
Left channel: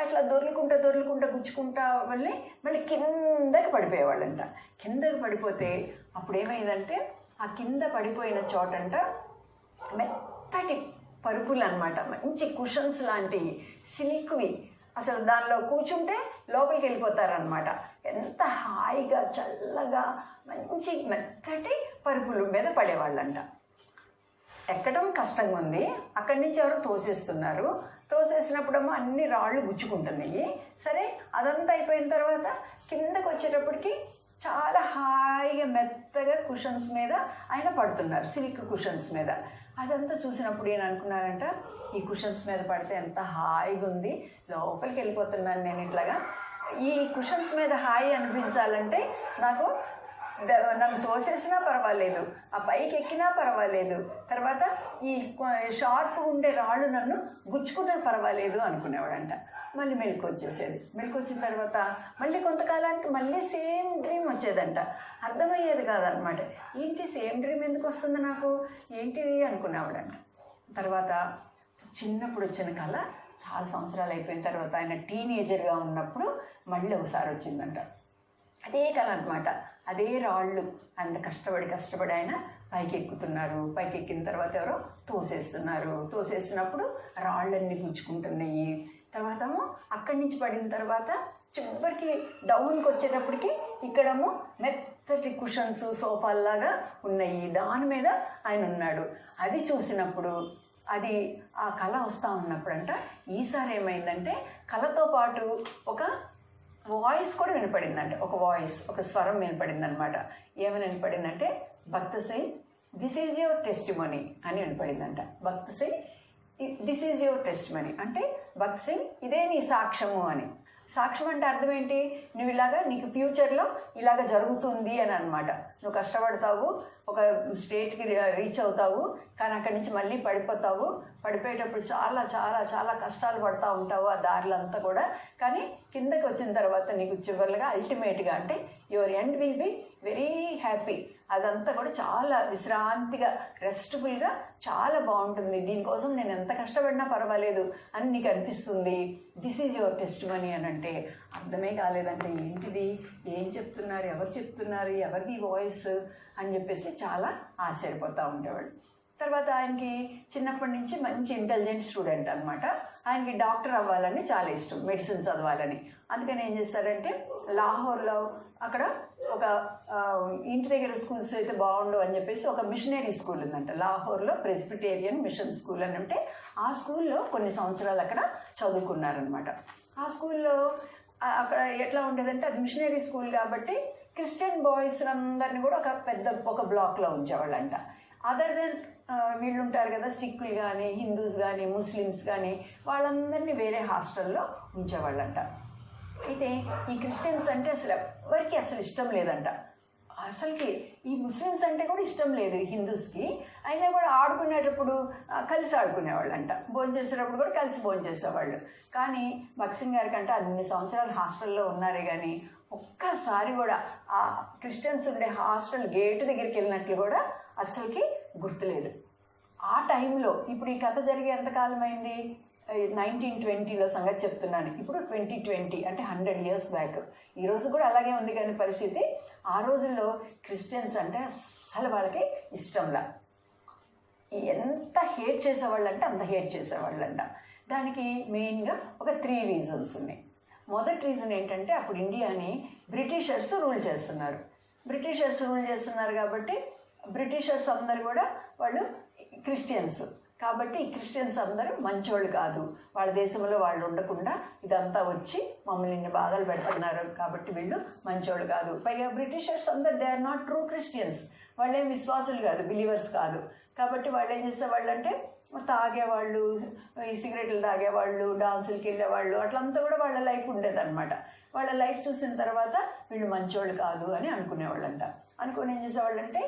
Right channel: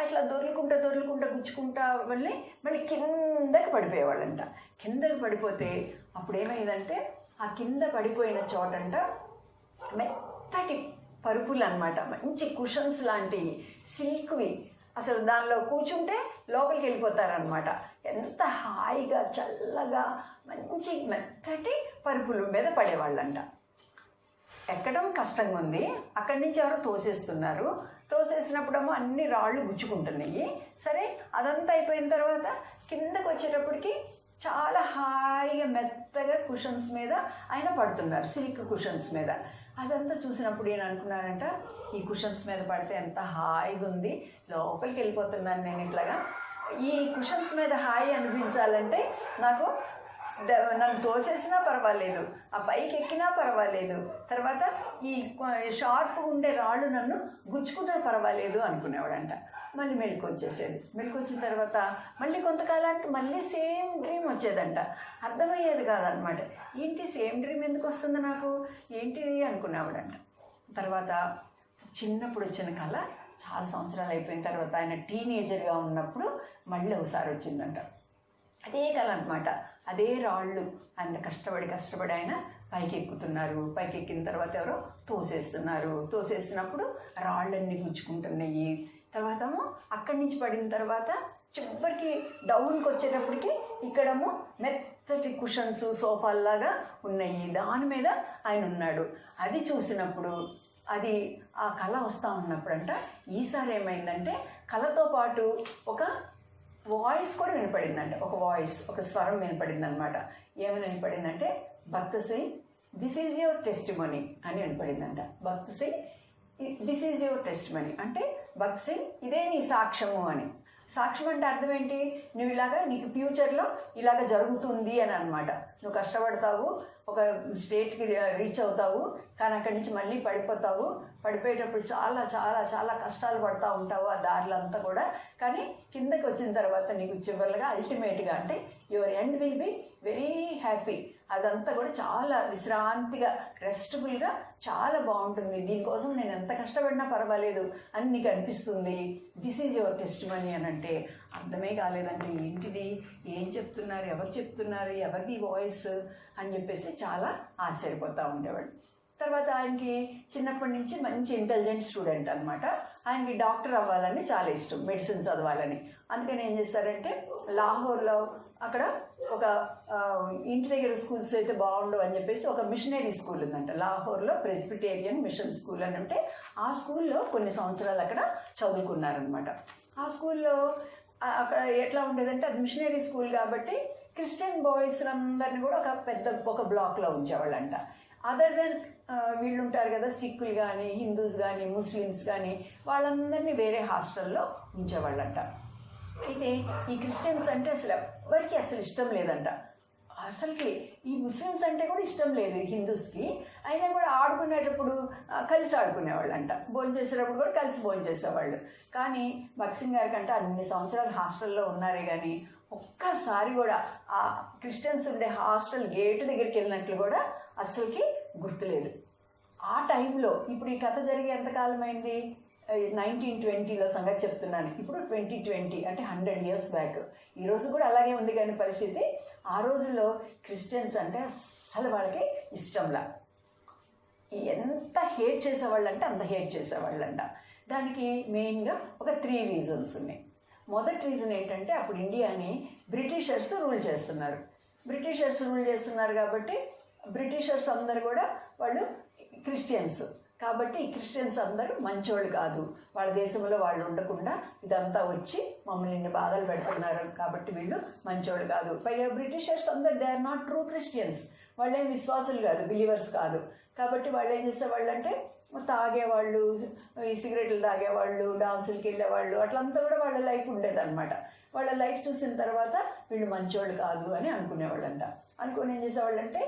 అట్లా దొర్లుకుంటా గుచ్చుకుంటా మళ్ళీ కిందకి పడిపోయేవాళ్ళంట. కిందకి పడిపోతే అప్పుడు ఏమైందంటే ఆ కింద పడిపోయిన చోటంట మెత్తటి పరుపులు అనమాట, మంచి కుషన్స్ లాంటివి, సిల్క్వి. అసలు దానిలో కూర్చుంటే లోపలికి వెళ్ళిపోతారనమాట. ఎంత హాయిగా చల్లగా మంచి మెత్తటి పరుపుల మీద పడేవాళ్ళంట. ఎక్కడం కష్టంగా ఉంది, అక్కడి నుంచి ఎవరు తోసేస్తున్నారు. తోసేసినప్పుడేమో అన్ని రాళ్ళు గుచ్చుకుంటున్నాయి. సరే అదంతా అయిపోయిన తర్వాత కిందకు వచ్చేటప్పటికి చాలా హాయిగా మెత్తగా కుషన్స్ మీద ఆయన పడుతున్నారు, సిల్క్ కుషన్స్ మీద. అదంతా చూసినప్పుడు నేను అనుకున్నానంట, ఈ కుషన్స్ మీద పడితే ఎంత హాయిగా ఉంది, లోపలికి వెళ్ళిపోతున్నాను నేను ఇట్లాగా. ఈ కుషన్స్ మీద హాయి అనిపించాలంటే నాకు నన్ను తోసేసినా పర్వాలేదు, ఆ పైకి ఎక్కినా పర్వాలేదు, తర్వాత ఈ షార్ప్గా ఉండే రాళ్ళు నన్ను గుచ్చుకున్నా పర్వాలేదు అనుకునేవాడంట. మళ్ళీ మెలకు వచ్చేసేది. మెలకు వచ్చిన తర్వాత మళ్ళీ కొంతకాలానికి మళ్ళీ సేమ్ డ్రీమ్ వచ్చేదంట. అర్థమయ్యేది కాదనమాట. ఏంటి సేమ్ డ్రీమ్ ఎందుకు వస్తుంది నాకు, ఏంటిది అనుకునేవాడంట. తర్వాత చిన్నప్పుడు వచ్చిన కళ చాలా సంవత్సరాలు అయిపోయిన తర్వాత ఆయన టీనేజర్గా ఉన్నప్పుడు మళ్ళీ ఒకసారి వచ్చిందంట. అదే కళ అనమాట. అదే రాళ్ళు అంత కష్టపడి ఆయన పైకి ఎక్కుతున్నారు. పైకి ఎక్కిన తర్వాత ఎవరో తోసేస్తున్నప్పుడు రాళ్ళన్నీ గుచ్చుకుంటున్నాయి. తర్వాత అక్కడి నుంచి పడిన తర్వాత చివరికి డౌన్కి వచ్చేటప్పటికి ఇక్కడేమో మెత్తటి కుషన్స్ సోఫాల్లాగా ఉన్నాయి, దాని మీద ఆయన ఉన్నాడు. అది చూసినప్పుడు అది ఆ కళ వస్తూ ఉన్నప్పుడంట ఈసారి ఏమైందంటే కళతో పాటు ఒక వాయిస్ కూడా వినపడిందంట. ఒక స్వరం వినపడింది అనమాట. ఏమని వినపడిందంటే Bakht Singh this is your testimony అని వినపడిందంట. Bakht Singh this is your testimony అంటే భక్త సింగ్ ఇదే నీ సాక్ష్యము అని. సాక్ష్యం అంటే అర్థం ఏంటి, నువ్వు నీకు ఫ్యూచర్లో ఇలాగ జరుగుతుంది అని అనమాట. నువ్వు కష్టపడతావు, ఒక స్టేట్కి రీచ్ అవుతావు, కానీ అక్కడి నుంచి మళ్ళీ పడిపోతావు. పడిపోయేటప్పుడు చాలా చాలా చాలా కష్టాలు పడుతూ ఉంటావు ఆ దారిలో అంతా కూడా. కానీ కిందకి వచ్చిన తర్వాత నీకు చివరిగా అల్టిమేట్గా అంటే your end will be very happy. అదంతా కూడా చాలా విశ్రాంతిగా, రెస్ట్ఫుల్గా చాలా బాగుంటుంది. దీనికోసం నేను ఎంత కష్టపడినా పర్వాలేదు అని నీకు అనిపిస్తుంది. దిస్ ఈజ్ యువర్ టెస్టిమనీ అని అంటే అర్థమే కాలేదంటే ఏంటిది, ఏం చెప్తున్నారు, ఎవరు చెప్తున్నారు, ఎవరిది వాయిస్ అని చెప్పేసి చాలా ఆశ్చర్యపోతూ ఉండేవాడు. తర్వాత ఆయనకి చిన్నప్పటి నుంచి మంచి ఇంటెలిజెంట్ స్టూడెంట్ అనమాట. ఆయనకి డాక్టర్ అవ్వాలని చాలా ఇష్టం, మెడిసిన్ చదవాలని. అందుకని ఏం చేస్తారంటే లాహోర్లో అక్కడ ఒక ఇంటి దగ్గర స్కూల్స్ అయితే బాగుండవు అని చెప్పేసి ఒక మిషనరీ స్కూల్ ఉందంట లాహోర్లో, ప్రెస్బిటేరియన్ మిషన్ స్కూల్ అని ఉంటే ఆ స్కూల్లో కొన్ని సంవత్సరాలు అక్కడ చదువుకున్నారనమాట. ఆ స్కూల్లో అక్కడ ఎట్లా ఉండేదంటే అది మిషనరీ స్కూల్ కాబట్టి క్రిస్టియన్ బాయ్స్ అందరినీ కూడా ఒక బ్లాక్లో ఉంచేవాళ్ళంట. అదర్ దెన్ వీళ్ళు ఉంటారు కదా, సిక్కులు కానీ, హిందూస్ కానీ, ముస్లిమ్స్ కానీ, వాళ్ళందరినీ వేరే హాస్టల్లో ఉంచేవాళ్ళంట. అయితే ఈ క్రిస్టియన్స్ అంటే ఎవరికి అసలు ఇష్టం లేదంట. అసలుకి ఈ ముస్లిమ్స్ అంటే కూడా ఇష్టం లేదు హిందూస్కి. అయినా కూడా ఆడుకునేటప్పుడు కలిసి ఆడుకునేవాళ్ళంట, భోజనం చేసేటప్పుడు కూడా కలిసి భోజనం చేసేవాళ్ళు. కానీ భక్సింగ్ గారి కంటే అన్ని సంవత్సరాలు హాస్టల్లో ఉన్నారే కానీ ఒక్కసారి కూడా ఆ క్రిస్టియన్స్ ఉండే హాస్టల్ గేటు దగ్గరికి వెళ్ళినట్లు కూడా అసలుకి గుర్తులేదు. ఆ టైంలో ఇప్పుడు ఈ కథ జరిగే ఎంతకాలం అయింది, 1920లో సంగతి చెప్తున్నాను. ఇప్పుడు 2020 అంటే 100 years బ్యాక్. ఈరోజు కూడా అలాగే ఉంది కానీ పరిస్థితి. ఆ రోజుల్లో క్రిస్టియన్స్ అంటే అస్సలు వాళ్ళకి ఇష్టంలా, ఎంత హేట్ చేసేవాళ్ళంటే అంత హేట్ చేసేవాళ్ళంట. దానికి మెయిన్గా ఒక 3 reasons ఉన్నాయి. మొదటి రీజన్ ఏంటంటే అప్పుడు ఇండియాని బ్రిటిషర్స్ రూల్ చేస్తున్నారు కాబట్టి బ్రిటిషర్స్ అందరు కూడా వాళ్ళు క్రిస్టియన్స్ కాబట్టి ఈ క్రిస్టియన్స్ అందరూ మంచోళ్ళు కాదు, వాళ్ళ దేశంలో వాళ్ళు ఉండకుండా ఇదంతా వచ్చి మమ్మల్ని ఇన్ని బాధలు పెడుతున్నారు కాబట్టి వీళ్ళు మంచోళ్ళు కాదు. పైగా బ్రిటిషర్స్ అందరు they are not true Christians, వాళ్ళేం విశ్వాసులు కాదు, బిలీవర్స్ కాదు. కాబట్టి వాళ్ళు ఏం చేసేవాళ్ళు అంటే తాగేవాళ్ళు, ఈ సిగరెట్లు తాగేవాళ్ళు, డాన్సులకి వెళ్ళేవాళ్ళు, అట్లంతా కూడా వాళ్ళ లైఫ్ ఉండేదన్నమాట. వాళ్ళ లైఫ్ చూసిన తర్వాత వీళ్ళు మంచోళ్ళు కాదు అని అనుకునేవాళ్ళంట. అనుకుని ఏం చేసేవాళ్ళంటే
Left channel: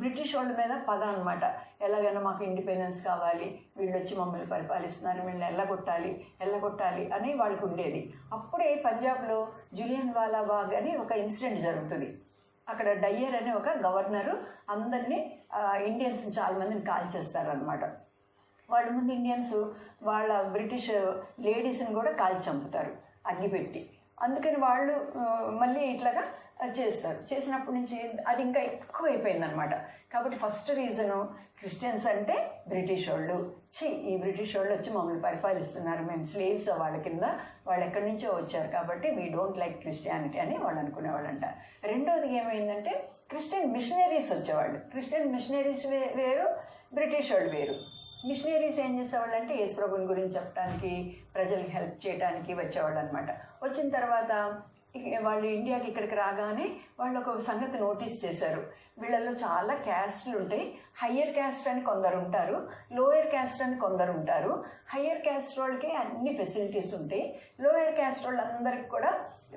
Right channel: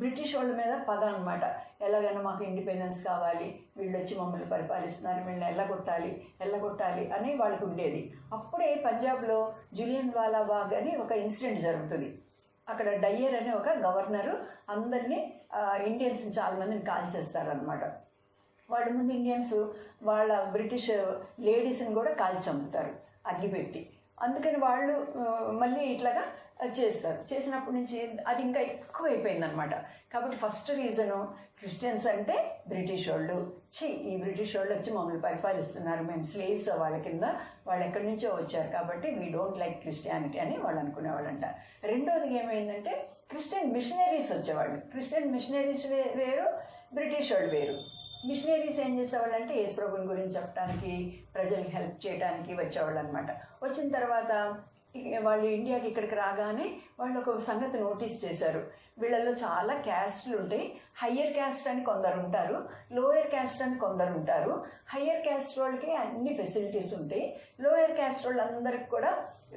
బ్రిటిష్ వాళ్ళ మీద పగ అనమాట. ఎలాగైనా మాకు ఇండిపెండెన్స్ కావాలి, వీళ్ళు వచ్చి మమ్మల్ని పరిపాలిస్తున్నారు, వీళ్ళని ఎల్లగొట్టాలి అని వాళ్ళకు ఉండేది. అప్పుడే పంజాబ్లో జులియన్ వాలా బాగ్ అని ఒక ఇన్సిడెంట్ జరుగుతుంది. అక్కడ డయ్యర్ అనే ఒక గవర్నరు అందరినీ ఇండియన్స్ని చాలామందిని కాల్ చేస్తారనమాట. వాళ్ళ ముందు ఇండియన్స్ వాళ్ళ బ్రిటిష్ లేడీస్ని కూడా కాల్చి చంపుతారు అగ్గిపెట్టి. అందుకని వాళ్ళు మళ్ళీ ఇట్లాగా చేస్తారు. చేసినప్పటి నుంచి అది ఇంకా ఎక్కువ అయిపోయిందనమాట. కాబట్టి ఫస్ట్ రీజను క్రిస్టియన్స్ అంటే బ్రిటిష్ వాళ్ళు, ఈ బ్రిటిష్ వాళ్ళు వచ్చి మమ్మల్ని పరిపాలిస్తున్నారు, మేము స్లేవ్స్ వాళ్ళ కింద, వాళ్ళు ఎక్కడి నుంచో వచ్చారు కాబట్టి వీ డోంట్ లైక్ క్రిస్టియానిటీ అని వాళ్ళు అనుకునేవాళ్ళంట. రెండోది ఏమైందంటే క్రిస్టియన్ మిషనరీస్ వచ్చేవాళ్ళు. క్రిస్టియన్ మిషనరీస్ వేరు, బ్రిటిష్ వాళ్ళు వేరు. మిషనరీస్ ఏం చేసేవాళ్ళు అంటే యేసుప్రభుని గురించి చెప్పడానికి, ప్రజలకు హెల్ప్ చేయడానికి వచ్చేవాళ్ళు అనమాట. వచ్చిన తర్వాత వాళ్ళు ఇండియాకి ఇక్కడికి రాగానే వాళ్ళు ఒక సంగతి నోటీస్ చేశారు. వీళ్ళల్లో చాలా క్యాస్ట్లు ఉంటాయి. హయ్యర్ క్యాస్ట్ అని కొందరు ఉంటారు, లోయర్ క్యాస్ట్ అని కొందరు ఉంటారు. హయ్యర్ క్యాస్ట్ వాళ్ళకి అన్ని ఫెసిలిటీస్ ఉంటాయి. లోయర్ క్యాస్ట్ వాళ్ళందరికి కూడా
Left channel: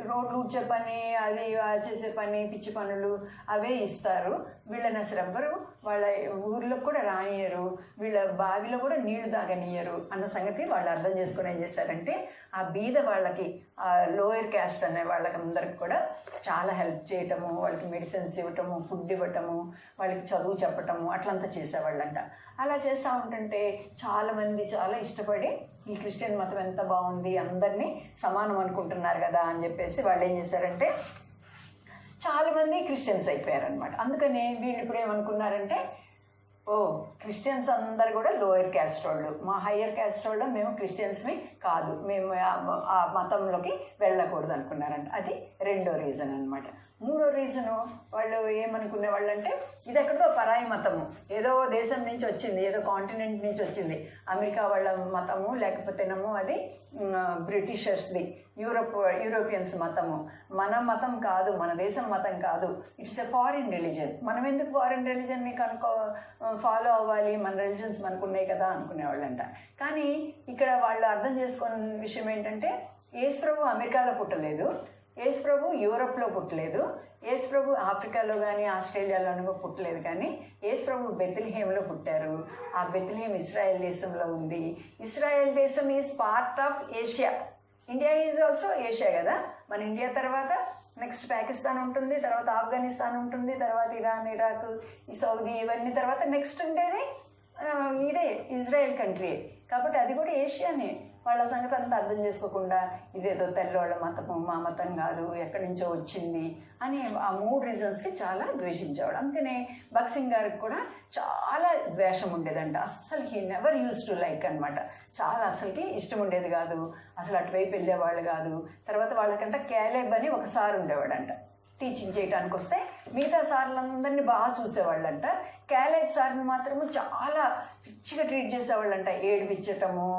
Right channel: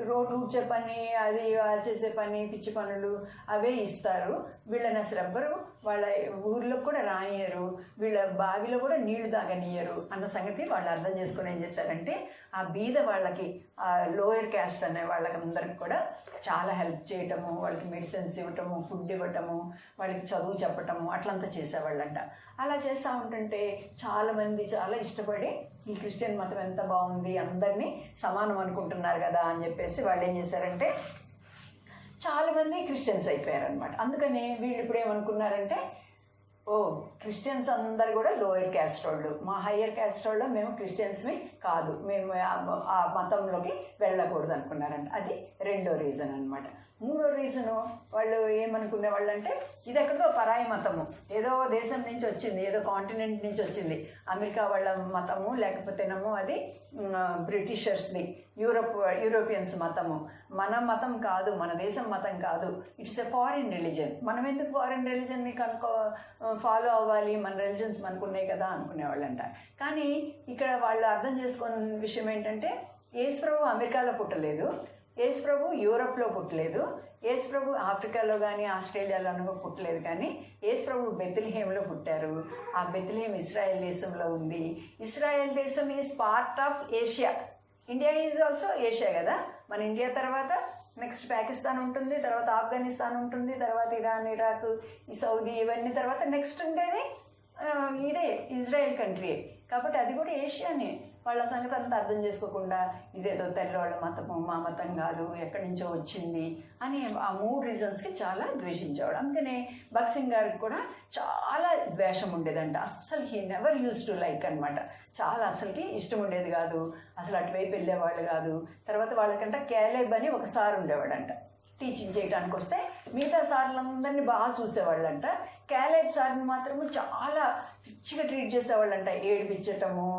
రోడ్లు ఊడ్చే పని, అది చేసే పని, పిచ్చి పనులు అవే ఇస్తారు. వీళ్ళని అసలు ఎవ్వరు వాళ్ళ ఊర్లో కూడా రానియరు, వీళ్ళ బావిలో కూడా నీళ్లు తాగనియరు అన్న సంగతి వాళ్ళు అర్థం చేసుకుని ఏం చేశారంటే ఆ బీద వాళ్ళకి, లోయర్ క్యాస్ట్ అనే వాళ్ళకి అందరికి కూడా చాలా హెల్ప్ చేయటము, వాళ్ళకి మెడిసిన్స్ ఇవ్వటము, ఫుడ్ ఇవ్వటము, వాళ్ళకి చదువు చెప్పటము అట్లంతా చేసేవాళ్ళంట. అలా చేస్తూ ఉంటుంటే చాలామంది చాలా ఇష్టపడి ఈ క్రిస్టియన్ మతం ఎంత బాగుంది, అందరినీ సమానం అనుకుంటున్నారు కదా అని చెప్పేసి వాళ్ళు ఏం చేశారంటే చాలామంది క్రిస్టియన్స్ అయిపోయారనమాట. అందుకనే వీళ్ళు ఇప్పుడు ఏమనుకున్నారంటే క్రిస్టియన్స్ అందరు కూడా లోయర్ క్యాస్ట్ వాళ్ళు, మా హయ్యర్ క్యాస్ట్ వాళ్ళు మేము క్రిస్టియన్స్ని కాదు, మేము ఆ మతంలోకి వెళ్ళకూడదు అనుకున్నారంట. అది రెండో రీజన్ అనమాట. మూడో రీజను వాళ్ళు ఏమనుకునే వాళ్ళు అంటే ఇది ఎక్కడితో పరాయి మతము, ఏదో దేశం నుంచి వచ్చింది, ఏదో కాంటినెంట్ నుంచి వచ్చింది, అమెరికా వాళ్ళ మతము లేకపోతేనేమో అది బ్రిటిషర్స్ది, యూరోపియన్స్ మతము, మన మతం కాదు, మన దేశం మతం కాదు, ఇట్స్ ఎ ఫారిన్ రిలీజన్, మనం ఎందుకు ఫారిన్ రిలీజన్ని ఫాలో అవ్వాలి, మన రిలీజన్స్ మనకు ఉన్నాయి కదా అనుకునేవాళ్ళంట. కానీ ఇక్కడ వాళ్ళు అర్థం చేసుకున్న విషయం ఏంటంటే యేసుప్రభు అమెరికాలో పుట్టలేదు, యేసుప్రభు యూరోప్లో పుట్టలేదు, యేసుప్రభు ఆఫ్రికాలో కానీ ఆస్ట్రేలియాలోనూ పుట్టలేదు, కానీ యేసుప్రభు బెత్లెహేంలో పుట్టారు. ఆ బెత్లెహేం ఇస్రాయేల్ దేశంలో ఉంది. ఇస్రాయేల్ దేశం is part of Asia, India is also Asia కదా. మన ఇండియా తర్వాత నెక్స్ట్ పాకిస్తాన్ ఉంటుంది, తర్వాత ఆఫ్ఘనిస్తాన్ ఉంటుంది, తర్వాత ఇరాన్, ఇరాక్, ఈ సౌదీ, ఇవన్నీ తర్వాత నెక్స్ట్ ఉండేది ఇదే ఇజ్రాయెల్ కంట్రీ. కాబట్టి అది కూడా ఏషియానే. వాళ్ళ సంగతి అంతా అర్థం చేసుకోకుండా ఇదేదో తెల్లవాళ్ళ మతము, మా మతం కాదు, ఎక్కడి నుంచో వచ్చింది అని ఆ మూడు రీజన్స్కి చాలా ద్వేషించేవాడు. అందుకనే భగత్ సింగ్ గారికి కూడా చాలా ద్వేషం ఉండేదంట. అస్సలు he never use to like అనమాట. చాలా అసలుకి ఇష్టం ఉండేది కాదు, అసలు అటువైపు వెళ్ళేవాళ్ళు కాదు. తర్వాత వాళ్ళకంటే క్యాలేబ్ అని ఒక సార్ ఉండేవాడంట, టీచింగ్ చేయడానికి వస్తే మిగతా సార్లందరినీ బాగా చూసేవాళ్ళంట. క్యాలేబ్ సార్ని మాత్రము చాలా పిచ్చిగా ట్రీట్ చేసేవాళ్ళంట. ఏడిపించటము,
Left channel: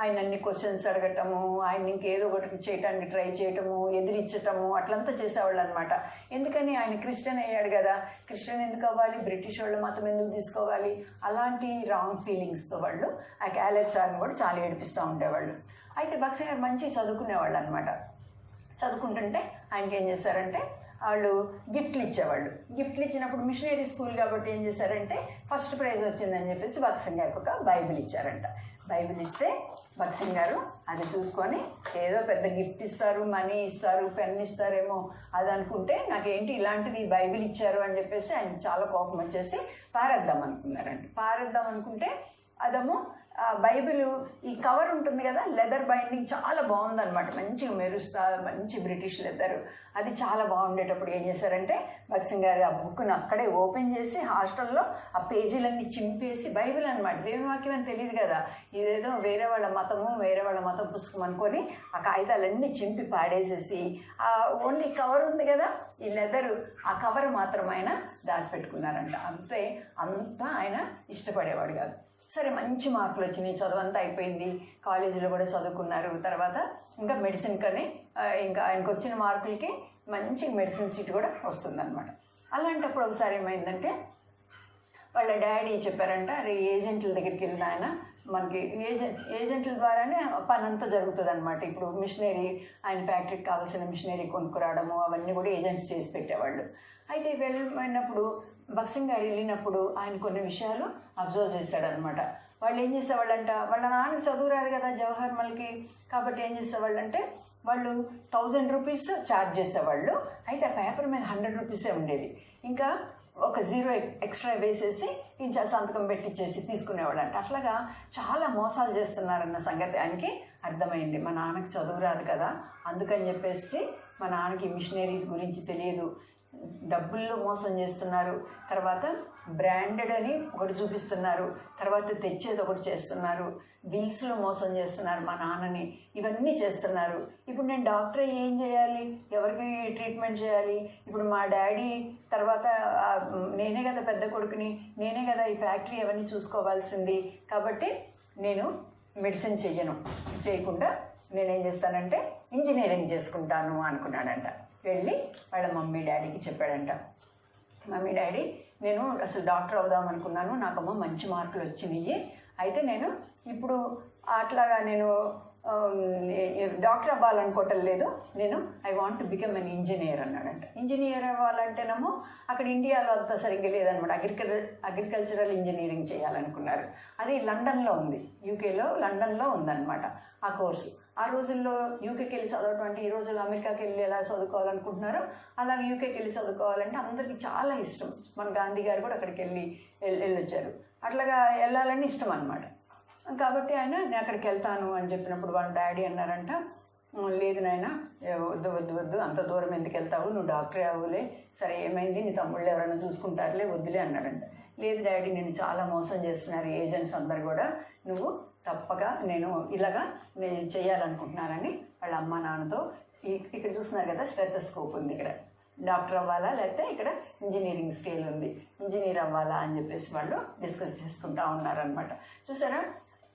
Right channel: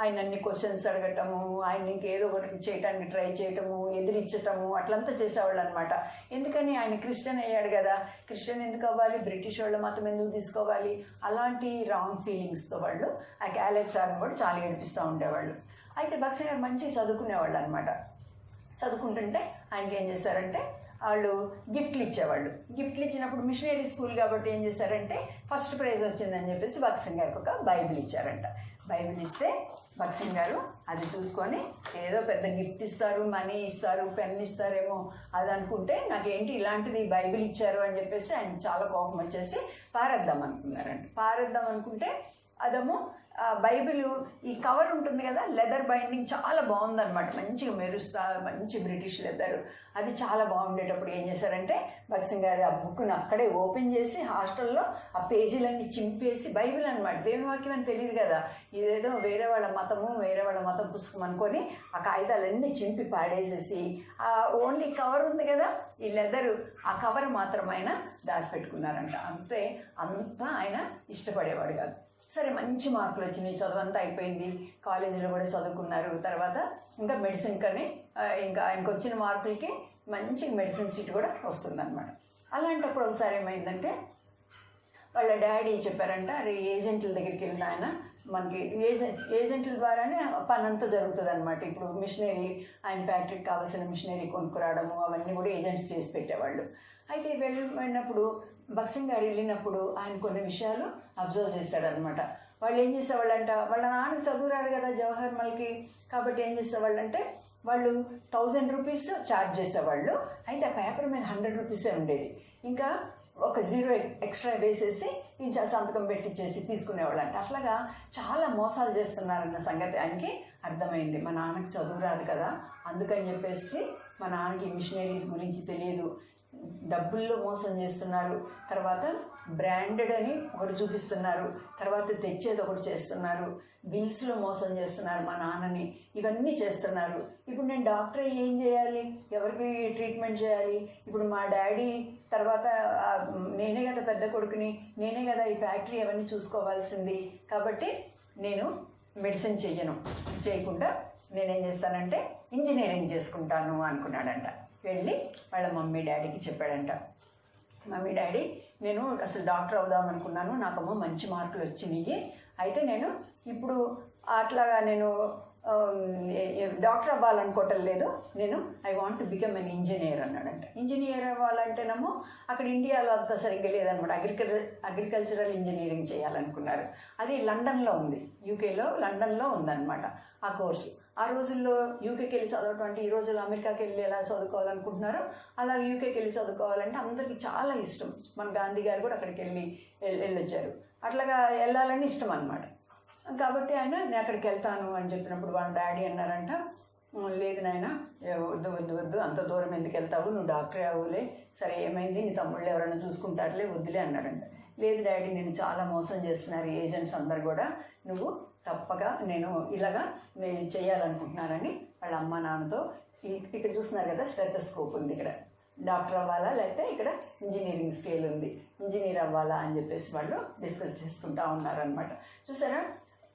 ఆయన అన్ని క్వశ్చన్స్ అడగటము, ఆయన ఇంకేదో ఒకటి చేయటానికి ట్రై చేయటము, ఎదిరించటము అట్లంతా చేసేవాళ్ళు అనమాట. ఎందుకని ఆయన క్రిస్టియన్ అయ్యాడు కదా, క్రిస్టియన్ ఎందుకు అవ్వాలి, బ్రిటిష్ వాళ్ళ మతం ఎందుకు తీసుకోవాలి, అలాంటి రాంగ్ ఫీలింగ్స్తో వాళ్ళు ఆ క్యాలేబ్ సార్ని కూడా చాలా ఏడిపిస్తూ ఉండేవాళ్ళు. అయితే భగత్ సింగ్ గారు మంచిగా చదువుకునేవాళ్ళు అనమాట. చదువుకుంటుంటే ఆయనకి ఏం చేశారంటే వాళ్ళు గిఫ్ట్లు ఇచ్చేవాళ్ళు. గిఫ్ట్లు ఇచ్చినప్పుడు మిషనరీ స్కూల్ కాబట్టి ఏం చేశారంటే ఫస్ట్ ప్రైజ్ వచ్చిందని చెప్పేసి భగత్ సింగ్ గారికి ఒక బైబిల్ ఇచ్చారంట. బైబిల్ ఇస్తే భగత్ సింగ్ గారు అది చూసుకొని ఏదో పెద్ద గిఫ్ట్ ఇస్తారు, మనీ ఇస్తారు, పెన్ ఇస్తారేమో అది అనుకుంటే నాకేంటి ఇలాంటిది బైబిల్ ఇచ్చారు అని చెప్పేసి ఆయన చాలా కోపం వచ్చేసి పారేద్దాం అనుకున్నారంట. పారేద్దాం అనుకుంటే అదేమో బైబిల్ ఈ కవర్ ఉంటుంది కదా, లెదర్ బైండింగ్ చాలా బాగుందన్నమాట, మంచిగా మెరుస్తా, మంచి బ్రిటిష్ లెదర్, అది చాలా బాగుండేటప్పుడు ఏం చేశారంటే భగత్ సింగ్ గారు ఆ బుక్ను అక్కడే ఓపెన్ చేసి హాస్టల్లో ఆ పేజీలన్నీ చింపేసి, బైబిల్ అనమాట, దేవుని వాక్యం అని తెలియదు కదా, ఇదేదో వేరే వాళ్ళ మతము, వేరే వాళ్ళ మతం పుస్తకం అనుకొని ఆ కాగితాలన్నీ చింపి పాడేసేసి ఓన్లీ కవర్ ఉంది కదా ఈ లెదరు, ఆ కవర్ మాత్రం ఆయన దాచిపెట్టుకున్నారంట. అంతే, అంతా ఆయన ఇష్టపడేవాడు కాదు. సరే, మంచి మార్కులు వచ్చినాయి, చదువు అంతా అయిపోయింది, కాలేజీలో కూడా చదువుకున్నారు. తర్వాత ఇంకా మెడిసిన్ కానీ ఇంకా ఆయనకు వచ్చిన మార్కులకి మంచి మెడిసిన్ సీట్ కూడా వస్తుందన్నమాట. అలాంటప్పుడు ఒకసారి ఏమైందంటే వాళ్ళ డాడీ చెప్పారంట, అరే ఏజెంట్ల దగ్గరికి వెళ్ళిన ఆయన మనకి ఏజెంట్ల ద్వారానే పని అంతా జరుగుతుంది అనమాట. ఇప్పుడు మిషనరీ ఆయన ఫ్యాక్టరీకి కావాల్సిన మిషనరీ కొనుక్కురావడము అవన్నీ కూడా ఏజెంట్స్ చేసి పెట్టేవాళ్ళు. అయితే వెళ్ళినప్పుడు బక్సింగ్ గారు వెళ్ళినప్పుడు ఆయన కొన్ని విషయాలు అబ్జర్వ్ చేశాడనమాట. వాళ్ళు ఏం చేసేవాళ్ళంట, వాళ్ళ నాన్నకి చదువు రాదు కదా జవహర్ మల్కి, కాబట్టి ఏం చేసేవాళ్ళంటే వాళ్ళు 1000 రూపీస్ ఛార్జ్ చేసేవాళ్ళు. అయితే ఆ పేపర్ మీద 100 రూపీసే ఉండేది. ఇంకా ఒక 0 ఎక్స్ట్రా వేసేసి ఇంకా సంతకం పెట్టించేసి తీసుకునేవాళ్ళంట. అట్లాగా చాలా మోసాలు చేస్తున్నారన్న సంగతి ఆయనకి అర్థమైంది. మా నాన్నకి చదువు రాదు కదా, అందుకని చెప్పేసి మా నాన్నకి మిషనరీస్ గురించి తెలియదు, డబ్బుల్లో మోసం చేస్తున్నారు, తర్వాత బ్రాండెడ్ అని ఒకటి చూపిస్తున్నారు, తర్వాత తెచ్చేది ఒకటి చేస్తున్నారు, బిల్స్లో మోసం చేస్తున్నారు మా నాన్నని, ఇవన్నీ చేస్తున్నారు. ఇప్పుడు నేను డాక్టర్ ఏం చేయాలి, ఎవరికి ట్రీట్మెంట్ చేయాలి? ఇప్పుడు మా డాడీ తర్వాత నేనే కదా పెద్ద కొడుకుని, నేనే కదా ఈ ఫ్యాక్టరీ అవన్నీ చూసుకోవాల్సింది, కాబట్టి నేను మెడిసిన్ చేయకుండా నేనేం చేస్తానంటే ఇంజనీరింగ్ చేసుకుంటాను అనుకున్నాడంట. వెళ్ళి వాళ్ళ మమ్మీ డాడీకి చెప్పాడంట, మమ్మీ డాడీ నేను అసలు డాక్టర్ అవుదాం అనుకున్నాను, నాకమ్మా మంచి మార్కులు వచ్చినాయి, అయితే నేను ఇప్పుడు అట్లాగా నేను డాక్టర్ అవ్వాలనుకోవటం లేదు, నేను I want to become an engineer అన్నాడంట. ఇంజనీర్ అవ్వాలంటేనేమో అక్కడ ఇండియాలో అంత సరిగ్గా లేదనమాట, అగ్రికల్చరల్ ఇంజనీరింగ్ చేయాలనుకున్నారు. అది లండన్లో ఉంది, యూకేలో లండన్లో ఉందన్నమాట ఆ కోర్సు. ఆ రోజుల్లో యూకేకి వెళ్ళి చదవటం అంటే ఈ రోజుల్లో అమెరికాకి వెళ్ళి ఎలా చదువుకోవాలనుకుంటున్నారో అలాగే యూకేకి వెళ్ళి చదువుకోవాలంటే అందరికీ చాలా ఇష్టం. మన గాంధీ గారు కూడా అక్కడికి వెళ్ళొచ్చారు. అట్లాగా వెళ్ళాలని ఇష్టం అనమాట. కాబట్టి ఆయన నేను అక్కడికి వెళ్తాను అని చెప్పినప్పుడు వాళ్ళ డాడీ అన్నారంట, లేదు నాయన వద్దు అంత దూరం ఎందుకు వెళ్తావు, నువ్వు డాక్టరే అవ్వలే, సరే ఏమైంది నీ తమ్ముళ్ళు ఎవరైనా చూసుకుంటారులే, వద్దులే అన్నాడంట. లేదు డాడీ నేను చాలా మోసం చేస్తున్నారు ఏజెంట్స్ అందరు కూడా, నువ్వు తప్పగా నేను చేయాలనుకుంటున్నానని వాళ్ళ అమ్మ నాన్నతో ఇక్కడ చూస్తున్నారు కదా స్టెథోస్కోప్ ఉంది, ఇక్కడ డాక్టర్ అవ్వాలా లేకపోతే ఇక్కడ ఇంజనీరింగ్ స్కేల్ ఉంది, ఇంజనీర్ అవ్వాలా అని చెప్పేసి వాళ్ళు డిస్కస్ చేసుకుంటూ ఉన్నారనమాట. చూసారా,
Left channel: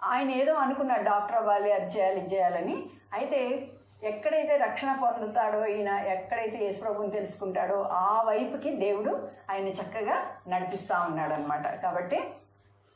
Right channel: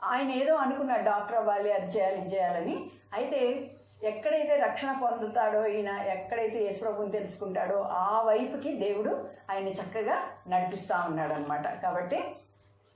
ఆయన ఏదో అనుకున్నాడు డాక్టర్ అవ్వాలి, అది చేయాలి ఇది చేయాలని. అయితే ఎక్కడైతే రక్షణ పొందుతాడో ఈయన, ఎక్కడైతే యేసుప్రభుని తెలుసుకుంటాడో ఆ వైపుకి దేవుడు ఆయన్ని చక్కగా నడిపిస్తూ ఉన్నాడు అనమాట. కాబట్టి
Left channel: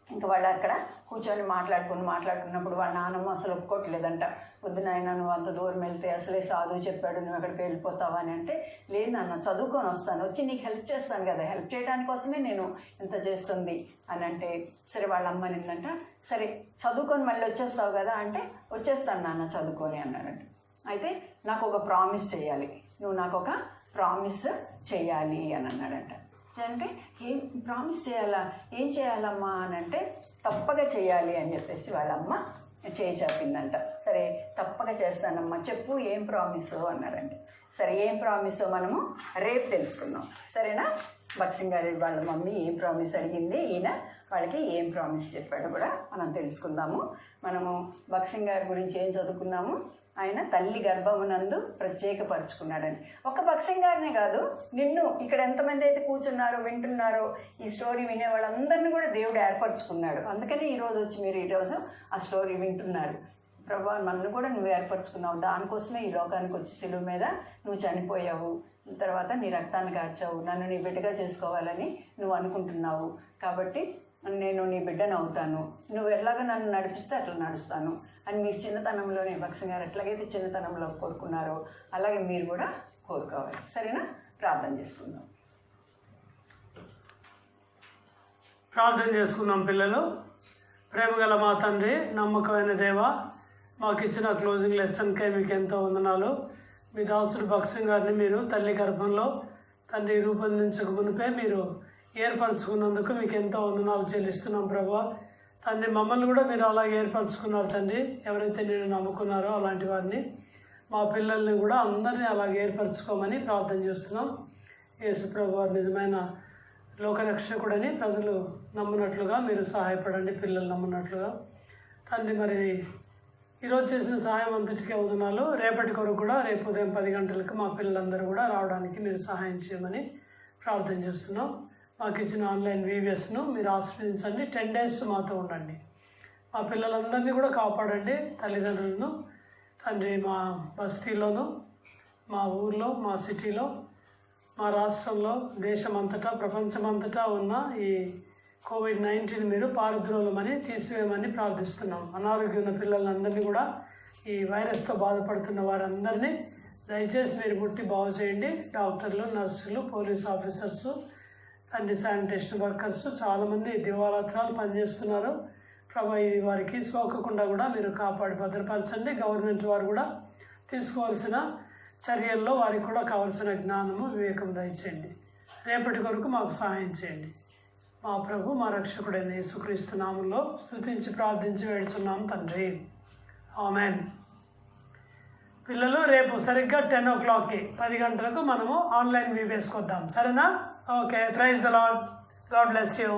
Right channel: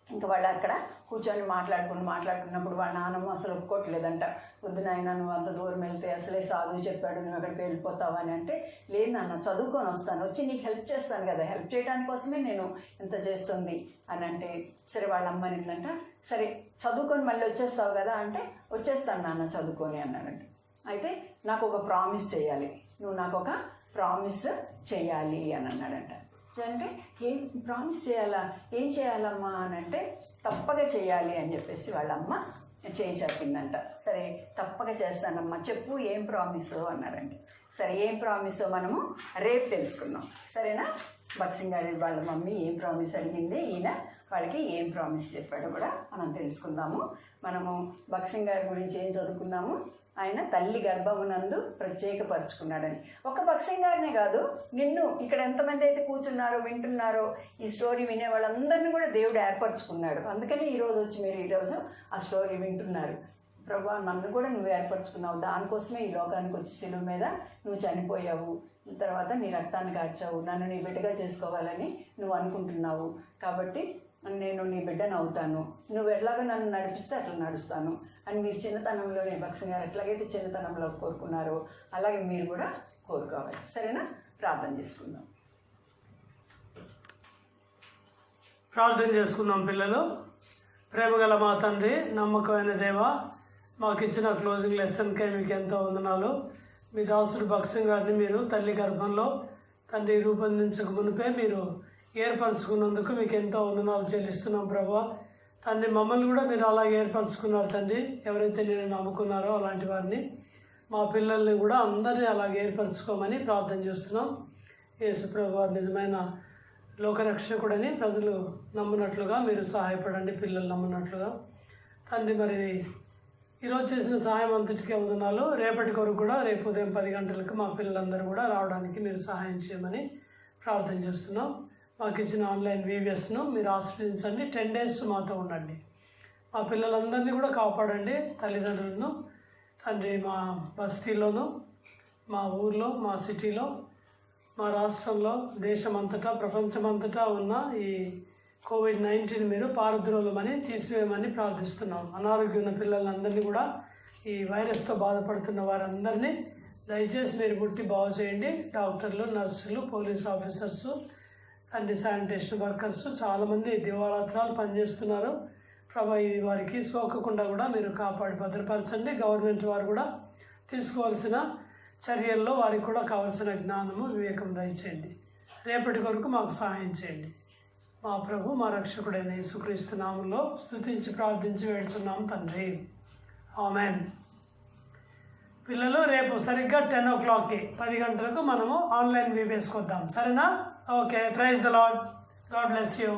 ఇంకా వాళ్ళు అక్కడ కూర్చొని మాట్లాడుకున్నప్పుడు వాళ్ళ నాన్నమ్మ అసలు ఒప్పుకోవట్లేదంట. వద్దు నాయన నువ్వు అంత దూరం వెళ్తే అసలే సాధువు చెప్పాడు, నువ్వు ఎక్కడికి వెళ్ళిపోతావు అని అంటే, లేదు నాన్న చదువుకొని వస్తాను, వచ్చి నీకు హెల్ప్ చేస్తాను కదా, హెల్ప్ చేయడానికి కోసమే నేను ఇంత చేస్తుంది అని అంటే, సరే వాళ్ళ అమ్మ నిందంట, సరే చదువుకొని మళ్ళీ వచ్చేస్తావు కదా అంటే, వచ్చేస్తాను నాన్న చదువుకొని అన్నాడంట. అయితే నాకు ఒక ప్రామిస్ చేయాలి, నువ్వు నాకు ఒక ప్రామిస్ చేయాలి అని అన్నాడంట. అంటే ఏం ప్రామిస్ చేయాలా, ఏం చేయాలమ్మా అని అంటే, తప్పగా చేయాలి అని చెప్పేసి వాళ్ళమ్మ చేయి చాపిందంట. సరే తప్పగా చేస్తానమ్మా, చెప్పు ఏం ప్రామిసో అన్నాడంట. సరే ఏం ప్రామిసో మనము రేపు తెలుసుకుందాం, సరేనా? బక్సింగ్ గారి వాళ్ళ మమ్మీ ఏం ప్రామిస్ అడిగింది, ఈయన వాళ్ళకి ఏం ప్రామిస్ చెప్పాడు కూడా మనం తెలుసుకుందాము. మనము బక్సింగ్ గారి గురించి ఏం చదువుకున్నాము, ఆయన తల్లి గర్భమునందు ప్రత్యేకపరుచుకున్నాడని. ఒక బక్సింగ్ గారినే కాదు, నిన్ను ఇక్కడ ఎంతమంది అయితే కూర్చున్నారో వింటున్నారో ఈ స్టోరీ వినే వాళ్ళందరినీ కూడా దేవుడు ఏర్పరచుకున్నాడు. అందుకని ఈరోజు వచ్చి మీరు ఈరోజు ఆ స్టోరీ వింటున్నారు. ప్రభా నన్ను కూడా నువ్వు ఏర్పరచుకున్నావు, దానికోసమే ఈ లోకానికి వచ్చి సిలువ మీద నువ్వు చనిపోయావు, తర్వాత నీ రక్తాన్ని కార్చావు, నన్ను నీ బిడ్డగా చేసుకోవాలని నువ్వు అనుకుంటున్నావు, కాబట్టి నేను నీ బిడ్డను అవుతాను, నువ్వు ఎట్లాగా నన్ను నడిపిస్తే అట్లా నడుస్తాను అని మీరు చిన్నతనంలోనే బక్సింగ్ గారు ఎట్లాగైతే చిన్నతనంలో కోరుకున్నారో అలాగే మీరు కూడా కోరుకోవాలి. సరేనా? ప్రార్థన చేసుకుందాం. ప్రార్థన చేసుకుందాం పిల్లలు. ప్రేమగల మా తండ్రి, నమ్మకమైన దేవ, మాకు ఇచ్చిన క్లోజింగ్ లెసన్కే మీకు ఎంతో వందనాలు. మీ దాసుడు బక్సింగ్ గారిని మీరు తల్లి గర్భంలో తండ్రి రూపొందించక మునిపే మీరు ఏర్పరచుకున్నందుకు మీకు ఎంతో వందనాలు చెల్లిస్తున్నాం ప్రభా. తండ్రి మమ్మల్ని కూడా మీరు అలాగే ఏర్పరచుకున్నారు తండ్రి. ఎవరైతే నేను నమ్ముకున్నారో అలాంటి వారిని, మా పిల్లల్ని కూడా అందరినీ అలాగే ఏర్పరచుకోమని ప్రార్థన చేస్తున్నాం. యేసు ప్రభు వారు నిజమైన లోకరక్షకుడని ప్రజలు నమ్మునట్లుగా మీరు సహాయపడండి, పిల్లలు నమ్మునట్లుగా తండ్రి. మరి ఈరోజు చేసిన సహాయం అంతటికీ వందనాలు. రేపటి కొరకు కూడా రేపు ఉదయం 10 గంటలకు మా పిల్లలందరూ కూడా రావడానికి మీరు సహాయం చేయమని ప్రార్థన చేస్తున్నాం. మాకు ఇచ్చిన ఆన్లైన్ వీవియస్ను మీరు ఆశ్రయించండి. 10 days మాతో ఉండండి. మా పిల్లలందరినీ కూడా కాపాడండి, తల్లిదండ్రులను తండ్రి. మా బస్తీలోను, మా ఊర్లో, మా సిటీలో, మా రాష్ట్రంలో, దేశమంతటా, ప్రపంచమంతటా ఉన్న ఈ కోవిడ్-19 మీరు పారద్రోలమని తీసివేయమని ప్రార్థిస్తున్నాం. అనారోగ్యం ఉన్న పిల్లలందరినీ కూడా ఈ వైరస్తో బాధపడుతున్న వారందరినీ దయచేసి మీరు ముట్టి బాగు చేయండి. డాక్టర్లు, నర్సులు, పోలీస్ ఆఫీసర్స్, తండ్రి శానిటేషన్ వర్కర్స్ చాలామంది దివారాత్రాలు పనిచేస్తున్నారు. ప్రభా ఇది వారికి సోకకుండా కూడా మీరు కాపాడి భద్రపరచండి. గవర్నమెంట్ వారు కూడా తీసుకోవాల్సిన చర్యల్లో వారికి కూడా కావాల్సిన జ్ఞానము, వివేకం దయచేయండి. రేపటి వరకు మాకు సహాయం చేయండి. మా ప్రభు, మా రక్షకుడైన యేసుక్రీస్తు నామంలో స్తుతించి ప్రార్థించి వేడుచున్నాం తండ్రి. ఆమెన్. పిల్లలు రేపు సరిగ్గా 10 o'clockకి 10 గంటలకు మనము ఆన్లైన్ వీబీఎస్కి వద్దాం. సరేనా? Okay. Praise the Lord. God bless you.